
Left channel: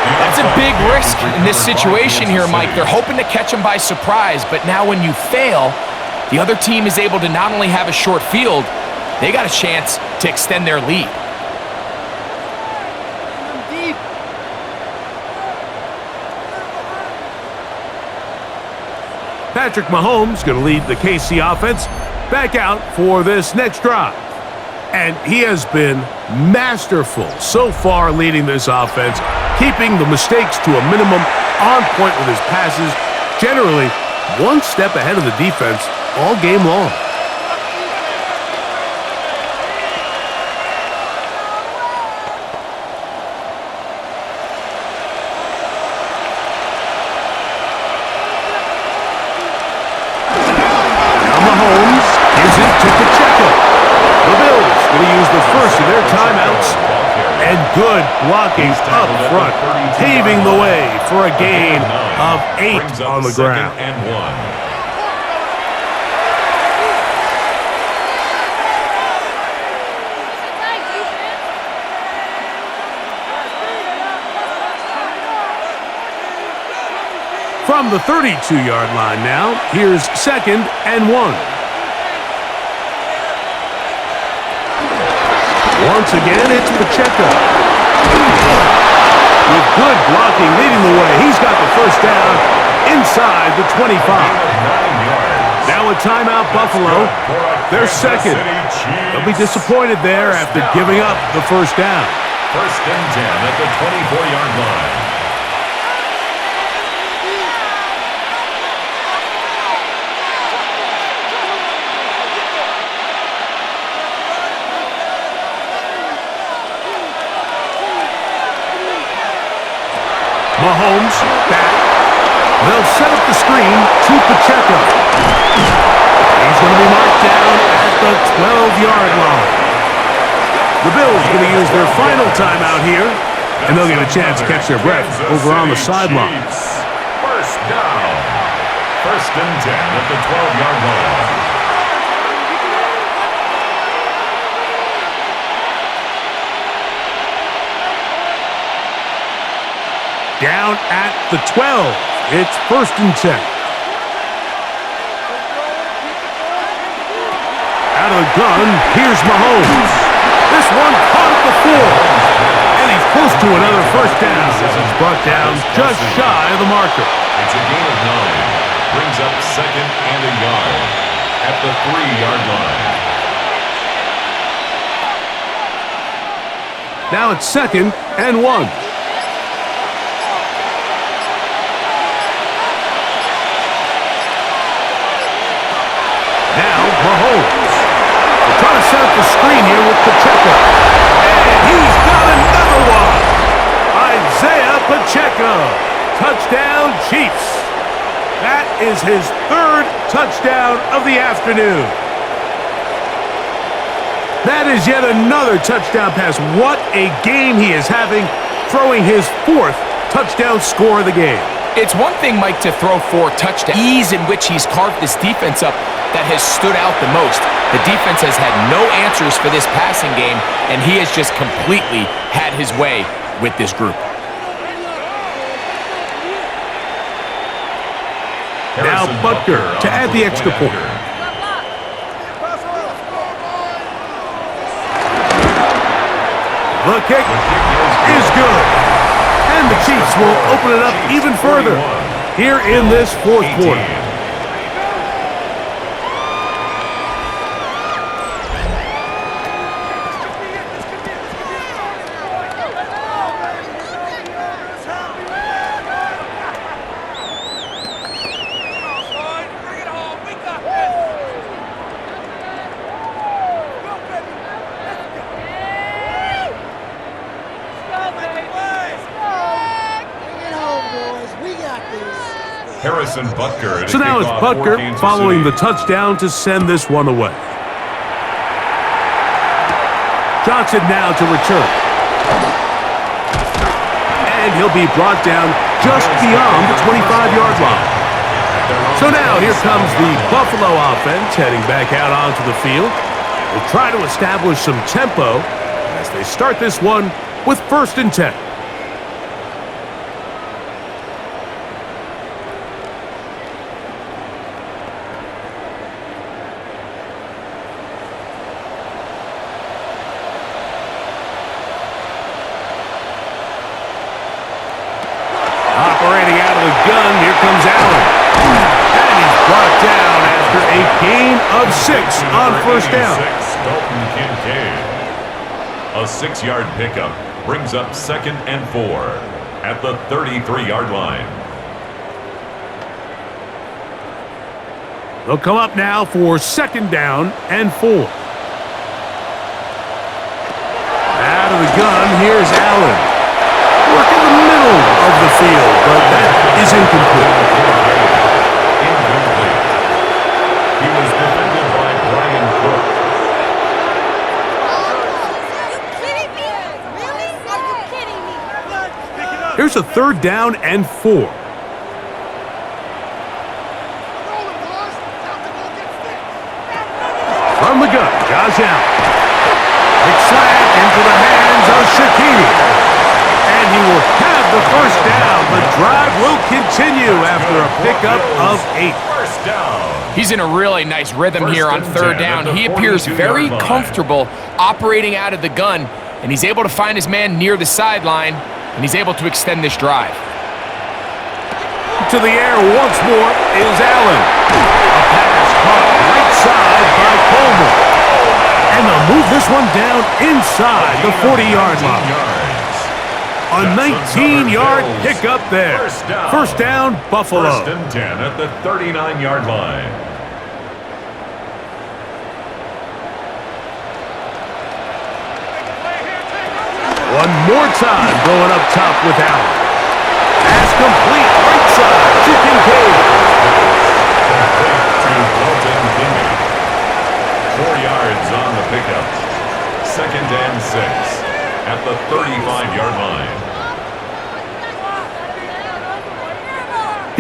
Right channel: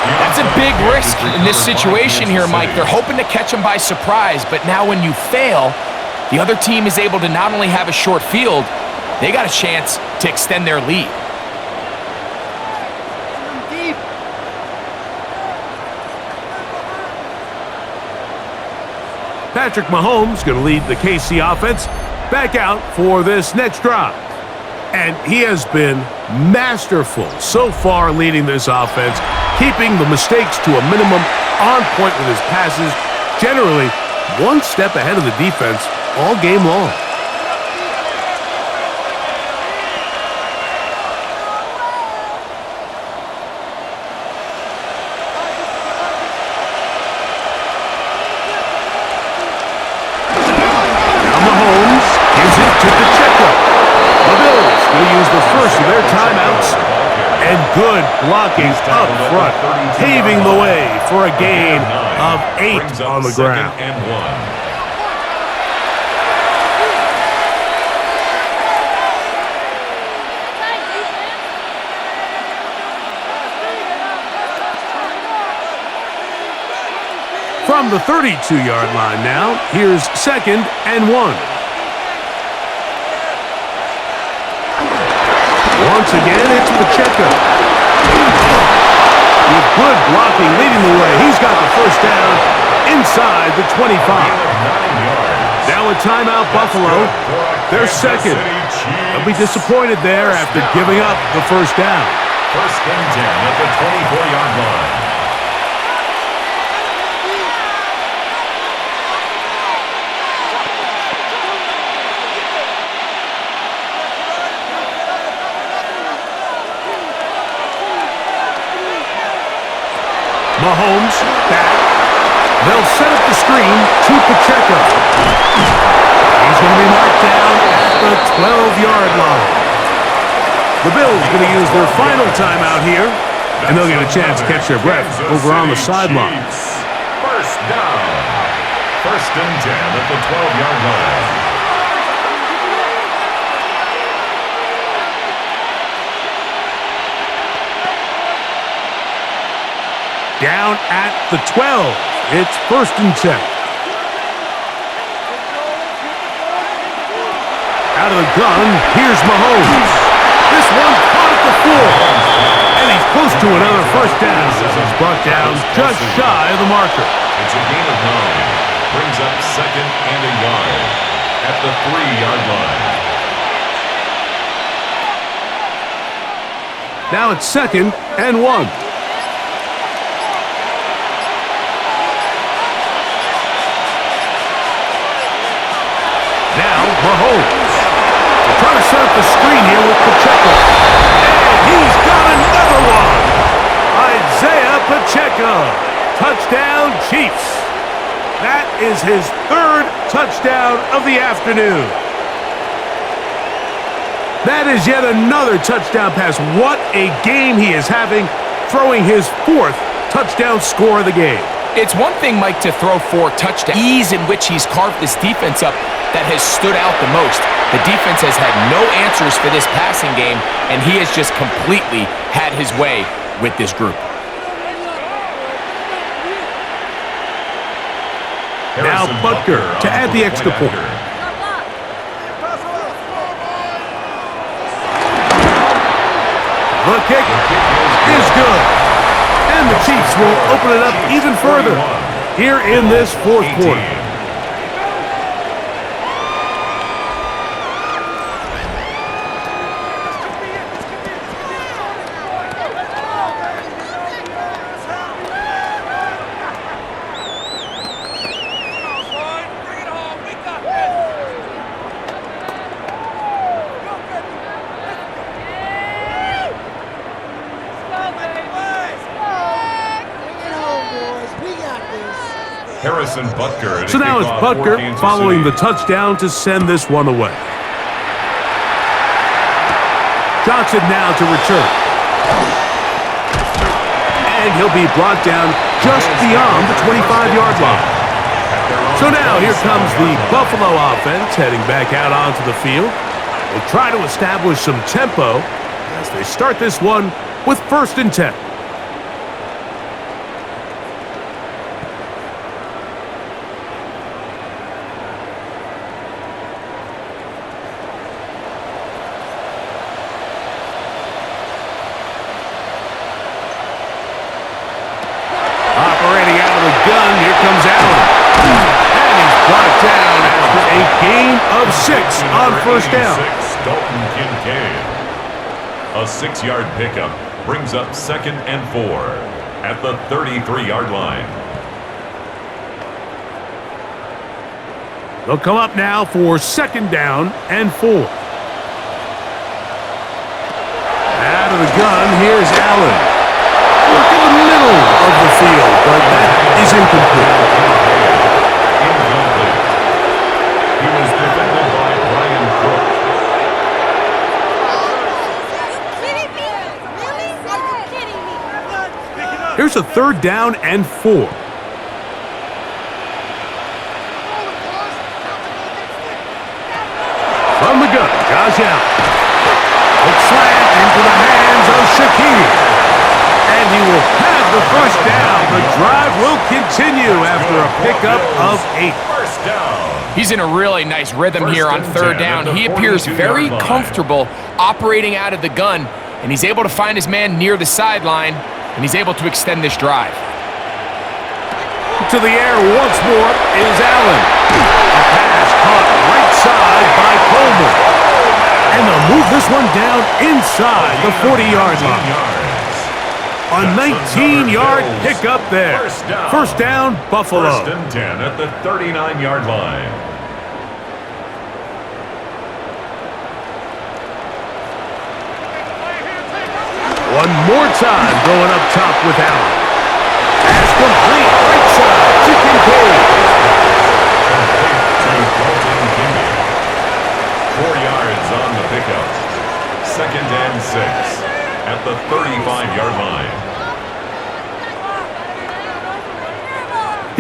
That's a big risk in this situation here, Mike. They're hoping to catch him by surprise, but now when you fail, the other team is able to not only have a short field, they got a chance to extend their lead. Patrick Mahomes going to lead the KC offense back out for this next drive. And he has been masterful so far leading this offense, keeping the mistakes to a minimum, on point with his passes, generally one step ahead of the defense all game long. The Bills going to use the first of their timeouts, and good blocking up front, paving the way for a gain of 8 on the ground. From the 32-yard line now, here's 2nd and 1. Once again, it's Pacheco. With good blocking leading the way, he's got the first down inside the 25. Now a timeout, Buffalo. They're second. They'll be disappointed there after giving up the first down. 1st and 10 at the 24-yard line. Mahomes back. They'll set up the screen to Pacheco. He's going to be marked down at the 12-yard line. The Bills going to use their final timeout here, and they'll get a chance to catch their breath over on the sideline. First down. 1st and 10 at the 12-yard line. Down at the 12. It's 1st and 10. Out of the gun, here's Mahomes. This one caught at the 4. And he's close to another first down. He's brought down just shy of the marker. It's a gain of 9. Brings up 2nd and a yard at the 3-yard line. Now it's 2nd and 1. Now, Mahomes. They're trying to set up the screen here with Pacheco. And he's got another one. Isaiah Pacheco. Touchdown, Chiefs. That is his 3rd touchdown of the afternoon. That is yet another touchdown pass. What a game he is having, throwing his 4th touchdown score of the game. It's one thing, Mike, to throw 4 touchdowns. The ease in which he's carved this defense up that has stood out the most. The defense has had no answers for this passing game, and he has just completely had his way with this group. Now Butker to add the extra point. The kick is good. And the Chiefs will open it up even further here in this 4th quarter. Harrison Butker. So now it's Butker following the touchdown to send this one away. Johnson now to return. And he'll be brought down just beyond the 25-yard line. So now here comes the Buffalo offense heading back out onto the field. They'll try to establish some tempo as they start this one with 1st and 10. Operating out of the gun, here comes Allen. And he's brought down after a gain of 6 on 1st down. Dalton Kincaid. A 6-yard pickup brings up 2nd and 4 at the 33-yard line. They'll come up now for 2nd down and 4. Out of the gun, here's Allen. Work in the middle of the field, but that is incomplete. Incomplete. He was defended by Brian Cook. Here's a 3rd down and 4. From the gun, Josh Allen. Quick slant into the hands of Shakir. And he will have the 1st down. The drive will continue after a pickup of 8. 1st down. He's in a really nice rhythm here on 3rd down. He appears very comfortable operating out of the gun, and he's able to find his man near the sideline, and he's able to extend this drive. To the air once more is Allen. A pass caught right side by Coleman. And they'll move this one down inside the 40-yard line. A 19-yard pickup there. 1st down, Buffalo. 1st and 10 at the 39-yard line. One more time going up top with Allen. Pass complete, right side to Kincaid. Complete to Dalton Kincaid. 4 yards on the pickup. 2nd and 6 at the 35-yard line.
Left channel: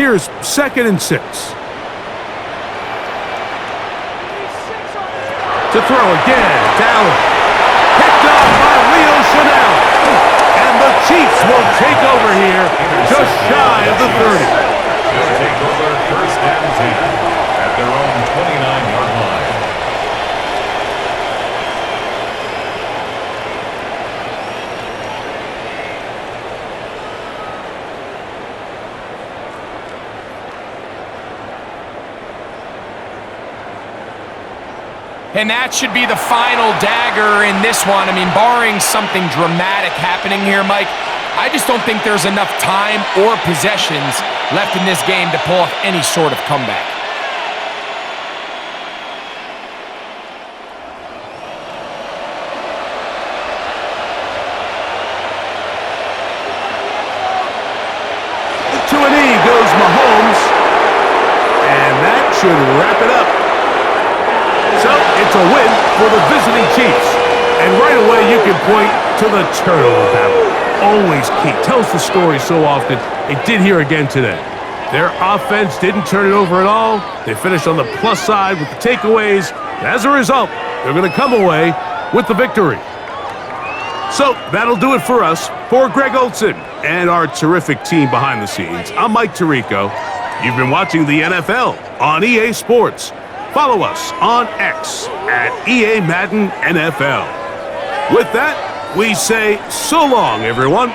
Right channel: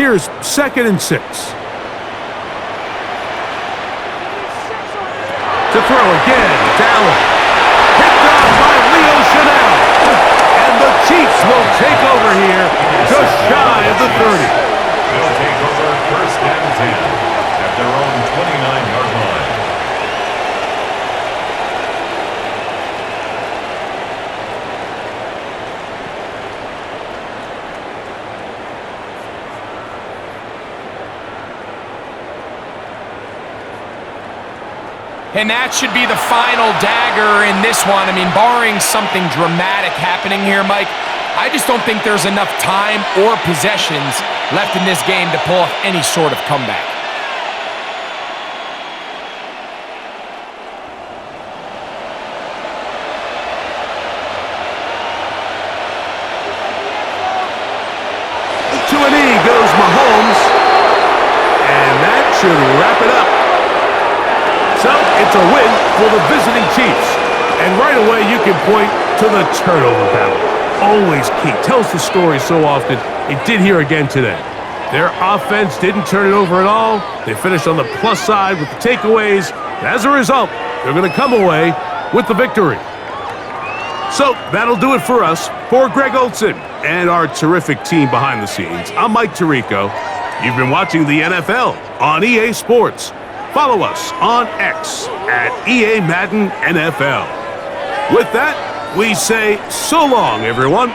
Here's 2nd and 6. To throw again, it's Allen. Picked off by Leo Chanel. And the Chiefs will take over here just shy of the 30. They'll take over 1st and 10 at their own 29-yard line. And that should be the final dagger in this one. I mean, barring something dramatic happening here, Mike, I just don't think there's enough time or possessions left in this game to pull off any sort of comeback. To an E goes Mahomes. And that should wrap it up. So, it's a win for the visiting Chiefs. And right away, you can point to the turnover battle. Always key. Tells the story so often. It did here again today. Their offense didn't turn it over at all. They finished on the plus side with the takeaways. As a result, they're going to come away with the victory. So, that'll do it for us. For Greg Olson and our terrific team behind the scenes, I'm Mike Tirico. You've been watching the NFL on EA Sports. Follow us on X at EA Madden NFL. With that, we say so long, everyone.